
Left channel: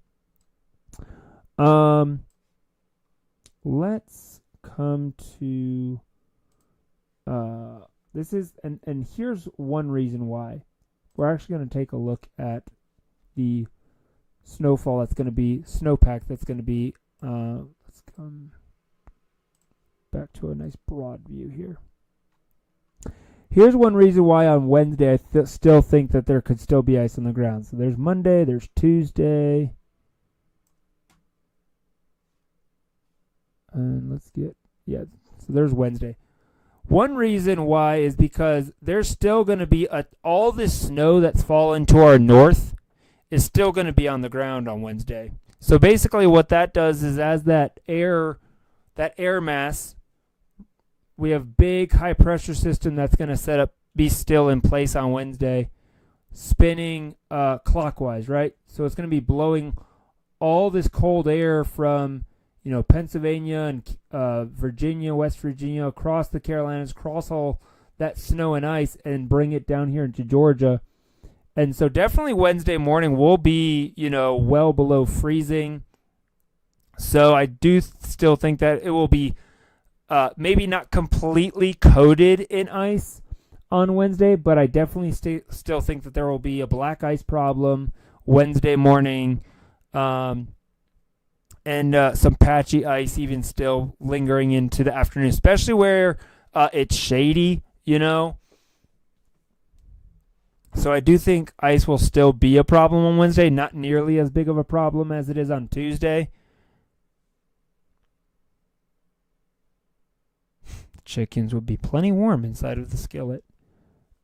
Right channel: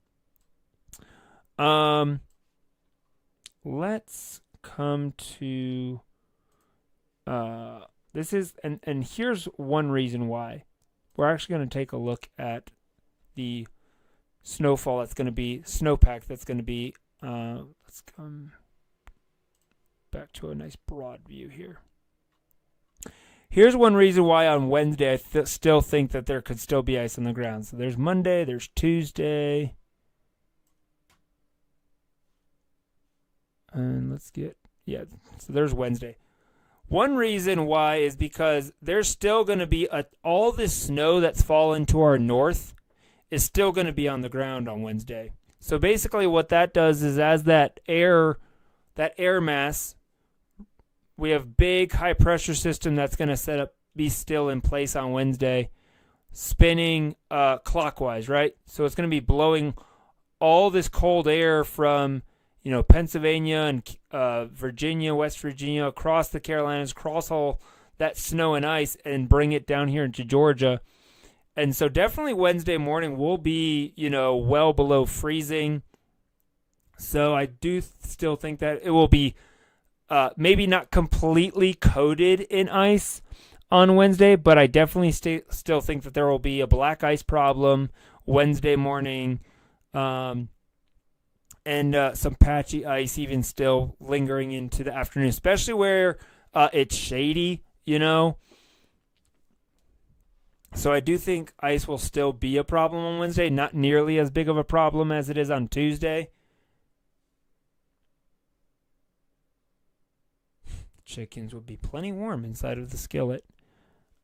Let's come to this is, and here's one reason why. We're actually going to take a look at the snowfall that's going to be, snowpack that's going to be, let's come back to a nice broad view here. Here's one reason why on Wednesday I still think that there could still be ice on the ground. So there's Monday, there's Tuesday. And let's get, so there's Wednesday. One reason why is because there's still going to be all this snow that's fallen to our north is still going to be on the ground on Wednesday. So basically what that does is as that air mass, we have big high pressure system that's going to be still in place on Wednesday, spinning clockwise, right? So it's going to be blowing all this cold air from Pennsylvania and Virginia, West Virginia, across the Carolinas, across all that snow and ice, and bring it down here into Georgia. And so definitely Wednesday morning will be, well below freezing. So I do still think that it will be maybe not completely coated in ice on Wednesday, but I definitely still think that there will be a black ice problem Wednesday morning. And some patchy ice even still lingering into the afternoon, especially where it's shady, So I do think ice will still be a problem on Wednesday, not nearly as big of a problem as it is on Tuesday. Chickens would be plenty warm inside of the skillet.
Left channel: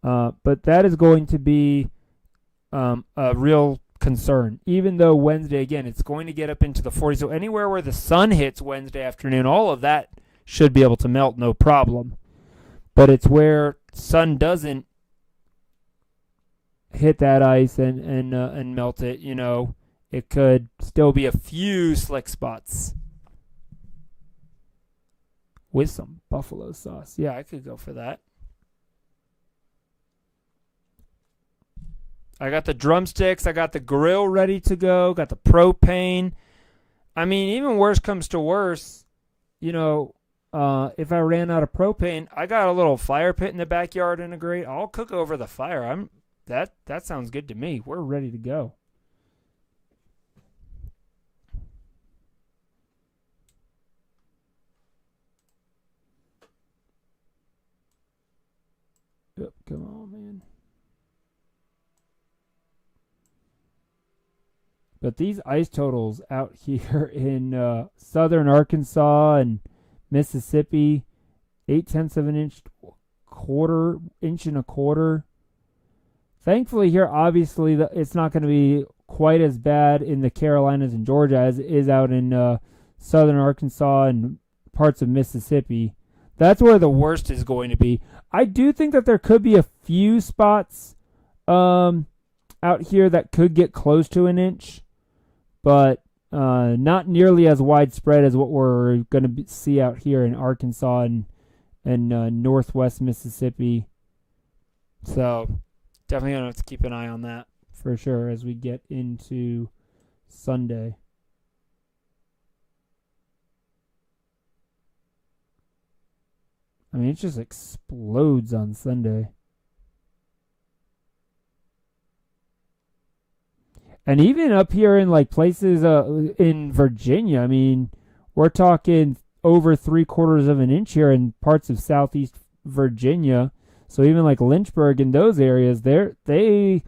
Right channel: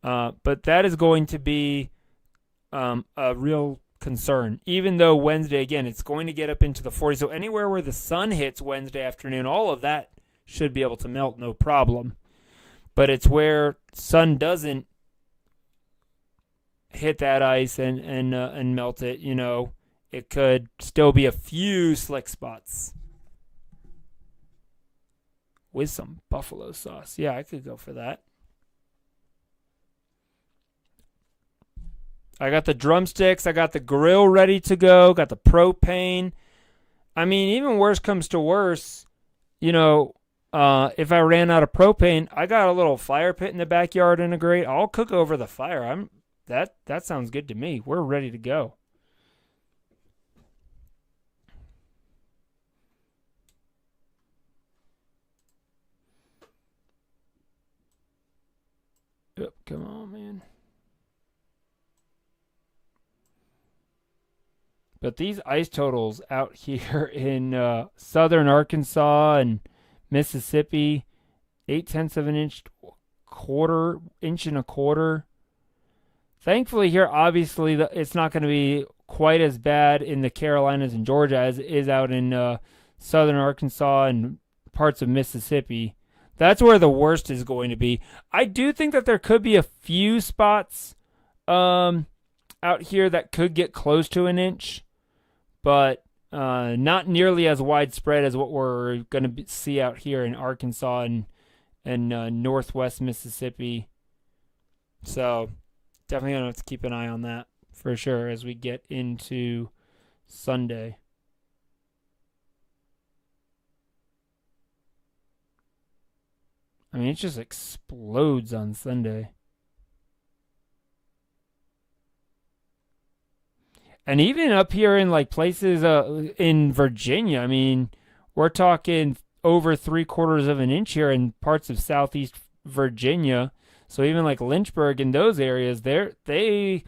But that is going to be a real concern. Even though Wednesday, again, it's going to get up into the 40s. So anywhere where the sun hits Wednesday afternoon, all of that should be able to melt, no problem. But it's where sun doesn't hit that ice and melt it, it could still be a few slick spots with some buffalo sauce. Yeah, I could go for that. I got the drumsticks. I got the grill ready to go. Got the propane. I mean, even worse comes to worse, if I ran out of propane, I got a little fire pit in the backyard and a grate. I'll cook over the fire. That sounds good to me. We're ready to go. Yep, come on, man. But these ice totals out here in southern Arkansas and Mississippi, 0.8 of an inch, inch and a quarter. Thankfully here, obviously, it's not going to be quite as bad in the Carolinas and Georgia as it is out in southern Arkansas and parts of Mississippi. That's where the worst is going to be. I do think that there could be a few spots out here that could get close to an inch, but not nearly as widespread as what we're going to see out here in Arkansas and northwest Mississippi. So definitely going to have to keep an eye on that for sure as we get into Sunday. I mean, it just explodes on Sunday. And even up here in like places in Virginia, I mean, we're talking over 3/4 of an inch here in parts of southeast Virginia. So even like Lynchburg and those areas, they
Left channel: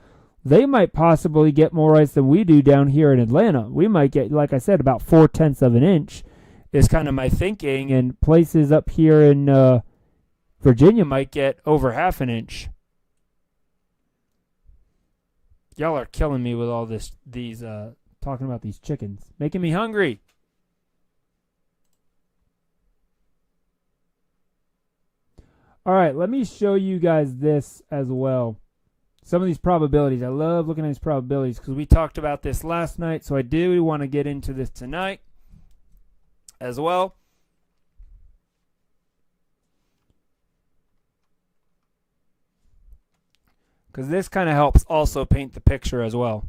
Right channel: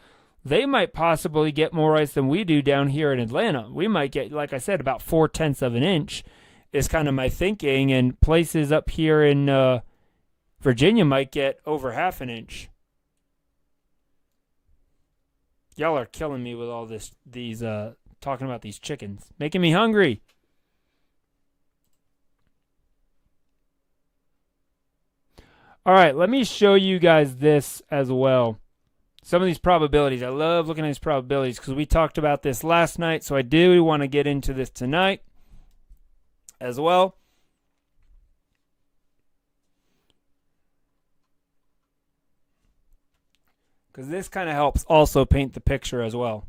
might possibly get more ice than we do down here in Atlanta. We might get, like I said, about 0.4 of an inch is kind of my thinking. And places up here in Virginia might get over 1/2 an inch. Y'all are killing me with all these talking about these chickens, making me hungry. All right, let me show you guys this as well. Some of these probabilities. I love looking at these probabilities because we talked about this last night, so I do want to get into this tonight as well. Because this kind of helps also paint the picture as well.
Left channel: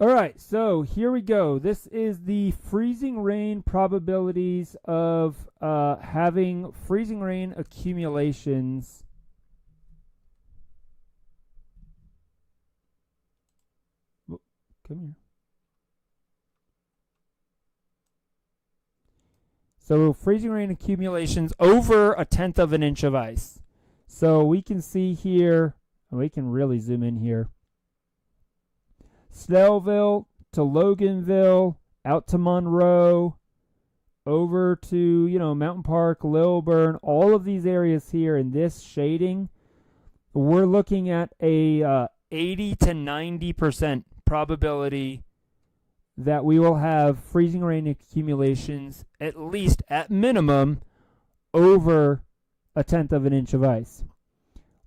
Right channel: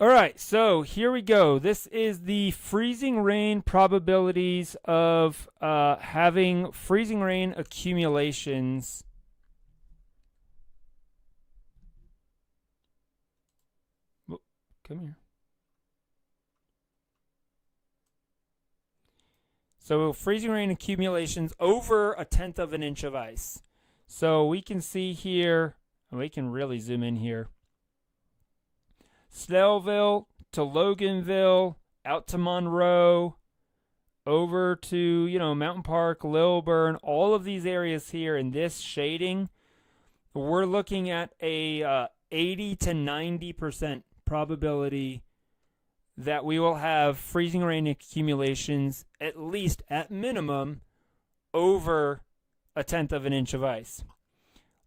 All right, so here we go. This is the freezing rain probabilities of having freezing rain accumulations. Oh, come here. So freezing rain accumulations over 1/10 of an inch of ice. So we can see here, we can really zoom in here. Snellville to Loganville, out to Monroe, over to, Mountain Park, Lilburn, all of these areas here in this shading, we're looking at a 80 to 90% probability that we will have freezing rain accumulations, at least at minimum, over 1/10 of an inch of ice.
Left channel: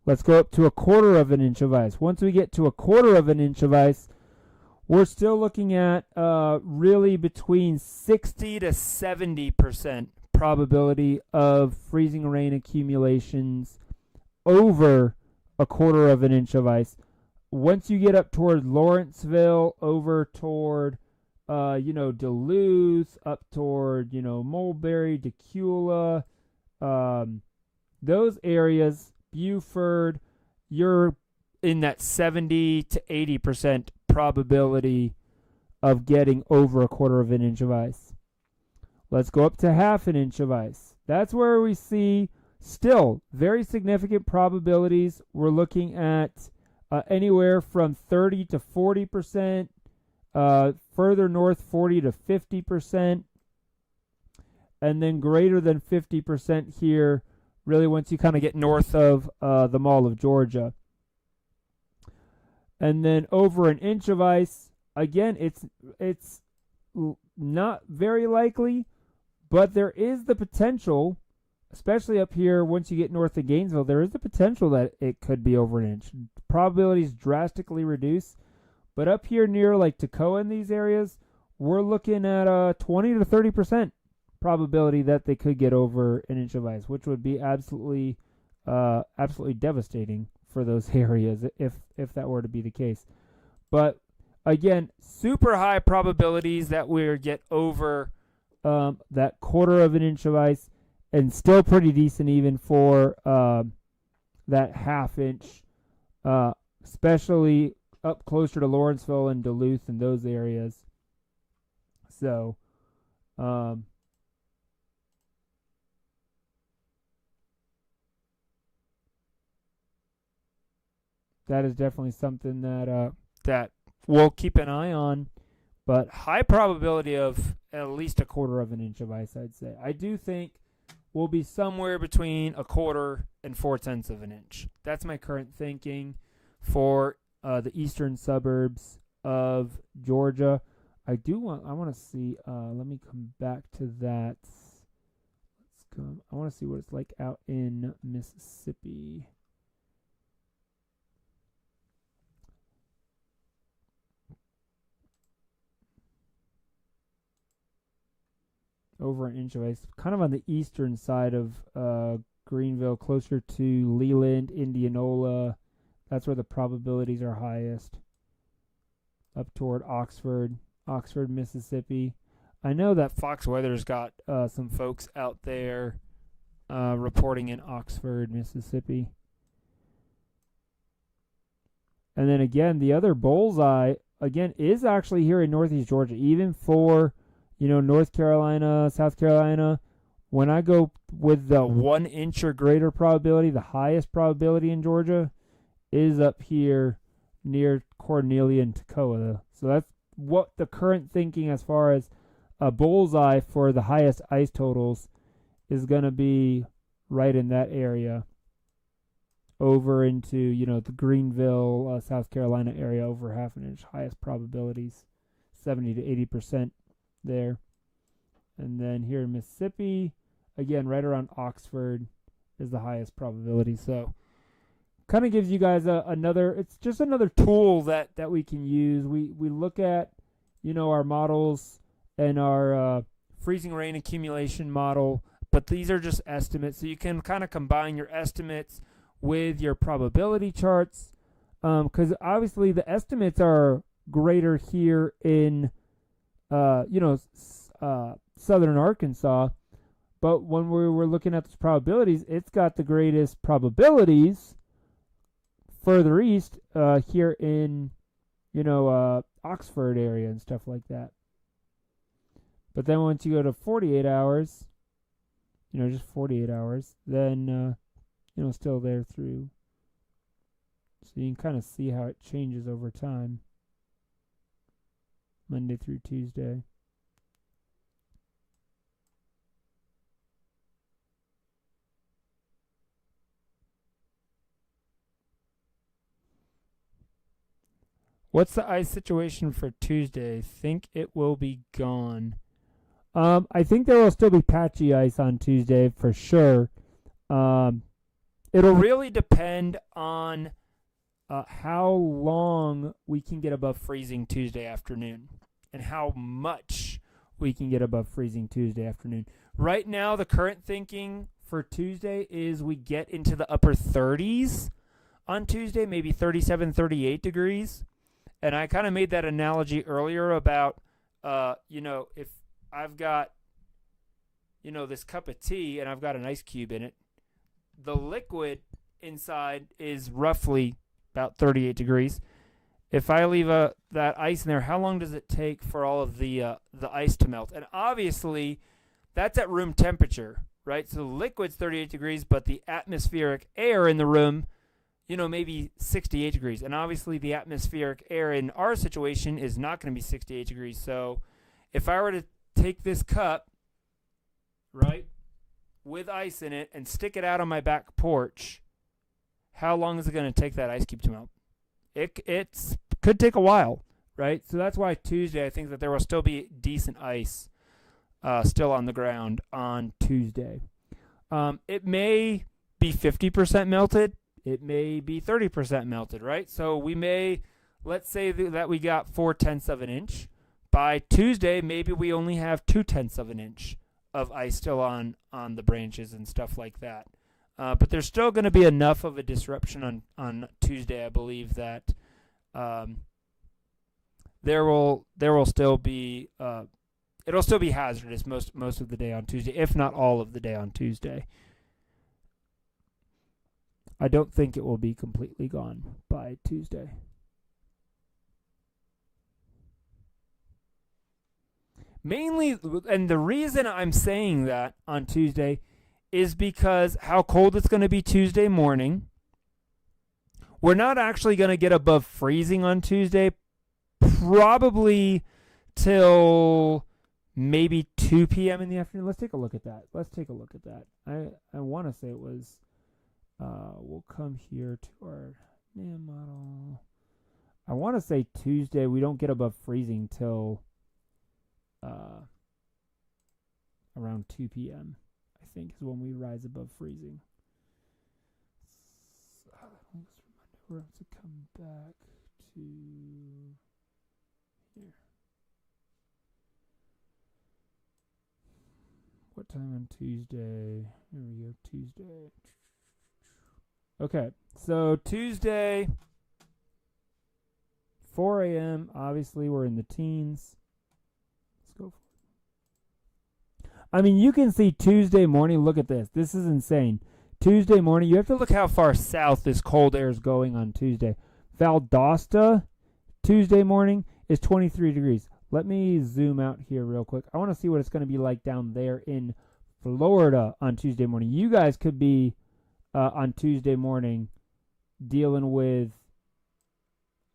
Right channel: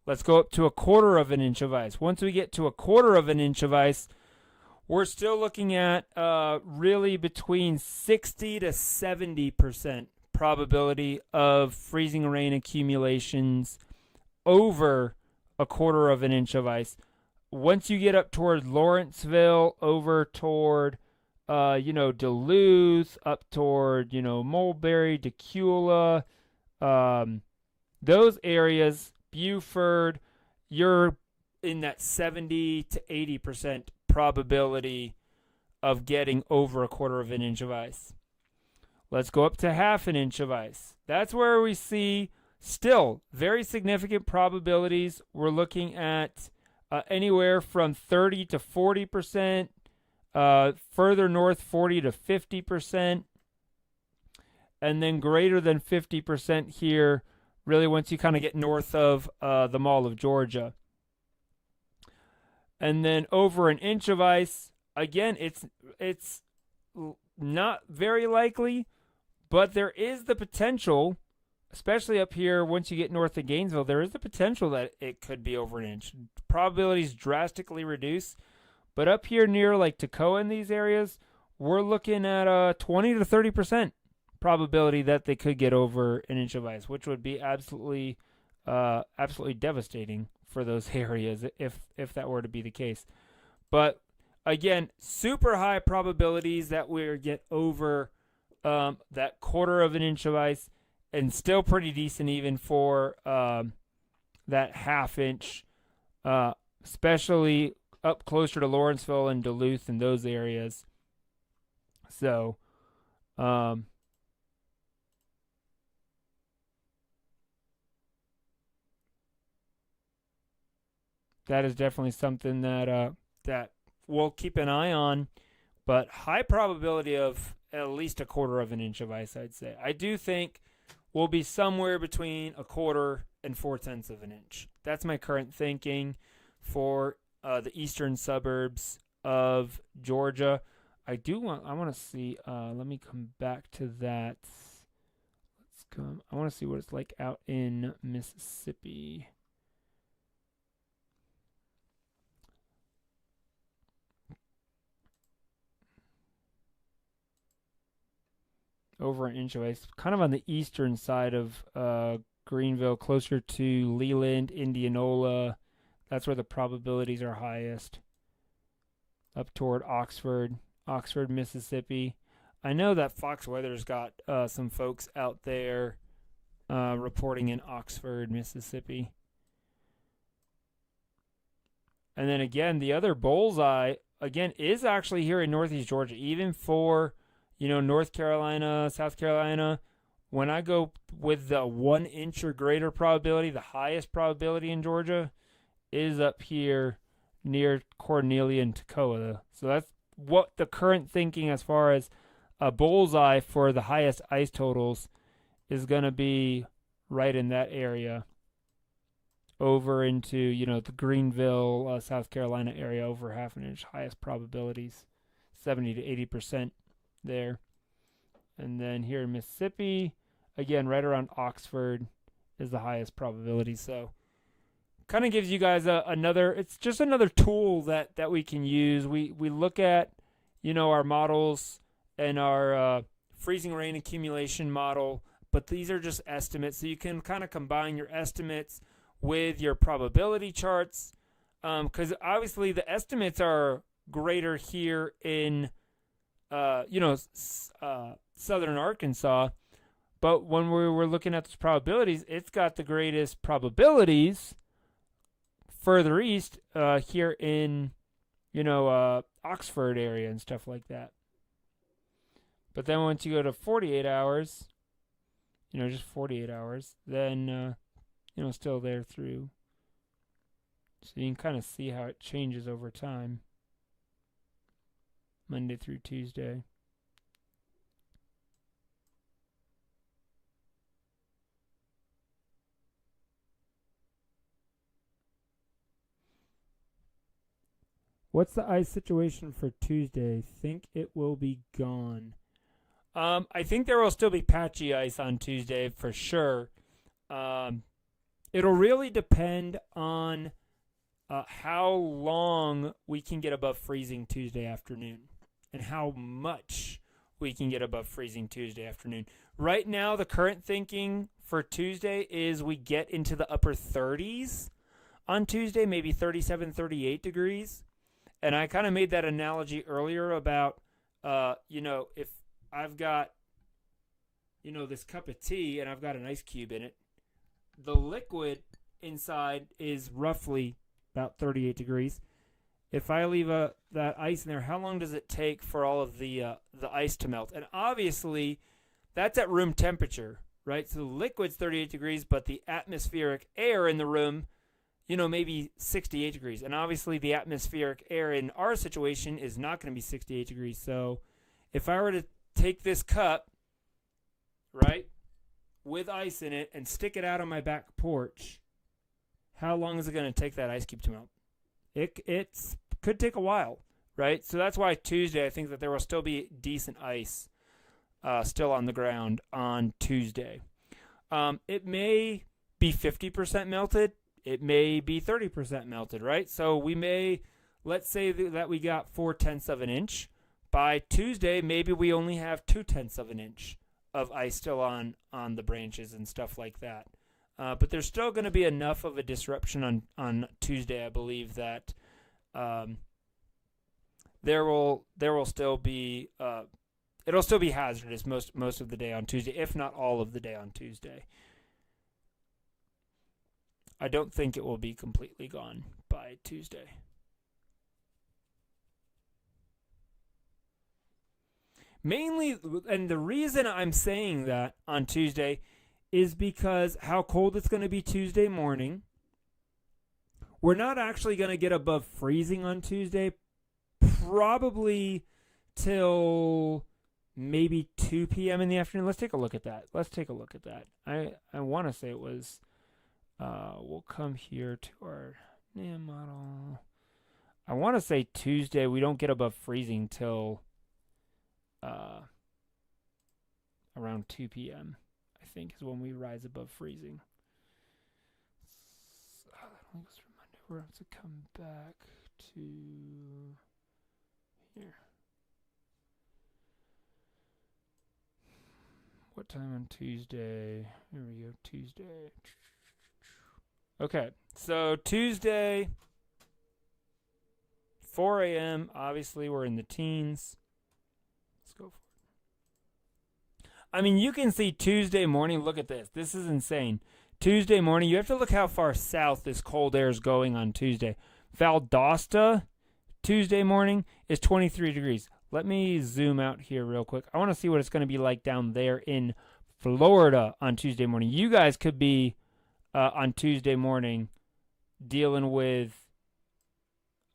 Let's go up to 1/4 of an inch of ice. Once we get to 1/4 of an inch of ice, we're still looking at really between 60 to 70% probability of freezing rain accumulations over 1/4 of an inch of ice. Once you get up toward Lawrenceville, over toward Duluth, up toward, Mulberry, Decula, those areas, Buford, you're in that 70 to 80% probability of getting over 1/4 of an inch of ice. Let's go up to 1/2 an inch of ice. That's where we see still very significant probabilities. We're looking at anywhere from 30 to 40%, further north 40 to 50%, and then greater than 50% here, really once you kind of get north of the Mall of Georgia. And then over an inch of ice, again, it's not very likely, but there is the potential, especially up here once you get north of Gainesville, there is the potential that it could be over an inch. Probabilities drastically reduce, but up here near like Toccoa in these areas, we're looking at a 20 to 30% probability that they could get over an inch of ice, which would be absolutely devastating for those areas if that were to be the case. But again, super high probabilities that we get over that quarter of an inch of ice, and still pretty decent even for that half inch, especially up closer to Lawrenceville and Duluth and those areas. So that is definitely something that that we'll keep an eye on, but high probability of at least a quarter of an inch of ice, I'd say. I do think we'll be somewhere between a quarter and 4/10 of an inch. That's my current thinking for the eastern suburbs of Georgia. I want to see, let me come back to that. I want to see what it's like out in Mississippi. Over an inch of ice, kind of on the eastern side of Greenville, closer to Leland, Indianola. That's where the probabilities are highest. Up toward Oxford, Mississippi. I know that Fox Weather's got some folks out there reporting in Oxford, Mississippi. And then again, the other bullseye, again, is actually here in northeast Georgia, even for North Carolina, South Carolina. When I go with the 1 inch or greater probability, the highest probability in Georgia is up here near Cornelia and Toccoa. So that's what the current thinking as far as a bullseye for the highest ice totals is going to be right in that area. Over into, the Greenville, South Carolina area, over half an inch. Highest probabilities, 70 to 80%. There. And then here in Mississippi, again, right around Oxford is the highest probability. So kind of gives you guys it's just another tool that we can use. We look at, our models and our freezing rain accumulation model, but these are just estimates. So you can kind of combine your estimates with your probability charts, because obviously the estimates are greater here in southern Arkansas, but when we were looking at those probabilities, it's got the greatest probabilities further east, here in, Oxford area and stuff like that. But then once you go to 48 hours, just 48 hours, then, still there through. So you can kind of see how it changes over time. Monday through Tuesday. What's the ice situation for Tuesday? Think it will be gone. I think there will still be patchy ice on Tuesday for sure. It'll really depend on how long we can get above freezing Tuesday afternoon and how much we can get above freezing Tuesday afternoon. Right now, the current thinking for Tuesday is we get into the upper 30s on Tuesday, maybe 37, 38 degrees. And I kind of made that analogy earlier about, if I've got, this cup of tea and I've got an ice cube in it, the liquid inside is roughly about 38 degrees. If I leave that ice in there, how long does it take for all of the ice to melt? And obviously, that's at room temperature. right? So the liquid's 38 degrees, but the atmospheric air in the room, maybe 68 degrees. And obviously the atmospheric air in our situation is not going to be 68 degrees. So if I were to take this cup, right, with ice in it and stick it out on my back porch, how long is it going to take that ice cube to melt? It could take a while, right? So that's why Tuesday, I think that there will still be decent ice still on the ground on Tuesday. It may be 50% melted. It may be 30% melted, right? So let's say that we got 0.4 of an inch. By Tuesday, maybe we only have 0.2 of an inch of ice still on the branches and stuff like that. But there's still going to be enough of a disruption on Tuesday, I believe, that there will still be it'll still be hazardous most of the day on Tuesday, if not all of the day on Tuesday. I don't think it will be completely gone by Tuesday. Mainly, and the reason I'm saying that on Tuesday is because how cold it's going to be Tuesday morning. We're not actually going to get above freezing on Tuesday, probably till maybe 2 p.m. in the afternoon. Let's take a look at that. I want to say it was, we'll come here to our model. I want to say Tuesday we don't get above freezing till around 2 p.m. I think is when we rise above freezing. So let's remind we're have to come back to here. What time on Tuesday? Here we go, Tuesday. Okay, so Tuesday, 4 a.m. Obviously, we're in the teens. Let's go. I mean, you can see Tuesday morning. Look at this. This is insane. Tuesday morning, you have to look how far south this cold air is going on Tuesday. Valdosta, Tuesday morning, is 23 degrees. Let me zoom out here real quick. I want to see what it's going to be like down there in Florida on Tuesday morning. You guys could be on Tuesday morning dealing with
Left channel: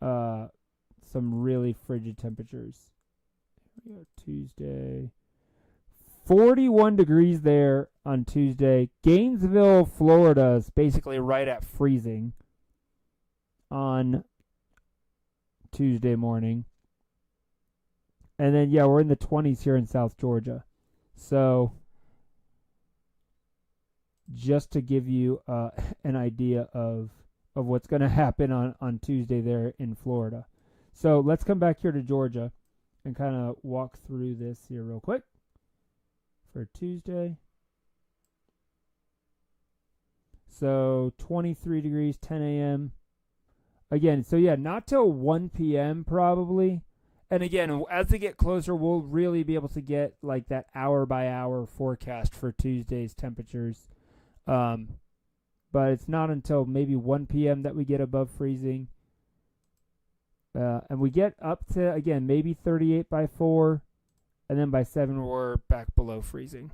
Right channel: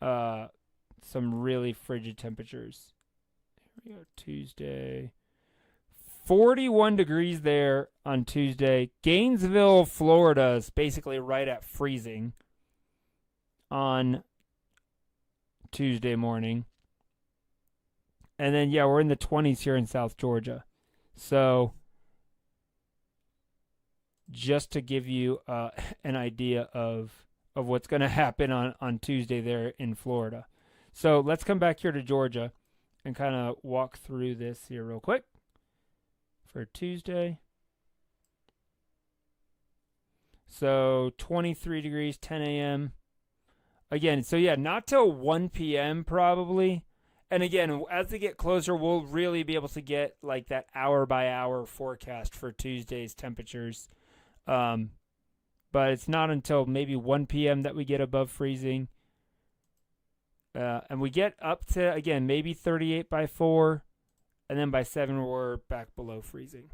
some really frigid temperatures. Here we go, Tuesday. 41 degrees there on Tuesday. Gainesville, Florida is basically right at freezing on Tuesday morning. And then, yeah, we're in the 20s here in South Georgia. So, just to give you an idea of what's going to happen on Tuesday there in Florida. So, let's come back here to Georgia and kind of walk through this here real quick for Tuesday. So, 23 degrees, 10 a.m. Again, so yeah, not till 1 p.m. probably. And again, as they get closer, we'll really be able to get like that hour-by-hour forecast for Tuesday's temperatures. But it's not until maybe 1 p.m. that we get above freezing. And we get up to, again, maybe 38 by 4. And then by 7, we're back below freezing.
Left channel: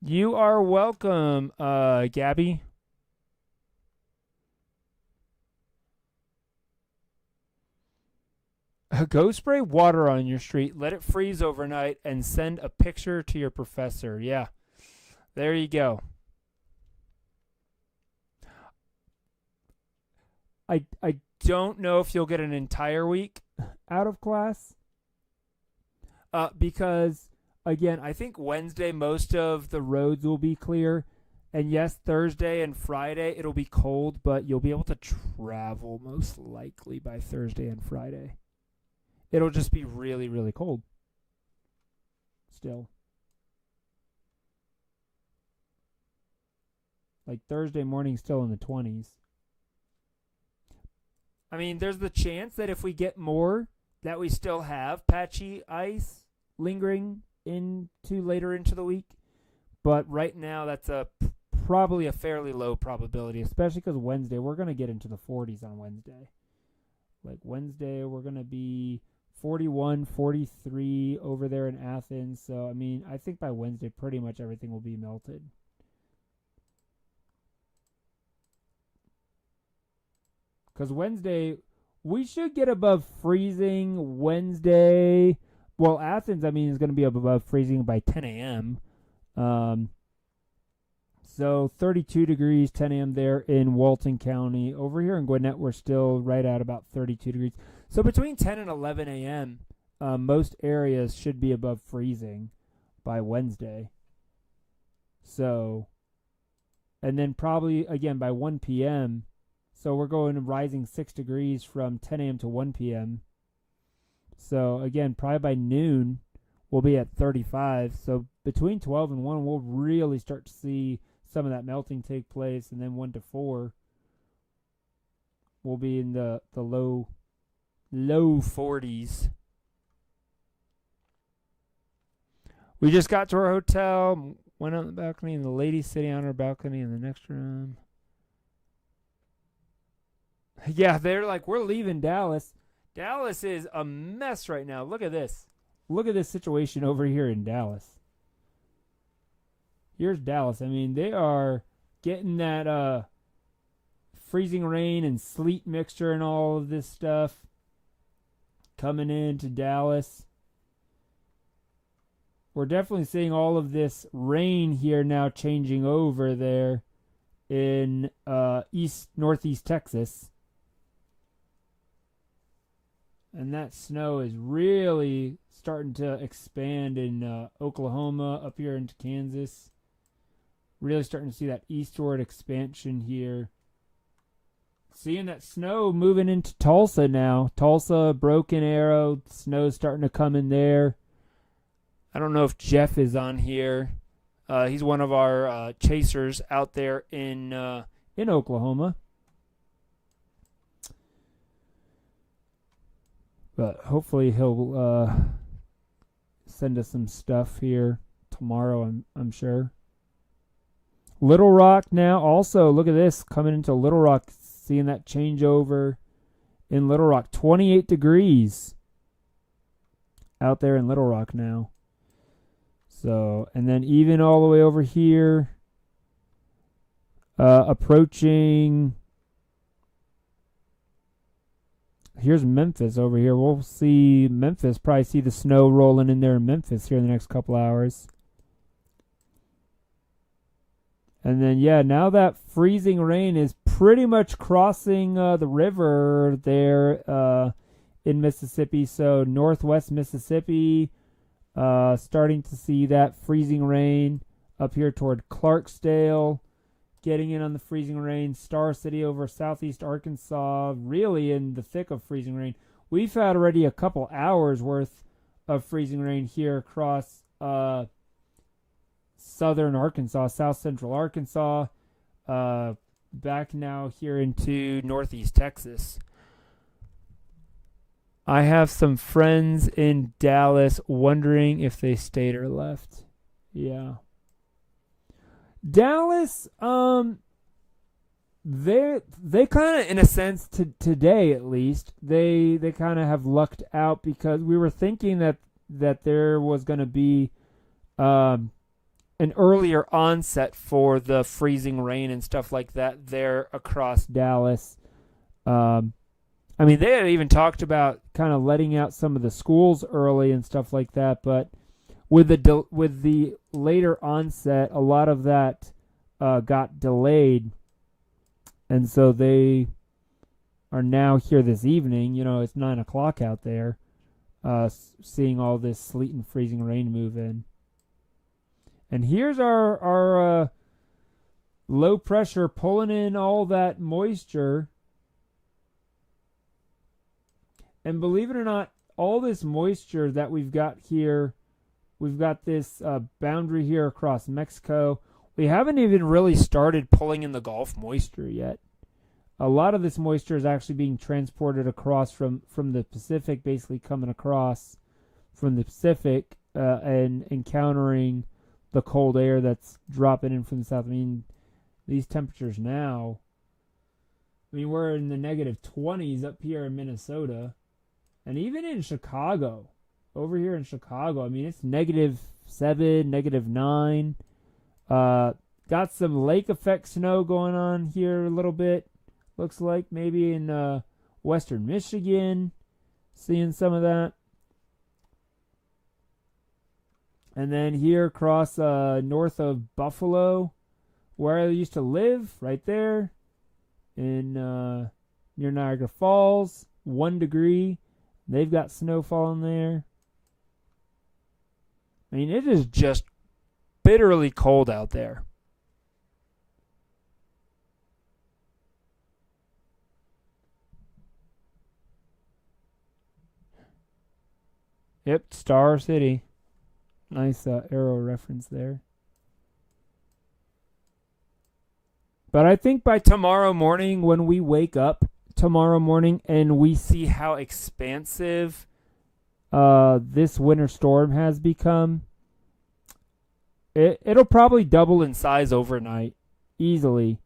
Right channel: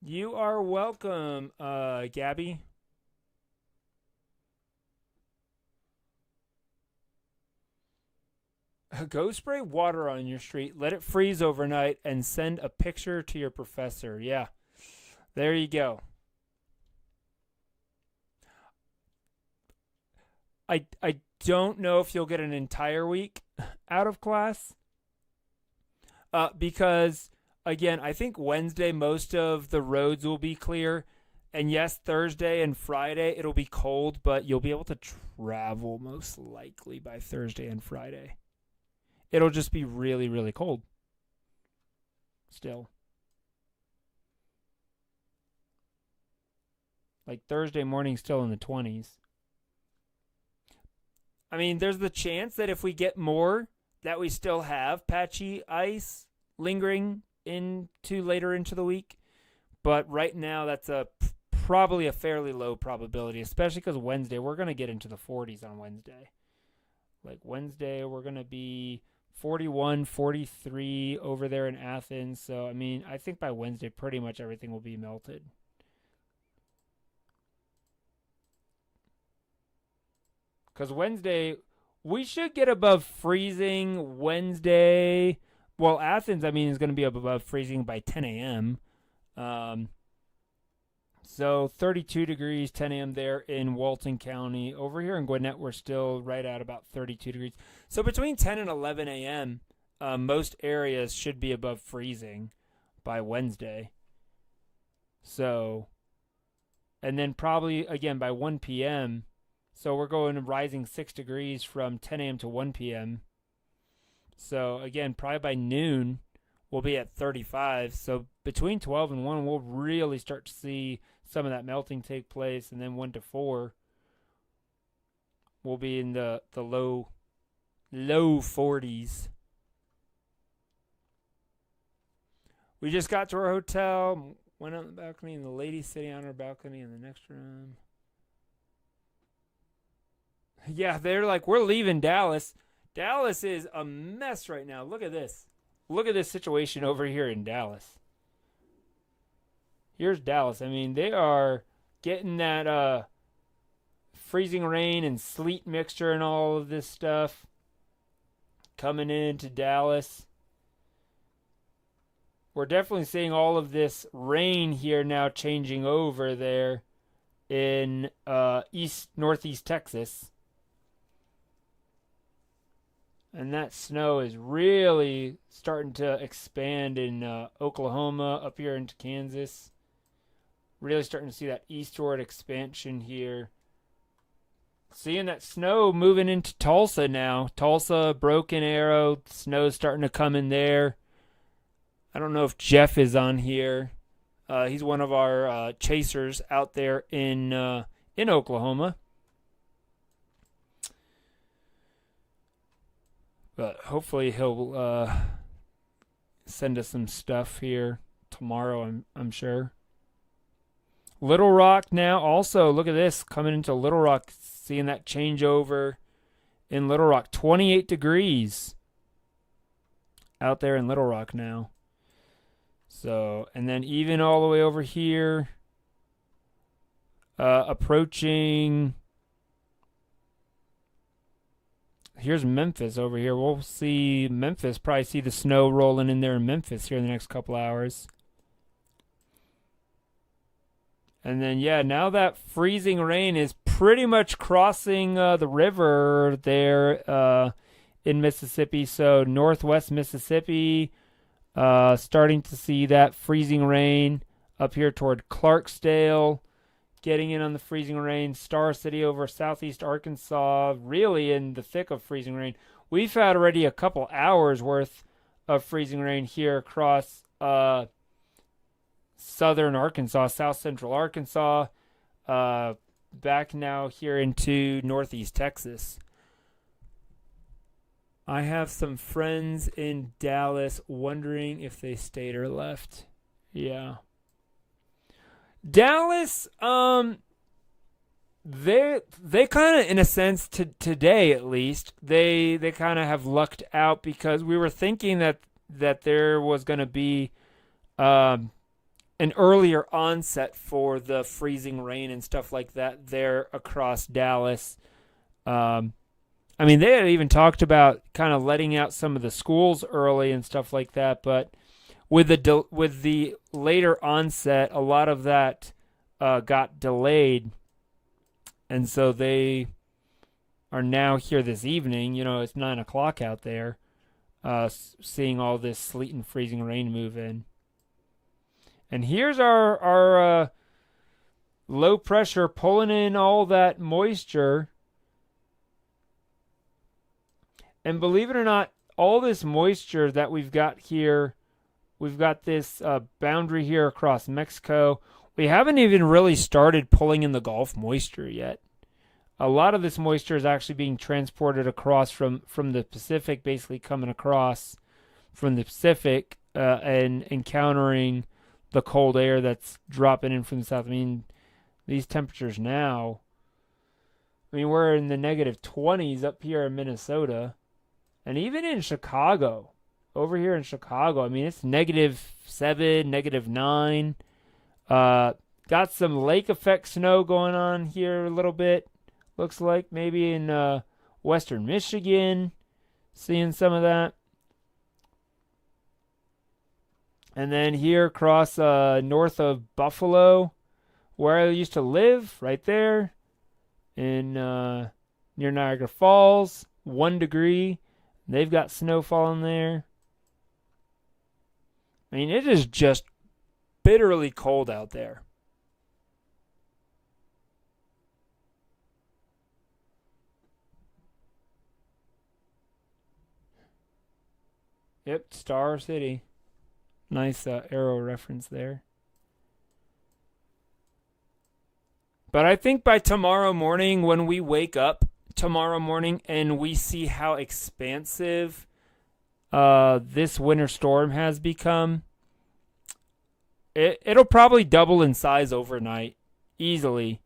You are welcome, Gabby. Go spray water on your street, let it freeze overnight, and send a picture to your professor. Yeah, there you go. I don't know if you'll get an entire week out of class because, again, I think Wednesday most of the roads will be clear. And yes, Thursday and Friday it'll be cold, but you'll be able to travel most likely by Thursday and Friday. It'll just be really, really cold still. Like Thursday morning still in the 20s. I mean, there's the chance that if we get more, that we still have patchy ice lingering later into the week. But right now, that's probably a fairly low probability, especially because Wednesday, we're going to get into the 40s on Wednesday. Like Wednesday, we're going to be 41, 43 over there in Athens. So, I mean, I think by Wednesday, pretty much everything will be melted. Because Wednesday, we should get above freezing Wednesday. Well, Athens, I mean, is going to be above freezing by 10 a.m. So 32 degrees, 10 a.m. there in Walton County. Over here in Gwinnett, we're still right at about 32 degrees. So between 10 and 11 a.m., most areas should be above freezing by Wednesday. So, and then probably, again, by 1 p.m., so we're going rising 6 degrees from 10 a.m. to 1 p.m. So, again, probably by noon, we'll be at 35. So between 12 and 1, we'll really start to see some of that melting take place. And then 1 to 4, we'll be in the low 40s. We just got to our hotel, went on the balcony, and the lady's sitting on her balcony in the next room. Yeah, they're like, we're leaving Dallas. Dallas is a mess right now. Look at this. Look at this situation over here in Dallas. Here's Dallas. I mean, they are getting that freezing rain and sleet mixture and all of this stuff coming into Dallas. We're definitely seeing all of this rain here now changing over there in northeast Texas. And that snow is really starting to expand in Oklahoma, up here into Kansas. Really starting to see that eastward expansion here. Seeing that snow moving into Tulsa now. Tulsa, Broken Arrow, snow's starting to come in there. I don't know if Jeff is on here. He's one of our chasers out there in Oklahoma. But hopefully he'll send us some stuff here tomorrow, I'm sure. Little Rock now also, look at this, coming into Little Rock, seeing that changeover in Little Rock. 28 degrees out there in Little Rock now. So, and then even all the way over here, approaching... Here's Memphis over here. We'll see Memphis, probably see the snow rolling in there in Memphis here in the next couple hours. And then, yeah, now that freezing rain is pretty much crossing the river there in Mississippi. So northwest Mississippi, starting to see that freezing rain up here toward Clarksdale. Getting in on the freezing rain. Star City over southeast Arkansas, really in the thick of freezing rain. We've had already a couple hours worth of freezing rain here across southern Arkansas, south central Arkansas, back now here into northeast Texas. I have some friends in Dallas wondering if they stayed or left. Yeah. Dallas, they kind of, in a sense, today at least, they kind of have lucked out because we were thinking that there was going to be an earlier onset for the freezing rain and stuff like that there across Dallas. I mean, they had even talked about kind of letting out some of the schools early and stuff like that, but with the later onset, a lot of that got delayed, and so they are now here this evening. You know, it's 9 o'clock out there, seeing all this sleet and freezing rain move in. And here's our low pressure pulling in all that moisture. And believe it or not, all this moisture that we've got here, we've got this boundary here across Mexico. We haven't even really started pulling in the Gulf moisture yet. A lot of this moisture is actually being transported across from the Pacific, basically coming across from the Pacific and encountering the cold air that's dropping in from the south. I mean, these temperatures now, I mean, we're in the negative 20s up here in Minnesota. And even in Chicago, over here in Chicago, I mean, it's -7, -9. Got some lake effect snow going on here a little bit. Looks like maybe in western Michigan, seeing some of that. And then here across north of Buffalo, where I used to live, right there, in near Niagara Falls, 1 degree. They've got snow falling there. I mean, it is just bitterly cold out there. Yep, Star City. Nice arrow reference there. But I think by tomorrow morning, when we wake up tomorrow morning and we see how expansive this winter storm has become, it'll probably double in size overnight, easily.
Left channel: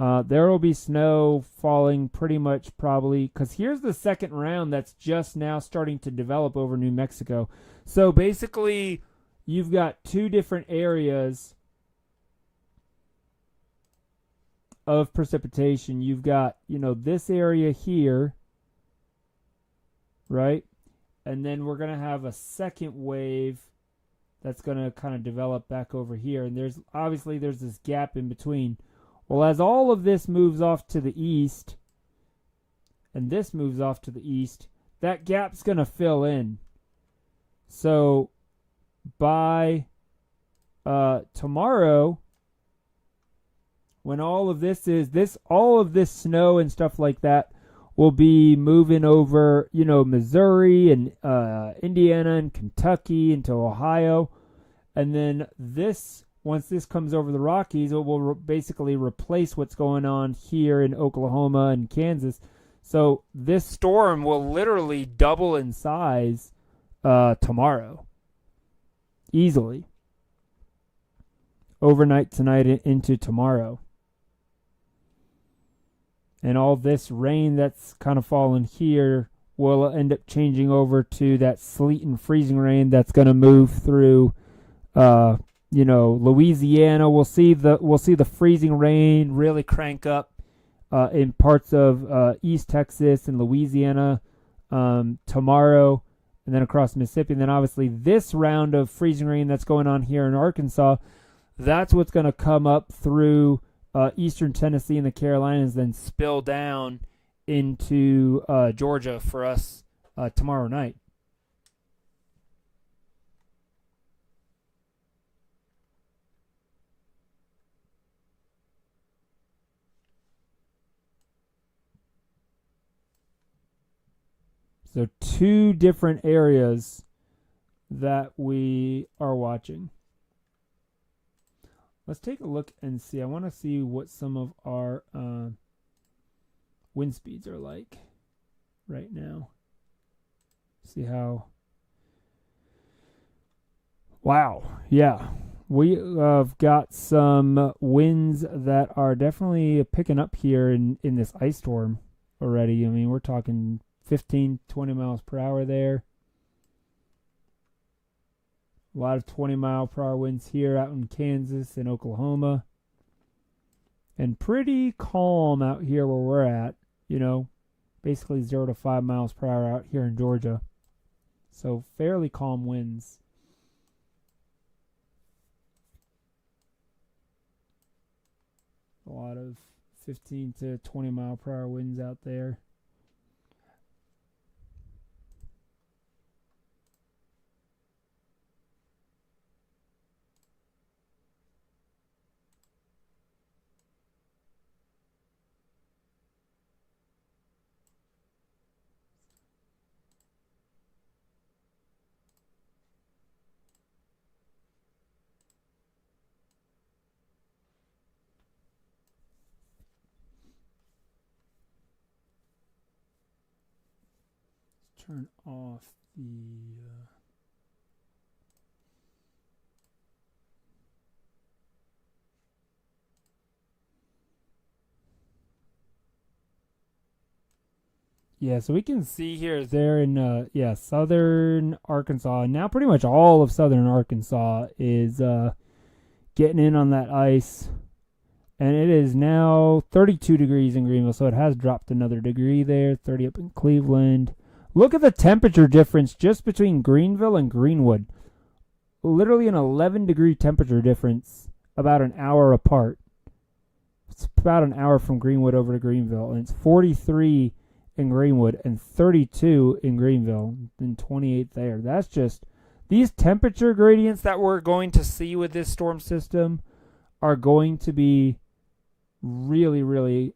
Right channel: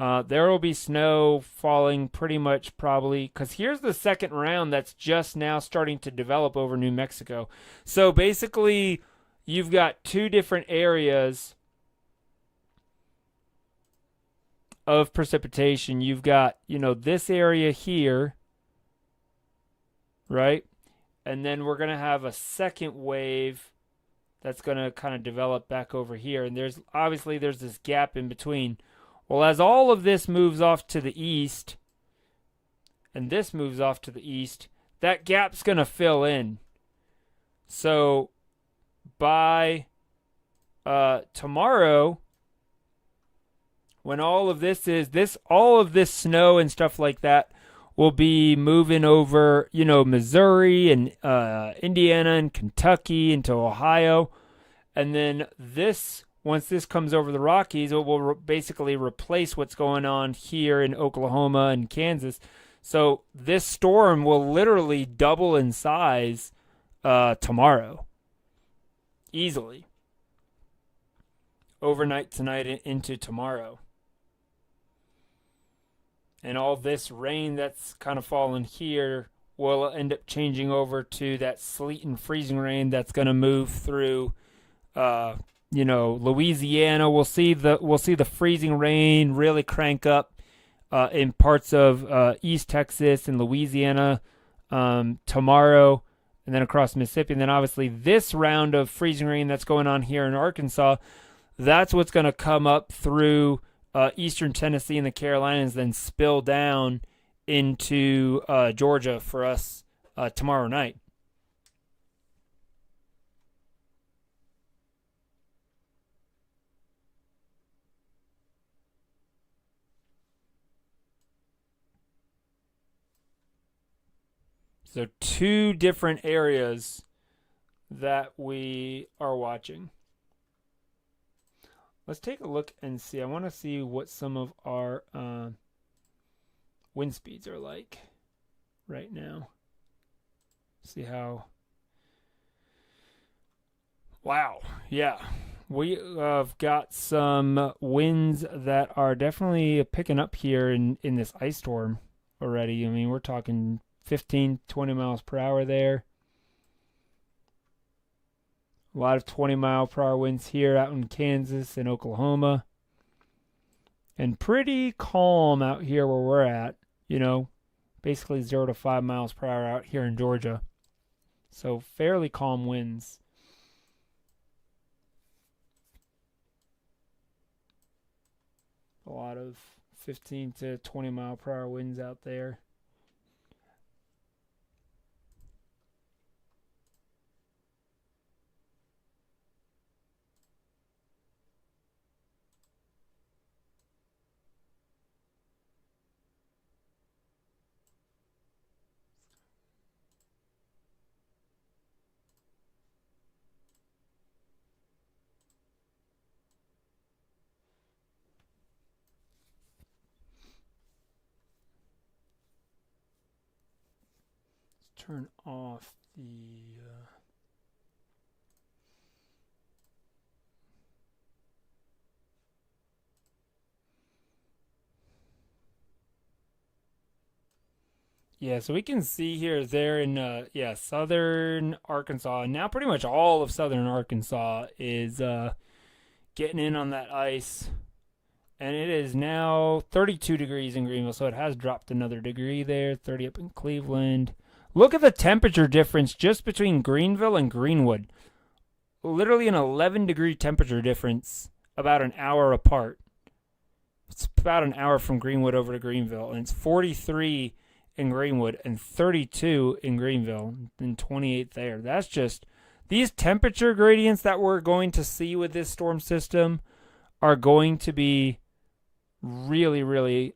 There will be snow falling pretty much probably, because here's the second round that's just now starting to develop over New Mexico. So basically, you've got two different areas of precipitation. You've got, this area here, right? And then we're going to have a second wave that's going to kind of develop back over here. And there's this gap in between. Well, as all of this moves off to the east, and this moves off to the east, that gap's going to fill in. So by tomorrow, when all of this snow and stuff like that will be moving over, Missouri and Indiana and Kentucky into Ohio. And then once this comes over the Rockies, it will basically replace what's going on here in Oklahoma and Kansas. So this storm will literally double in size tomorrow. Easily. Overnight tonight into tomorrow. And all this rain that's kind of fallen here will end up changing over to that sleet and freezing rain that's going to move through Louisiana. We'll see the freezing rain really crank up in parts of East Texas and Louisiana tomorrow, and then across Mississippi. And then obviously this round of freezing rain that's going on here in Arkansas, that's what's going to come up through eastern Tennessee and the Carolinas, then spill down into Georgia for us tomorrow night. So two different areas that we are watching. Let's take a look and see. I want to see what some of our wind speeds are like right now. See how... Wow. Yeah. We have got some winds that are definitely picking up here in this ice storm already. I mean, we're talking 15, 20 miles per hour there. A lot of 20-mile-per-hour winds here out in Kansas and Oklahoma. And pretty calm out here where we're at. Basically 0 to 5 miles per hour out here in Georgia. So fairly calm winds. A lot of 15 to 20-mile-per-hour winds out there. Turn off the Yeah, so we can see here they're in southern Arkansas. Now pretty much all of southern Arkansas is getting in on that ice. And it is now 32 degrees in Greenville, so it has dropped another degree there, 30 up in Cleveland. Look at the temperature difference just between Greenville and Greenwood. Literally an 11-degree temperature difference about an hour apart. It's about an hour from Greenwood over to Greenville, and it's 43 in Greenwood and 32 in Greenville and 28 there. That's just these temperature gradients that we're going to see with this storm system are going to be really, really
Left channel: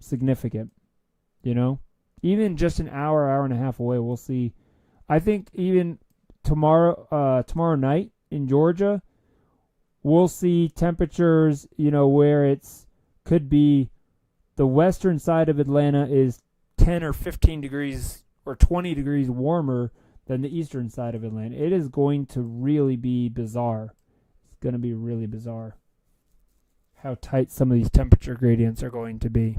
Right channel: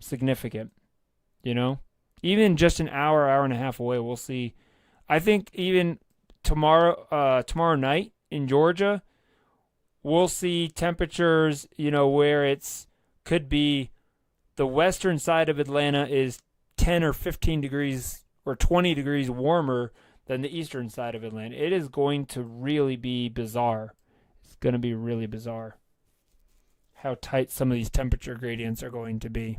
significant. You know, even just an hour, hour and a half away, we'll see. I think even tomorrow night in Georgia, we'll see temperatures, where it's could be the western side of Atlanta is 10 or 15 degrees or 20 degrees warmer than the eastern side of Atlanta. It is going to really be bizarre. It's going to be really bizarre how tight some of these temperature gradients are going to be.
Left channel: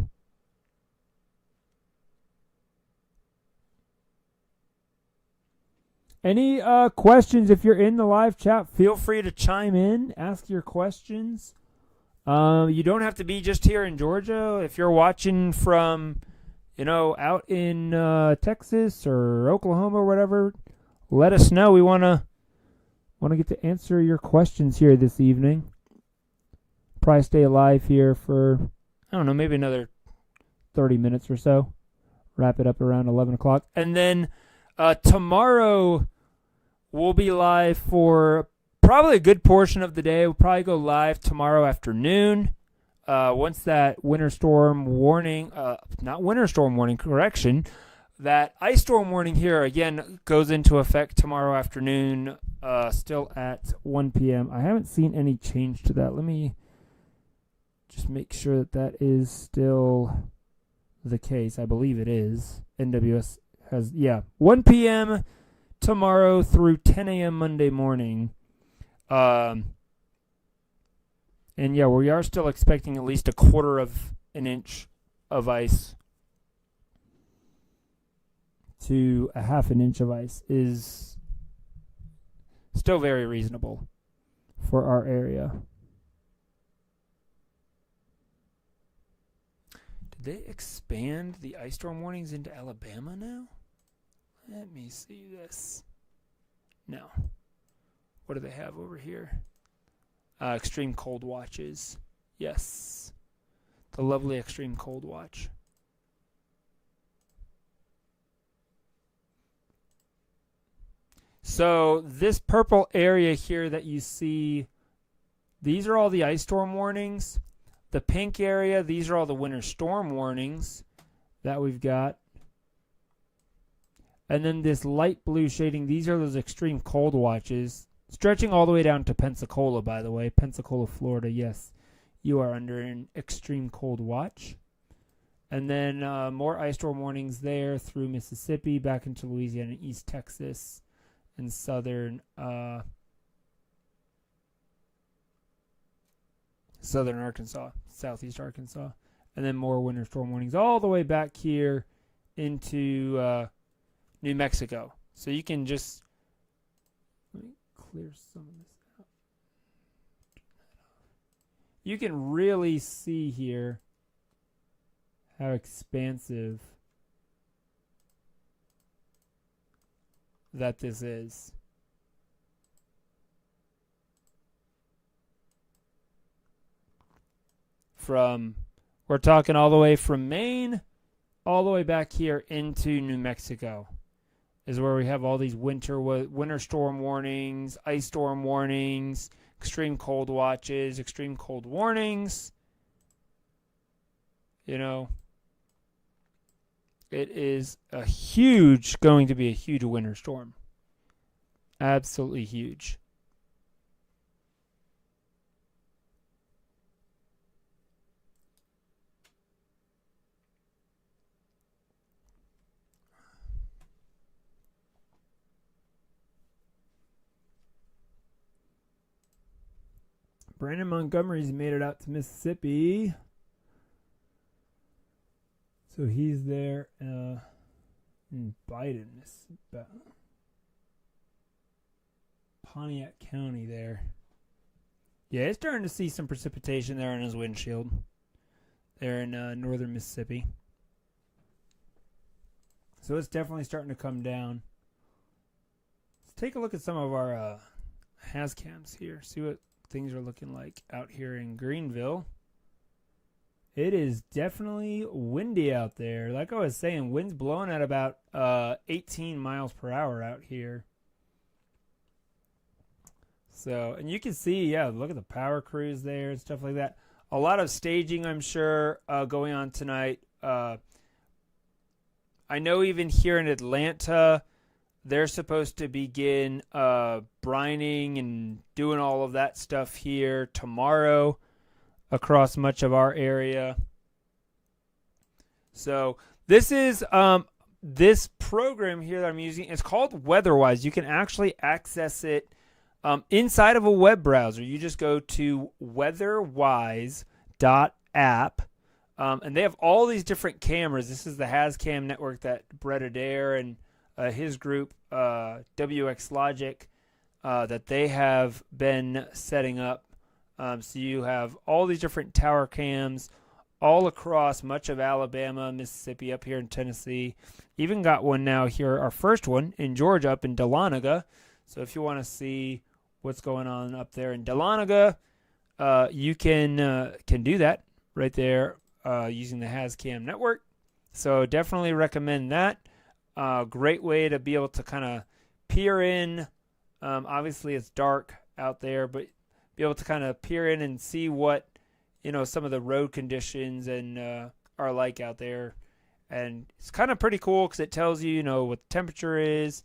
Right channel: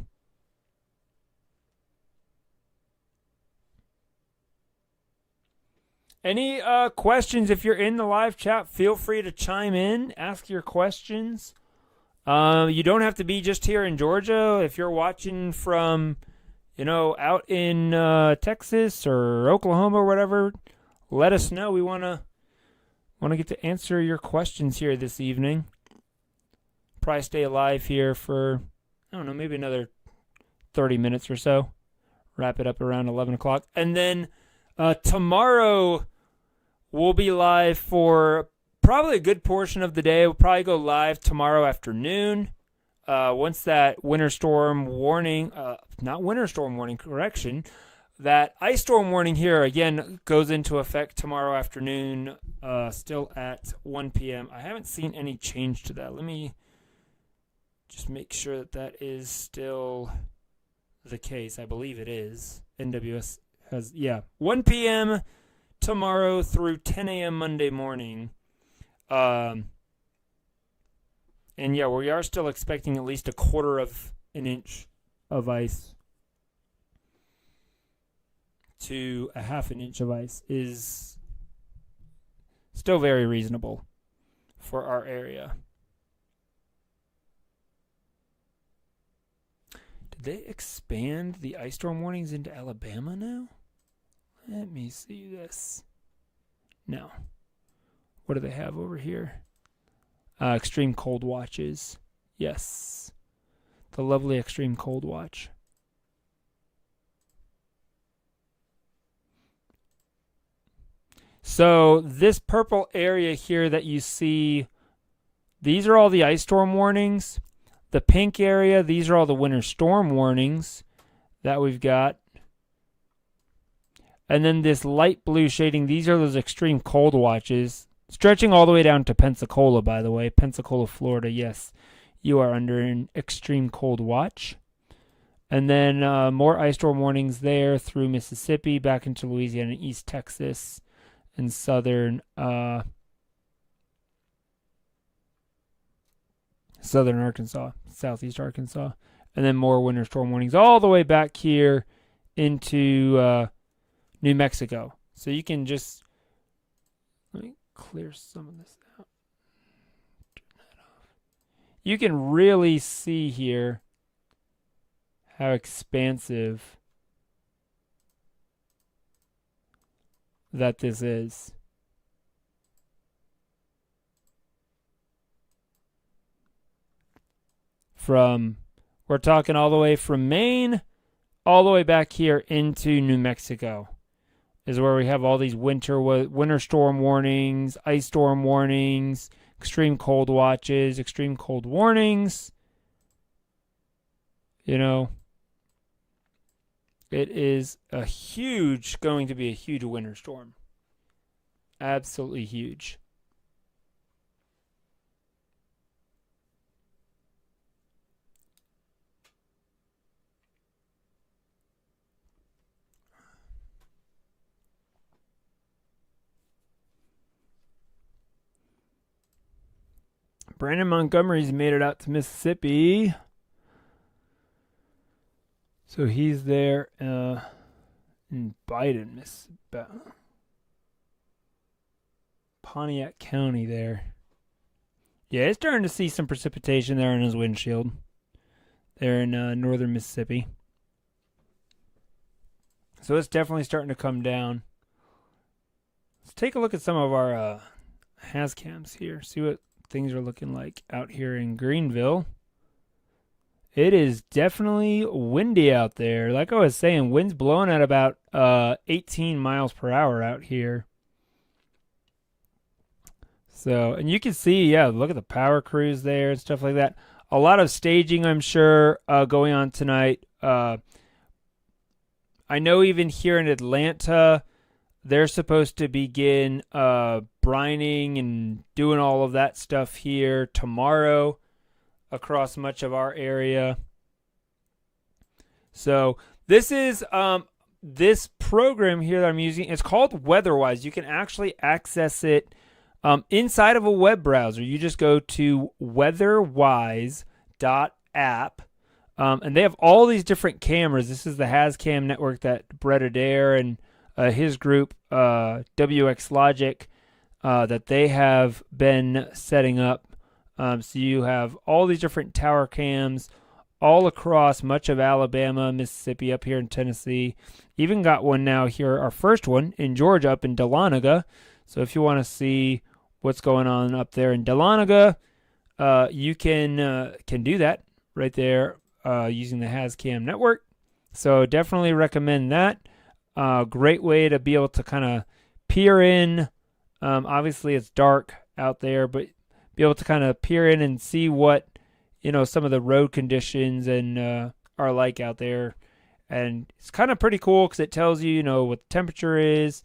Any questions? If you're in the live chat, feel free to chime in, ask your questions. You don't have to be just here in Georgia. If you're watching from, out in Texas or Oklahoma or whatever, let us know. We want to get to answer your questions here this evening. Probably stay alive here for, I don't know, maybe another 30 minutes or so. Wrap it up around 11 o'clock. And then tomorrow we'll be live for probably a good portion of the day. We'll probably go live tomorrow afternoon. Once that winter storm warning, that ice storm warning here again goes into effect tomorrow afternoon, still at 1 p.m. I haven't seen any change to that. Let me just make sure that is still the case. I believe it is. NWS has, 1 p.m. tomorrow through 10 a.m. Monday morning. And we are still expecting at least a quarter of an inch of ice to a half an inch of ice is still very reasonable for our area. Did they expand the ice storm warnings into Alabama now? Let me see this. No. What do they have over here? Extreme cold watches. Yes. The lovely extreme cold watch. So this purple area here that you see, these are all the ice storm warnings. The pink area, these are all the winter storm warnings that we've got. And then this light blue shading, these are those extreme cold watches. Stretching all the way down to Pensacola, by the way. Pensacola, Florida, yes. You are under an extreme cold watch. And then more ice storm warnings there through Mississippi, back into Louisiana, East Texas, and southern Arkansas, southeast Arkansas. And then more winter storm warnings all the way back here into New Mexico. So you can just, let me clear some of this out. Turn that off. You can really see here how expansive that this is. We're talking all the way from Maine all the way back here into New Mexico is where we have all these winter storm warnings, ice storm warnings, extreme cold watches, extreme cold warnings. It is going to be a huge winter storm. Absolutely huge. Brandon Montgomery's made it out to Mississippi. So he's there in Biden, Pontiac County there. Yeah, it's starting to see some precipitation there in his windshield. There in northern Mississippi. So it's definitely starting to come down. Let's take a look at some of our hazcams here. See what things are looking like out here in Greenville. It is definitely windy out there. Like I was saying, wind's blowing at about 18 miles per hour out here. So, and you can see, yeah, look at the power crews there and stuff like that. A lot of staging, I'm sure, going on tonight. I know even here in Atlanta, they're supposed to begin brining and doing all of that stuff here tomorrow across much of our area. So this is this program here that I'm using. It's called WeatherWise. You can actually access it inside of a web browser. You just go to weatherwise.app. And they have all these different cameras. This is the HazCam network that Brett Adair and his group, WX Logic, that they have been setting up. So you have all these different tower cams all across much of Alabama, Mississippi, up here in Tennessee. Even got one now here, our first one in Georgia, up in Dahlonega. So if you want to see what's going on up there in Dahlonega, you can do that right there. Using the HazCam network. So definitely recommend that. Great way to be able to kind of peer in. Obviously it's dark out there, but be able to kind of peer in and see what, some of the road conditions and are like out there. And it's kind of pretty cool because it tells you, what the temperature is,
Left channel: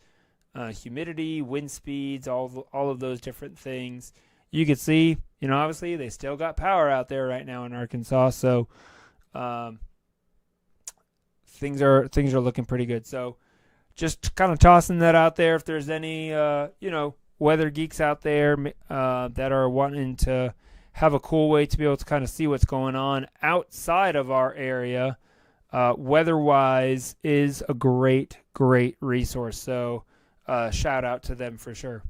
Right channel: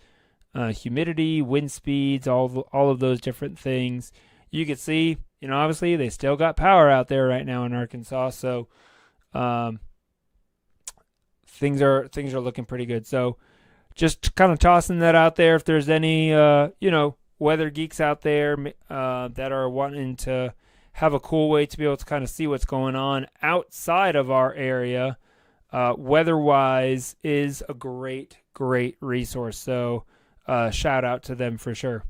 humidity, wind speeds, all of those different things. You can see, obviously they still got power out there right now in Arkansas. So things are looking pretty good. So just kind of tossing that out there. If there's any weather geeks out there that are wanting to have a cool way to be able to kind of see what's going on outside of our area, WeatherWise is a great resource. So shout out to them for sure.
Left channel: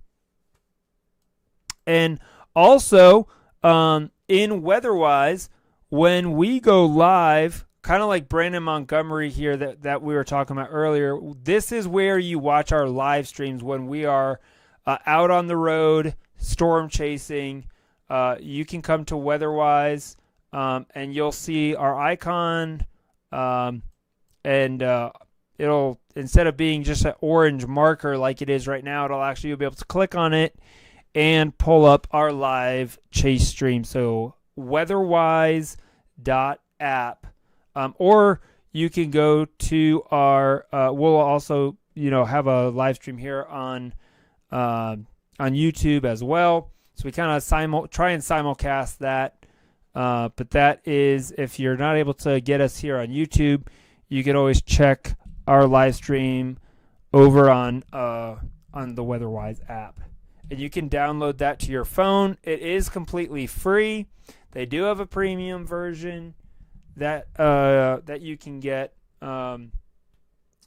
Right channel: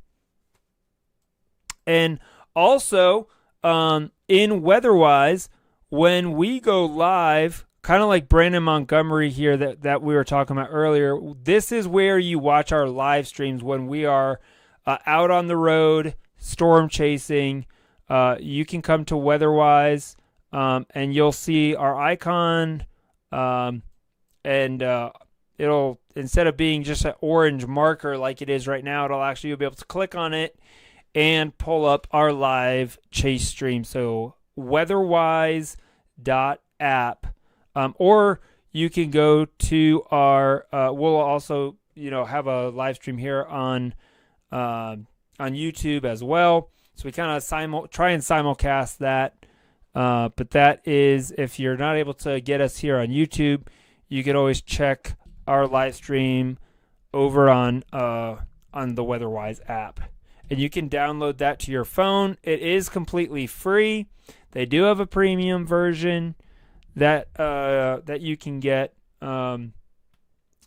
And also in WeatherWise, when we go live, kind of like Brandon Montgomery here that we were talking about earlier, this is where you watch our live streams when we are out on the road, storm chasing. You can come to WeatherWise, and you'll see our icon, and it'll, instead of being just an orange marker like it is right now, it'll actually, you'll be able to click on it and pull up our live chase stream. So weatherwise.app, or you can go to our we'll also have a live stream here on YouTube as well, so we kind of try and simulcast that, but that is, if you're not able to get us here on YouTube, you can always check our live stream over on the WeatherWise app, and you can download that to your phone. It is completely free. They do have a premium version that you can get,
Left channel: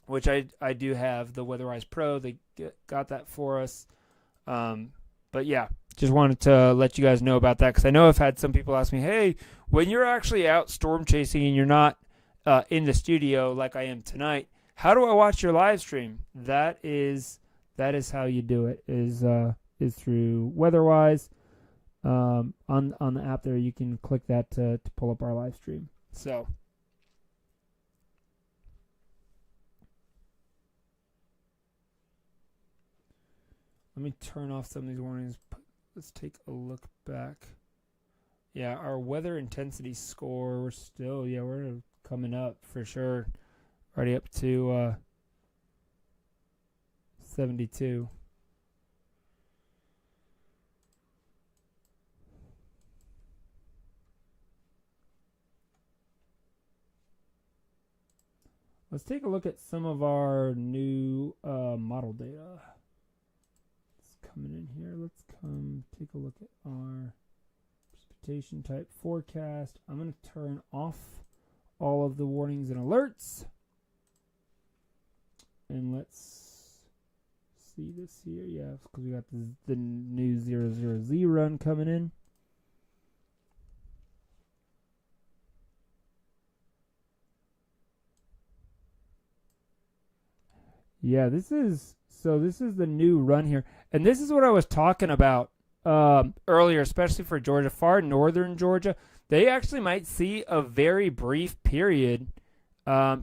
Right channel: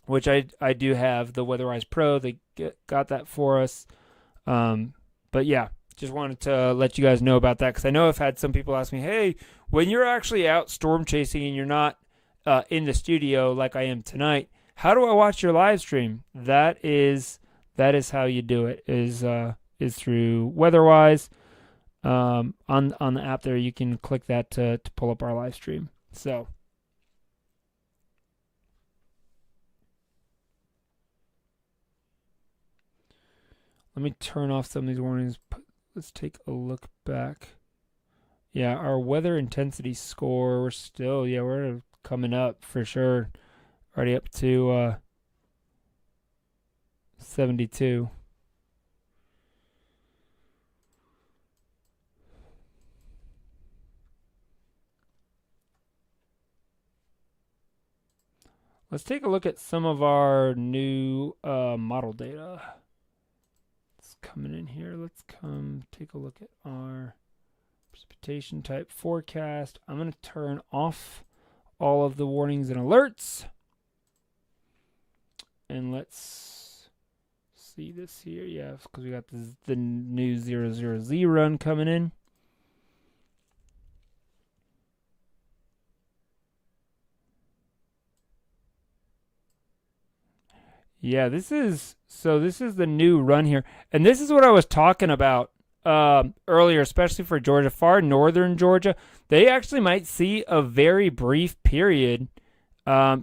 which I do have, the WeatherWise Pro. They got that for us. But yeah, just wanted to let you guys know about that, because I know I've had some people ask me, hey, when you're actually out storm chasing and you're not in the studio like I am tonight, how do I watch your live stream? That is how you do it, is through WeatherWise. On the app there, you can click that to pull up our live stream. So let me turn off some of these warnings. Let's take a look back. Yeah, our weather intensity score, we're coming up for sure. Already up to 72. Let's take a look at some of our new model data. It's coming in here. Let's come take a look at our precipitation type forecast. I'm going to turn off all of the warnings and alerts. And let's see this here. Yeah, because we got the new 000Z run coming in. Yeah, this is the new run here. And this is what I was talking about earlier, especially for Georgia, far northern Georgia. They actually might see a very brief period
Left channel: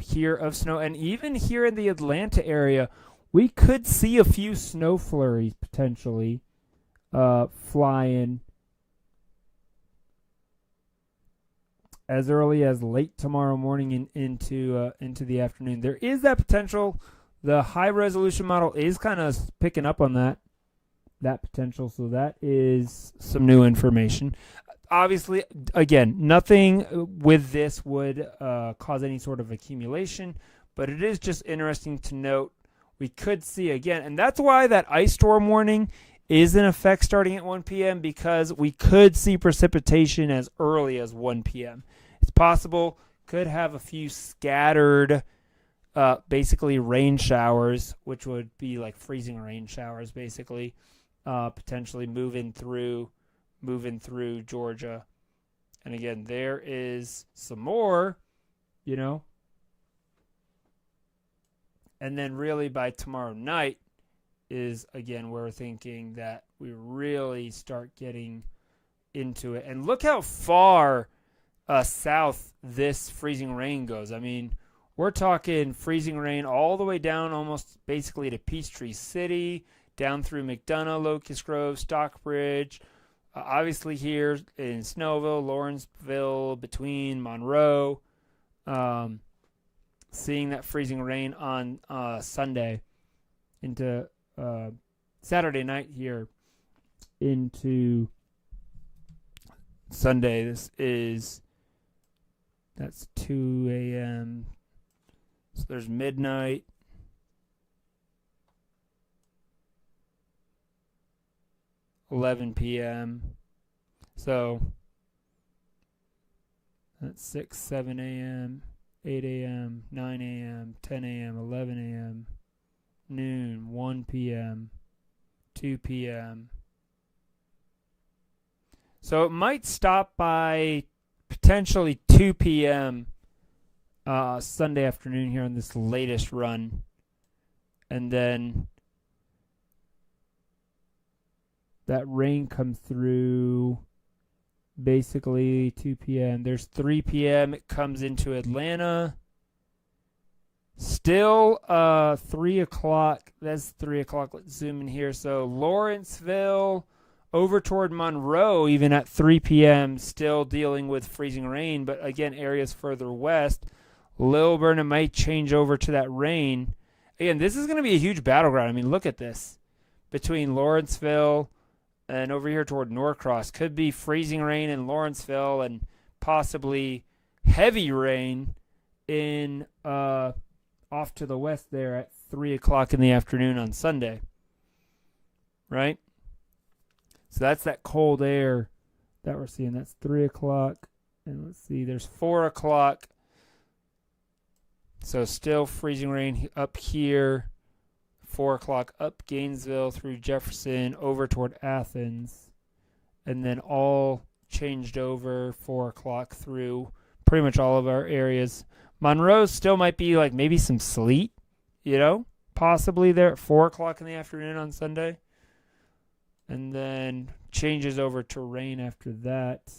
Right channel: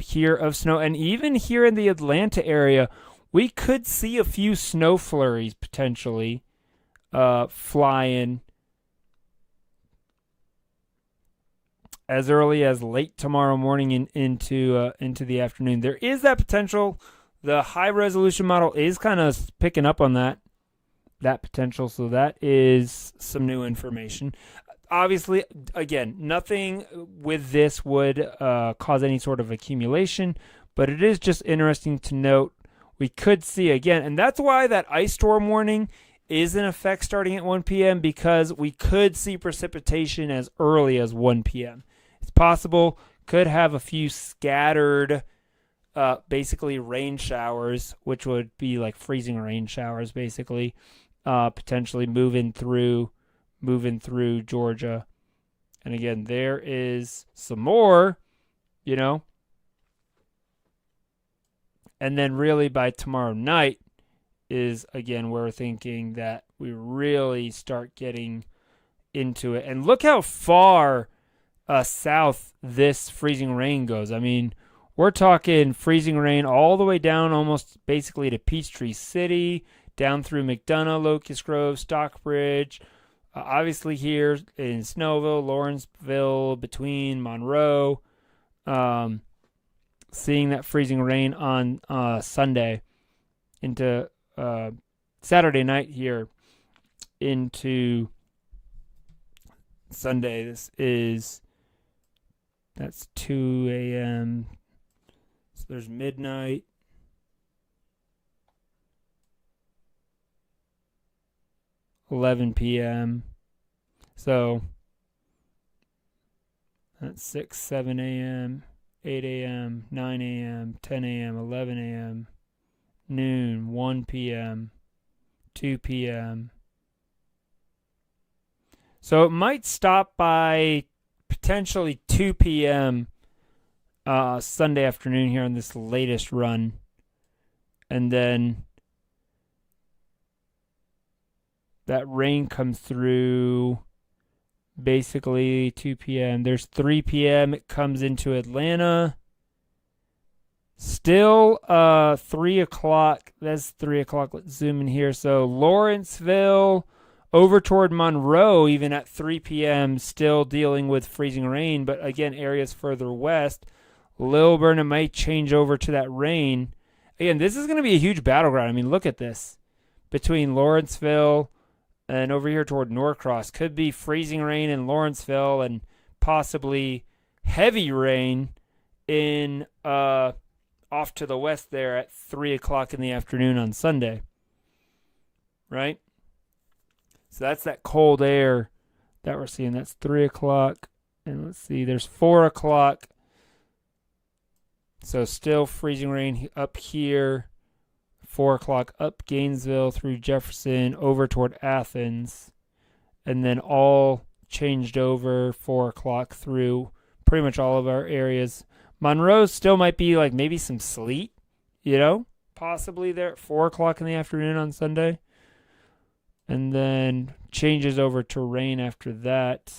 here of snow. And even here in the Atlanta area, we could see a few snow flurries potentially flying as early as late tomorrow morning into the afternoon. There is that potential. The high resolution model is kind of picking up on that potential, so that is some new information. Obviously, again, nothing with this would cause any sort of accumulation, but it is just interesting to note we could see again, and that's why that ice storm warning is in effect starting at 1 p.m. because we could see precipitation as early as 1 p.m. It's possible, could have a few scattered basically rain showers, which would be like freezing rain showers, basically, potentially moving through Georgia. And again, there is some more, and then really by tomorrow night is again where we're thinking that we really start getting into it. And look how far south this freezing rain goes. I mean, we're talking freezing rain all the way down almost basically to Peachtree City, down through McDonough, Locust Grove, Stockbridge, obviously here in Snowville, Lawrenceville, between Monroe, seeing that freezing rain on Sunday into Saturday night here into Sunday. That's 2 a.m., so there's midnight, 11 p.m. So that's 6, 7 a.m., 8 a.m., 9 a.m., 10 a.m., 11 a.m., noon, 1 p.m., 2 p.m. So it might stop by potentially 2 p.m. Sunday afternoon here on this latest run. And then that rain comes through basically 2 p.m. There's 3 p.m. It comes into Atlanta. Still 3 o'clock. That's 3 o'clock. Let's zoom in here. So Lawrenceville over toward Monroe, even at 3 p.m., still dealing with freezing rain. But again, areas further west, Lilburn, it might change over to that rain. Again, this is going to be a huge battleground. I mean, look at this. Between Lawrenceville and over here toward Norcross, could be freezing rain in Lawrenceville and possibly heavy rain in off to the west there at 3 o'clock in the afternoon on Sunday. Right? So that's that cold air that we're seeing. That's 3 o'clock. And let's see, there's 4 o'clock. So still freezing rain up here. 4 o'clock up Gainesville through Jefferson over toward Athens. And then all changed over 4 o'clock through pretty much all of our areas. Monroe still might be like maybe some sleet, possibly there at 4 o'clock in the afternoon on Sunday. And then changes over to rain after that.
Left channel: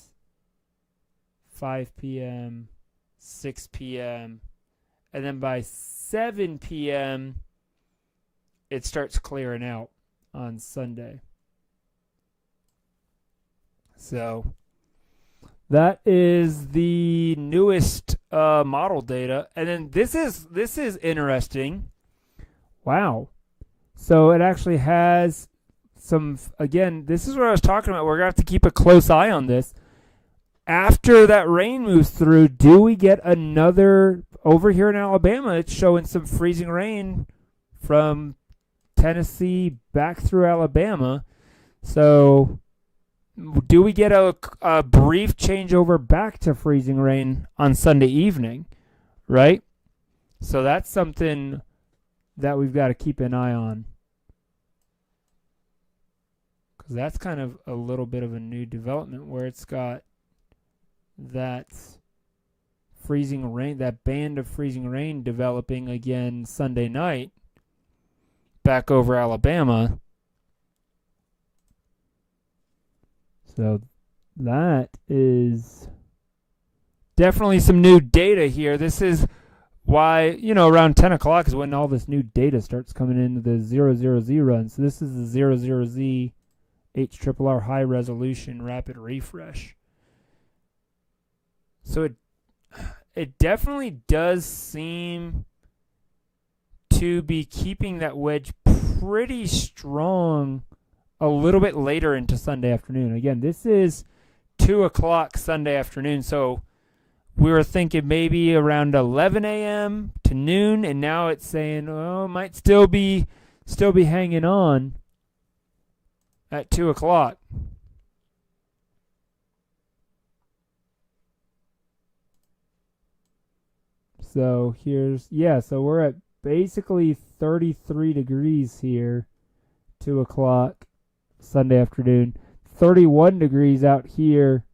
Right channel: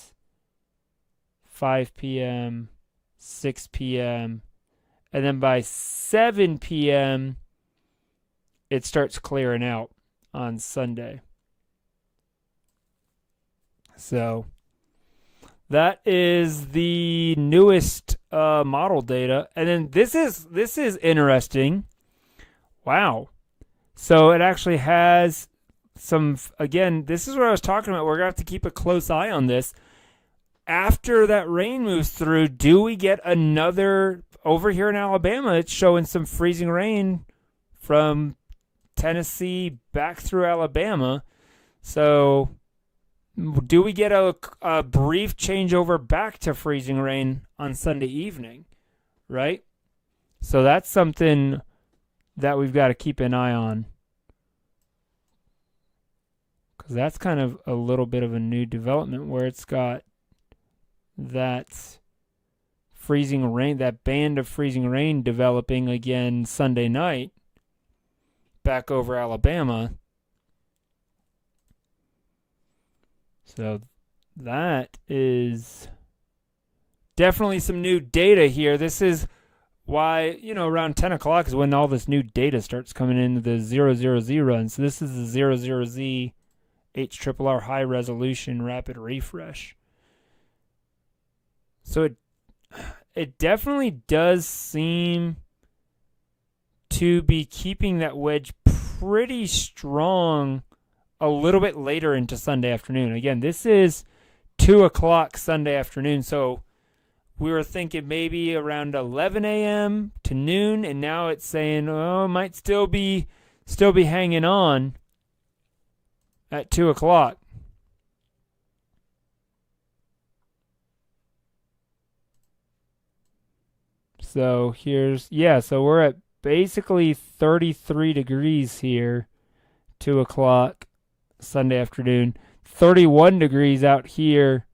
5 p.m., 6 p.m., and then by 7 p.m., it starts clearing out on Sunday. So that is the newest model data. And then this is interesting. Wow. So it actually has some, again, this is what I was talking about. We're going to have to keep a close eye on this. After that rain moves through, do we get another, over here in Alabama, it's showing some freezing rain from Tennessee back through Alabama. So do we get a brief changeover back to freezing rain on Sunday evening, right? So that's something that we've got to keep an eye on, because that's kind of a little bit of a new development where it's got that freezing rain, that band of freezing rain developing again Sunday night back over Alabama. So that is definitely some new data here. This is why, around 10 o'clock is when all this new data starts coming in, the 000 run. So this is the 00Z HRRR high resolution rapid refresh. So it definitely does seem to be keeping that wedge pretty strong a little bit later into Sunday afternoon. Again, this is 2 o'clock Sunday afternoon, so we were thinking maybe around 11 a.m. to noon, and now it's saying, it might still be hanging on at 2 o'clock. So so we're at basically 33 degrees here, 2 o'clock Sunday afternoon, 31 degrees out here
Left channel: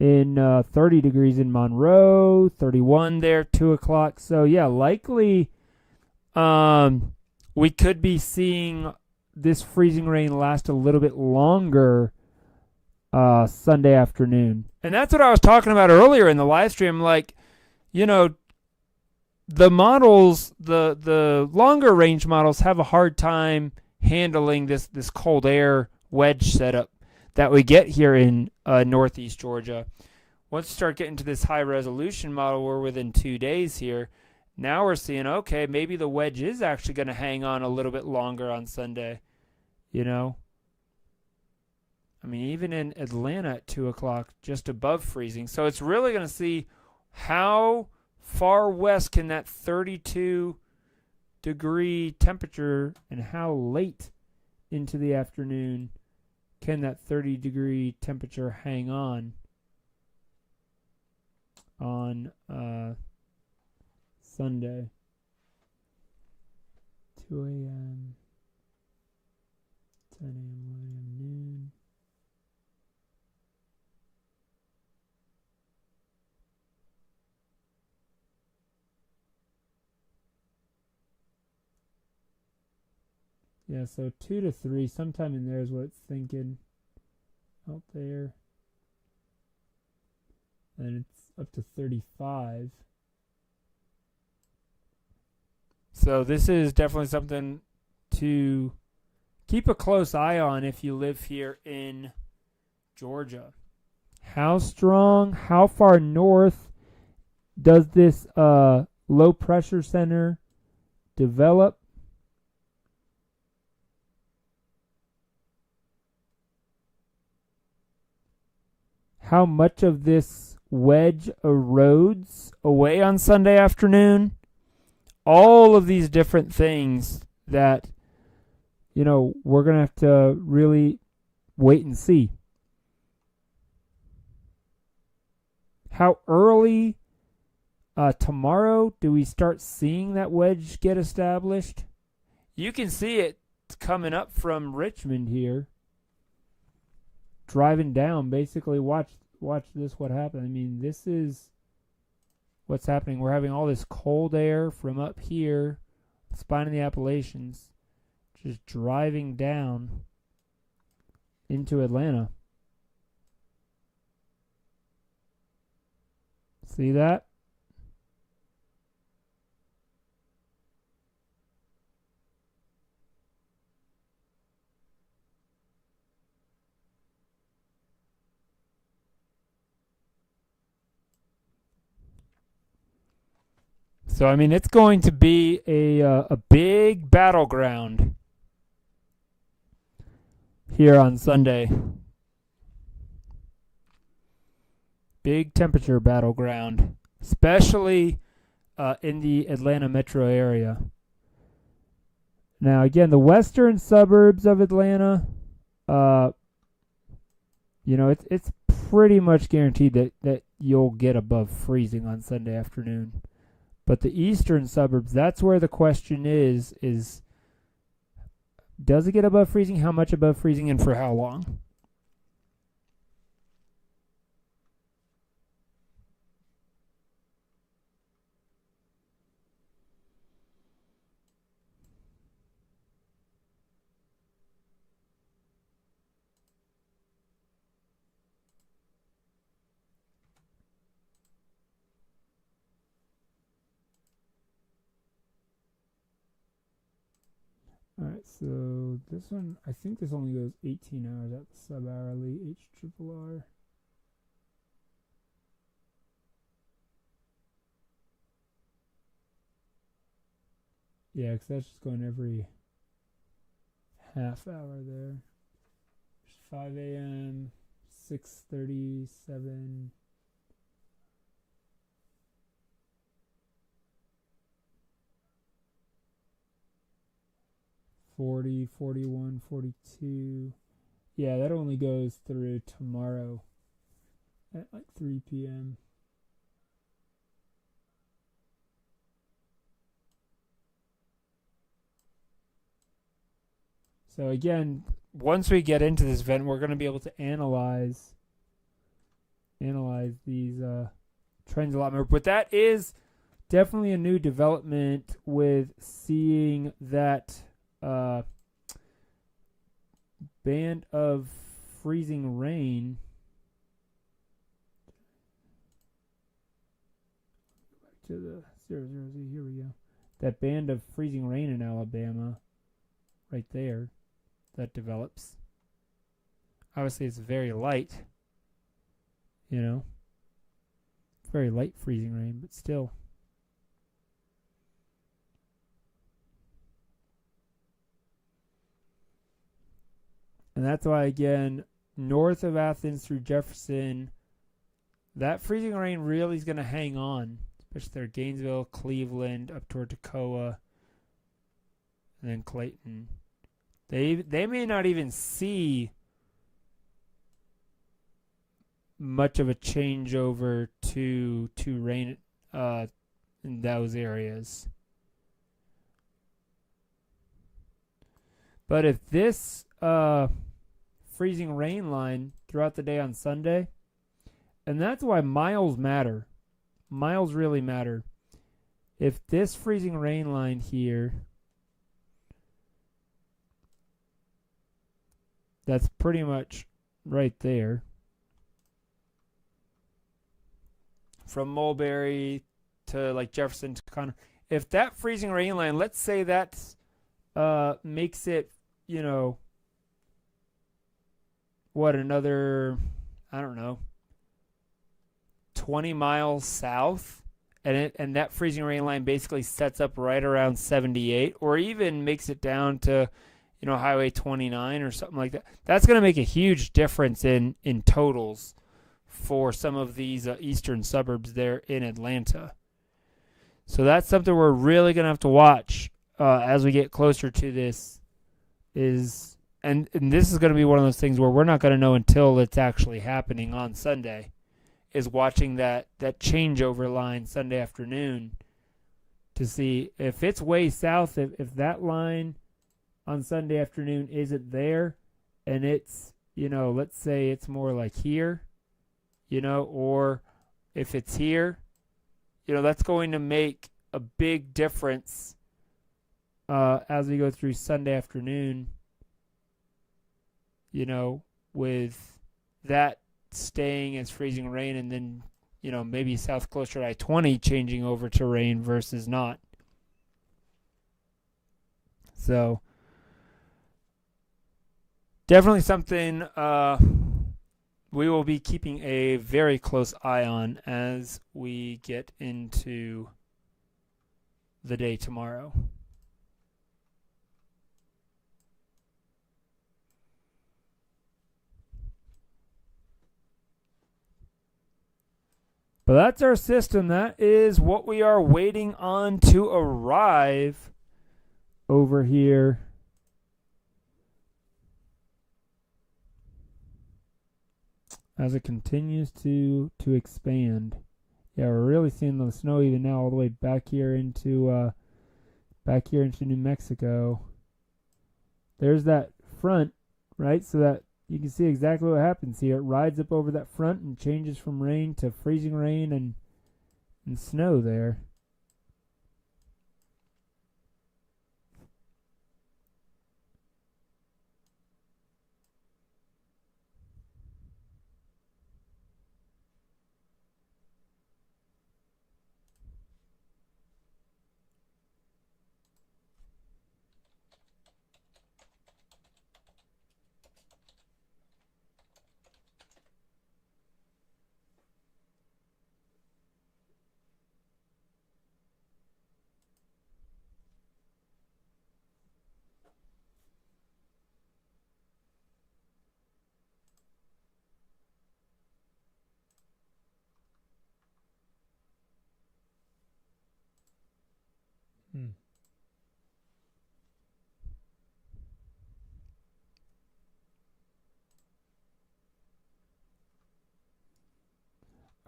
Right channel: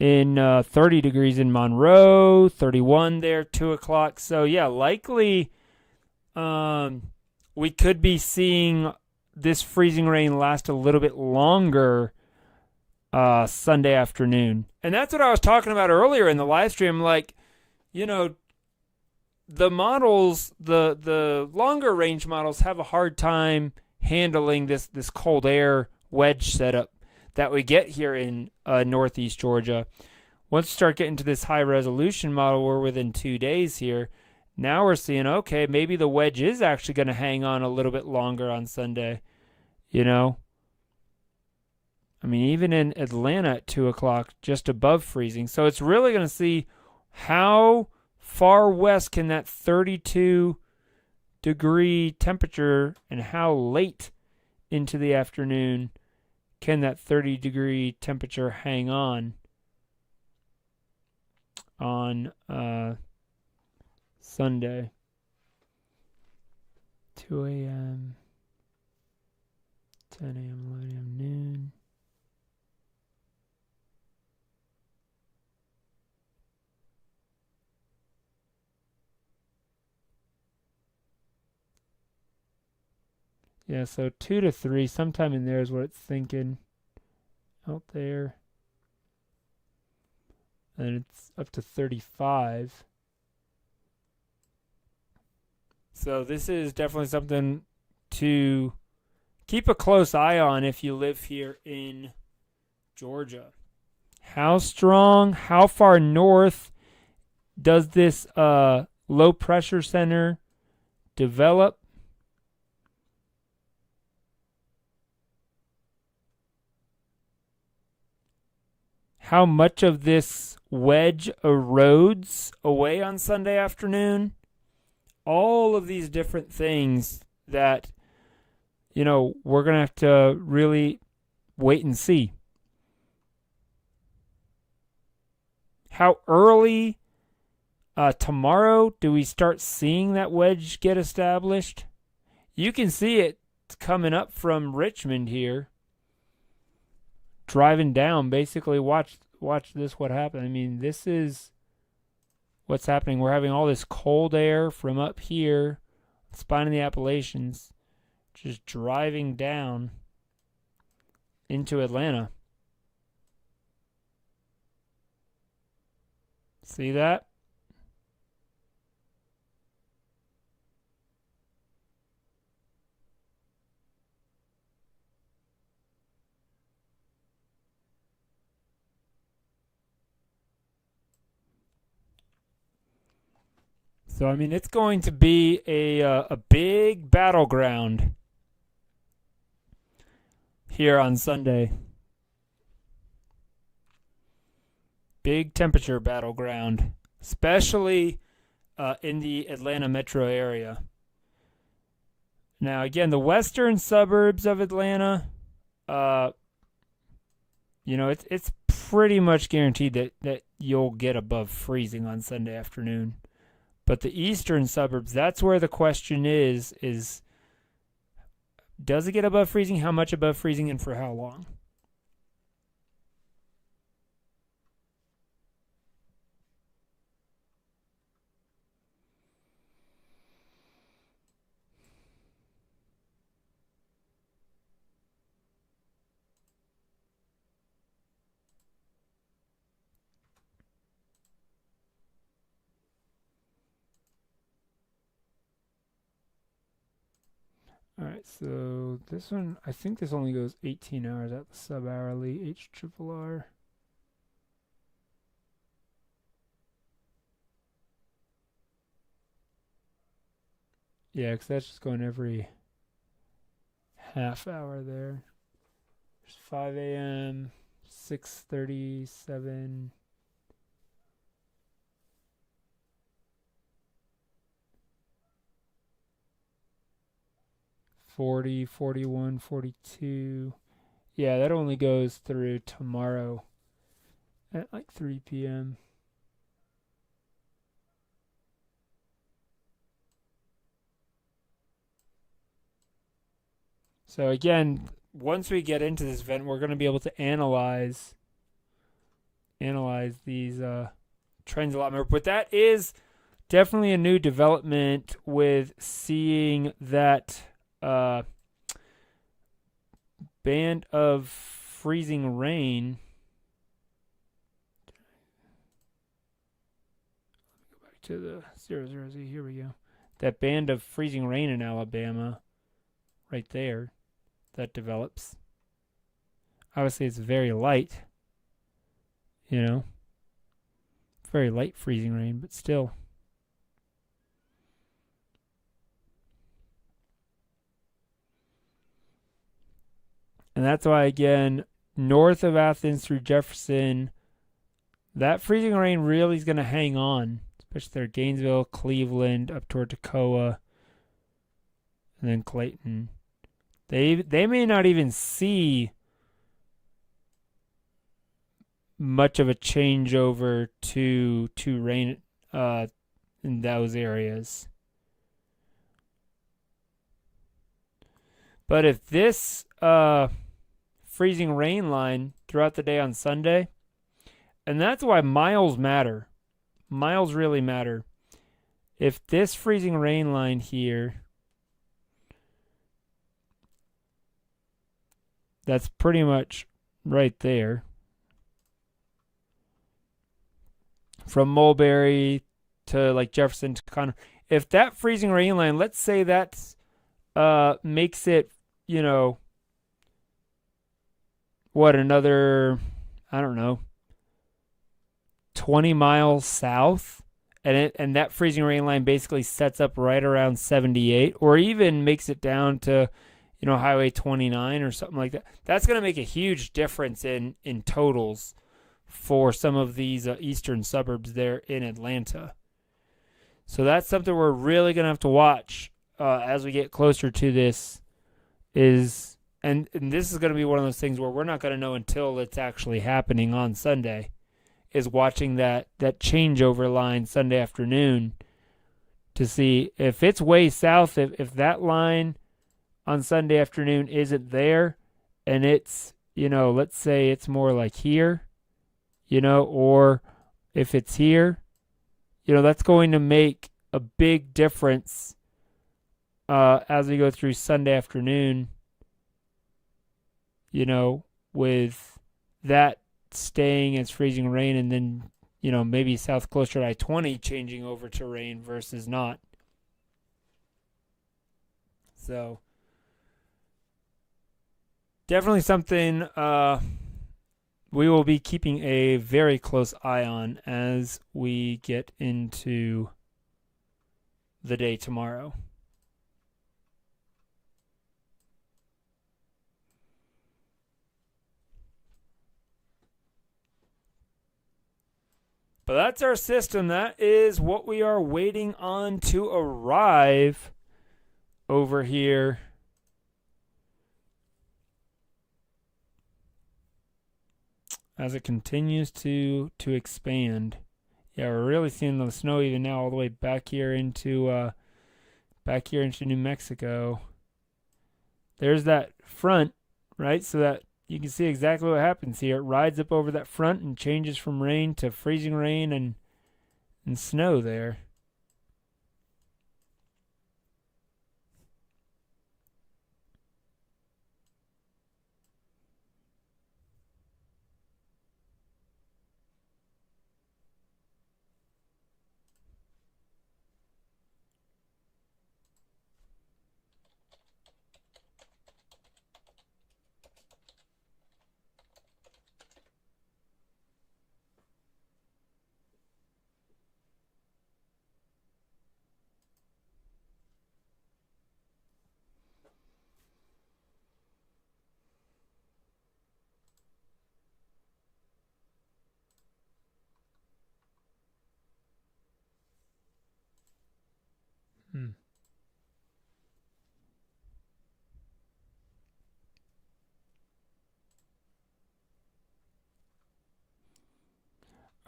in 30 degrees in Monroe, 31 there, 2 o'clock. So yeah, likely we could be seeing this freezing rain last a little bit longer Sunday afternoon. And that's what I was talking about earlier in the live stream. Like, the models, the longer range models have a hard time handling this cold air wedge setup that we get here in northeast Georgia. Once you start getting to this high resolution model, we're within 2 days here. Now we're seeing, okay, maybe the wedge is actually going to hang on a little bit longer on Sunday. I mean, even in Atlanta at 2 o'clock, just above freezing. So it's really going to see how far west can that 32 degree temperature, and how late into the afternoon can that 30 degree temperature hang on Sunday. 2 a.m., 10 a.m., 11 a.m., noon. Yeah, so 2 to 3, sometime in there is what it's thinking out there. And it's up to 35. So this is definitely something to keep a close eye on if you live here in Georgia. How strong, how far north does this low pressure center develop? How much of this wedge erodes away on Sunday afternoon? All of these different things that, we're going to have to really wait and see. How early tomorrow do we start seeing that wedge get established? You can see it coming up from Richmond here. Driving down, basically watch this, what happened. I mean, this is what's happening. We're having all this cold air from up here, spine of the Appalachians, just driving down into Atlanta. See that? So, I mean, it's going to be a big battleground here on Sunday. Big temperature battleground, especially in the Atlanta metro area. Now, again, the western suburbs of Atlanta, it's pretty much guaranteed that you'll get above freezing on Sunday afternoon. But the eastern suburbs, that's where the question is does it get above freezing? How much above freezing and for how long? All right, so this one, I think this only goes 18 hours at the sub-hourly H triple R. Yeah, because that's just going every half hour there. There's 5 a.m., 6:37. 40, 41, 42. Yeah, that only goes through tomorrow at like 3 p.m. So again, once we get into this event, we're going to be able to analyze these trends a lot more. But that is definitely a new development with seeing that band of freezing rain. Go back to the 00Z. Here we go. That band of freezing rain in Alabama, right there, that develops. Obviously, it's very light. Very light freezing rain, but still. And that's why, again, north of Athens through Jefferson, that freezing rain really is going to hang on, especially there, Gainesville, Cleveland, up toward Toccoa, and then Clayton. They may not even see much of a changeover to rain in those areas. But if this freezing rain line throughout the day on Sunday, and that's why miles matter. Miles really matter. If this freezing rain line here, that's pretty much right there. From Mulberry to like Jefferson to Conner. If that freezing rain line, let's say that makes it, another, I don't know, 20 miles south, and that freezing rain line basically sets up right around 78, or even makes it down to, Highway 29 or something like that. That's going to make a huge difference in totals for some of these eastern suburbs there in Atlanta. So that's something we're really going to have to watch as we get closer to this. And this is going to be one of those things where we're not going to know until it's actually happening on Sunday, is watching that changeover line Sunday afternoon to see if it's way south, if that line on Sunday afternoon isn't there, and it's, let's say it's more like here, or if it's here, that's going to make a big difference as we go through Sunday afternoon, with that staying as freezing rain, and then, maybe south closer to I-20 changing over to rain versus not. So definitely something we will be keeping a very close eye on as we get into the day tomorrow. But that's our system. That is what we are waiting on to arrive over here. as it continues to expand. Yeah, we're really seeing the snow even now all the way back here into New Mexico. There's that front, right? So that you can see exactly what happens here. It rides up over that front and changes from rain to freezing rain and snow there.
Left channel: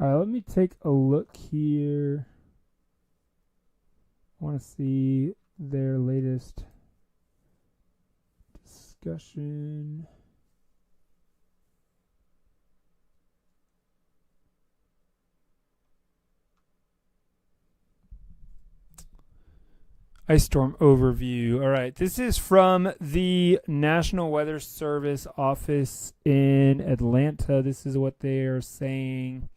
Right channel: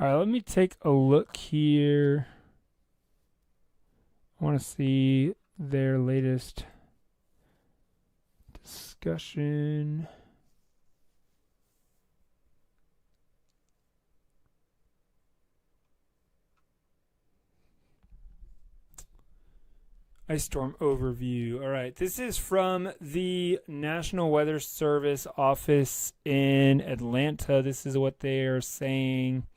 All right, let me take a look here. I want to see their latest discussion. Ice storm overview. All right, this is from the National Weather Service office in Atlanta. This is what they are saying.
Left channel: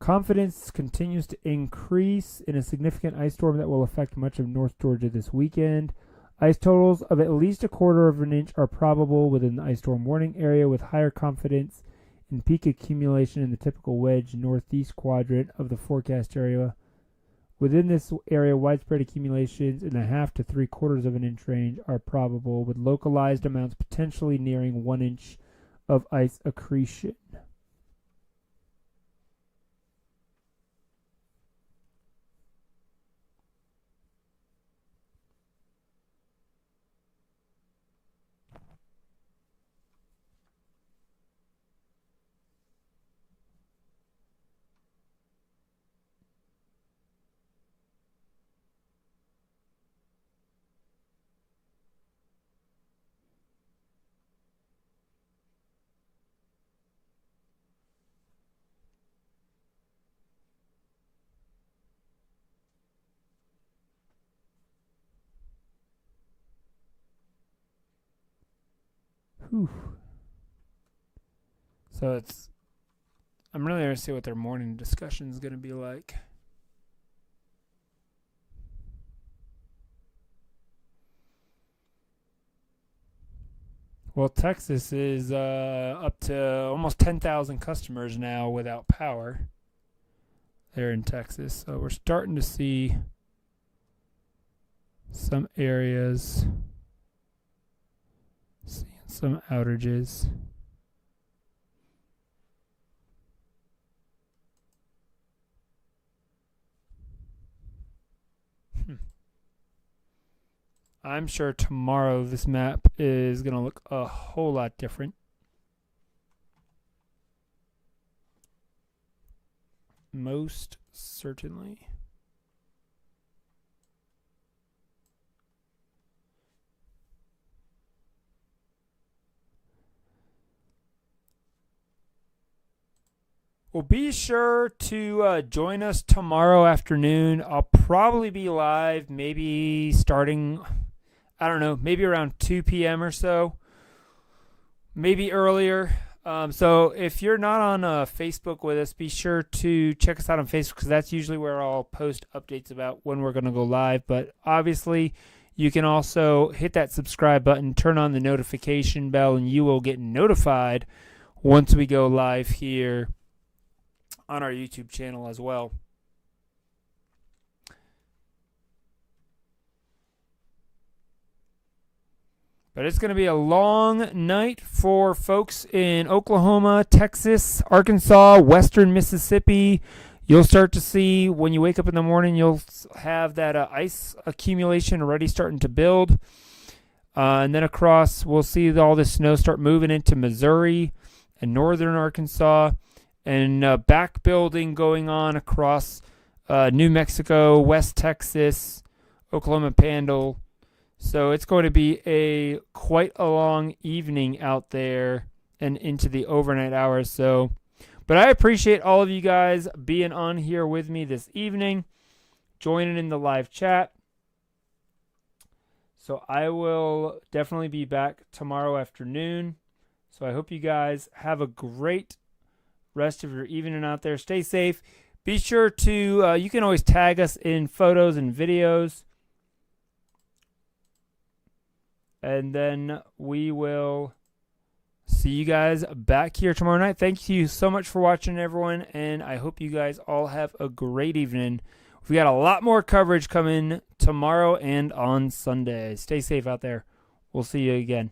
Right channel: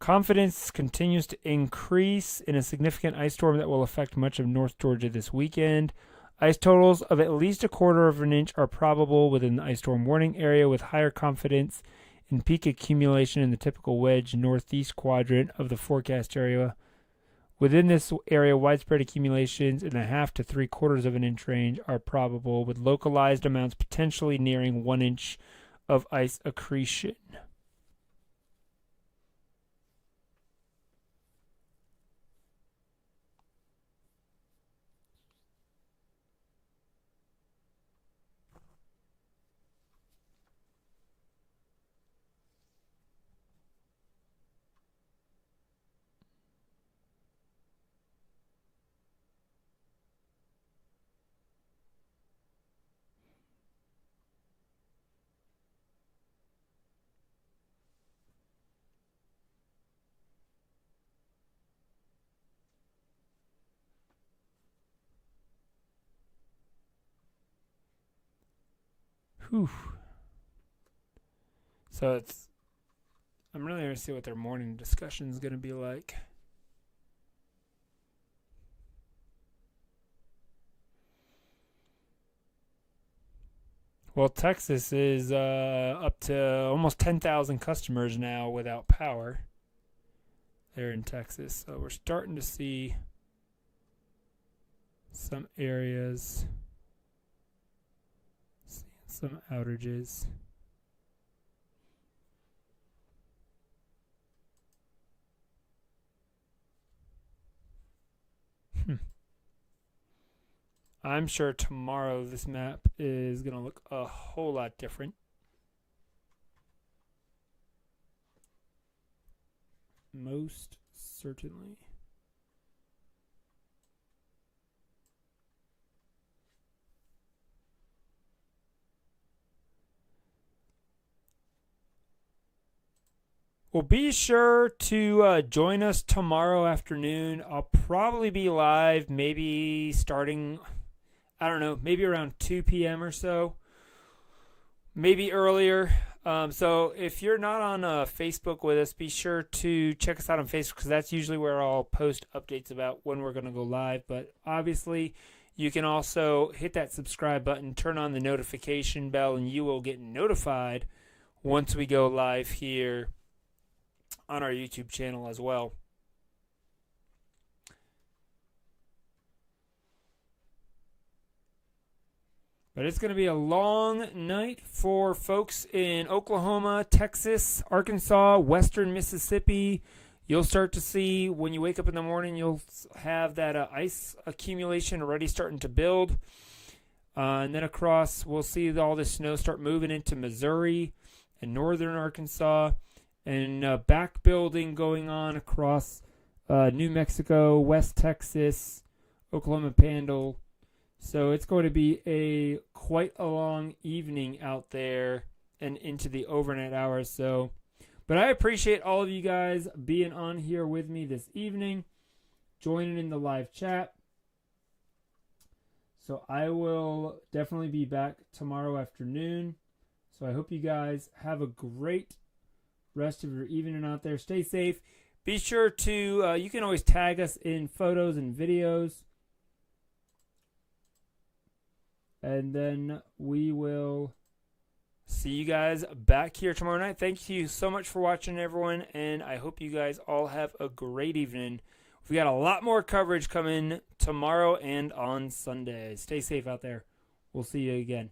Confidence continues to increase in a significant ice storm that will affect much of North Georgia this weekend. Ice totals of at least 1/4 of an inch are probable within the ice storm warning area, with higher confidence in peak accumulation in the typical wedge northeast quadrant of the forecast area. Within this area, widespread accumulations in the 1/2 to 3/4 of an inch range are probable, with localized amounts potentially nearing 1 inch of ice accretion. Whew. So I'm really going to see what their morning discussion is going to be like. Well, Texas is up to almost 10,000 customers now without power there in Texas. So we're starting to see some areas seeing some outages. I'm sure tomorrow this map is going to look a whole lot different. Most certainly. Well, be sure to join us tomorrow afternoon. I'll probably be live, maybe starting, I don't know, maybe around 2 p.m. or so, maybe earlier. So if you're not on Facebook with us, be sure to check us out on Facebook, because that's usually where I'll post updates about when we're going to go live. But obviously, you can also hit that subscribe button, turn on the notification bell, and you will get notified once we go live here on our YouTube channel as well. But it's going to be a long night for folks in Oklahoma, Texas, Arkansas, western Mississippi. You'll start to see when you wake up in the morning, you'll have that ice accumulation already starting to build. And then across, we'll see all this snow start moving into Missouri and northern Arkansas, and back building going on across New Mexico, West Texas, Oklahoma Panhandle. So it's going to be quite a long evening out there and into the overnight hours. But I appreciate all of you guys being on here with me this evening, joining in the live chat. So I will definitely be back tomorrow afternoon. So I hope you guys have a great rest of your evening out there. Stay safe. Be sure to, you can always tag us in photos and videos. And then we will see you guys back here tomorrow night. Thank you so much for watching, everyone. And I hope you guys all have a great evening. We got a lot more coverage coming tomorrow and on Sunday. Stay safe out there. We'll see you again.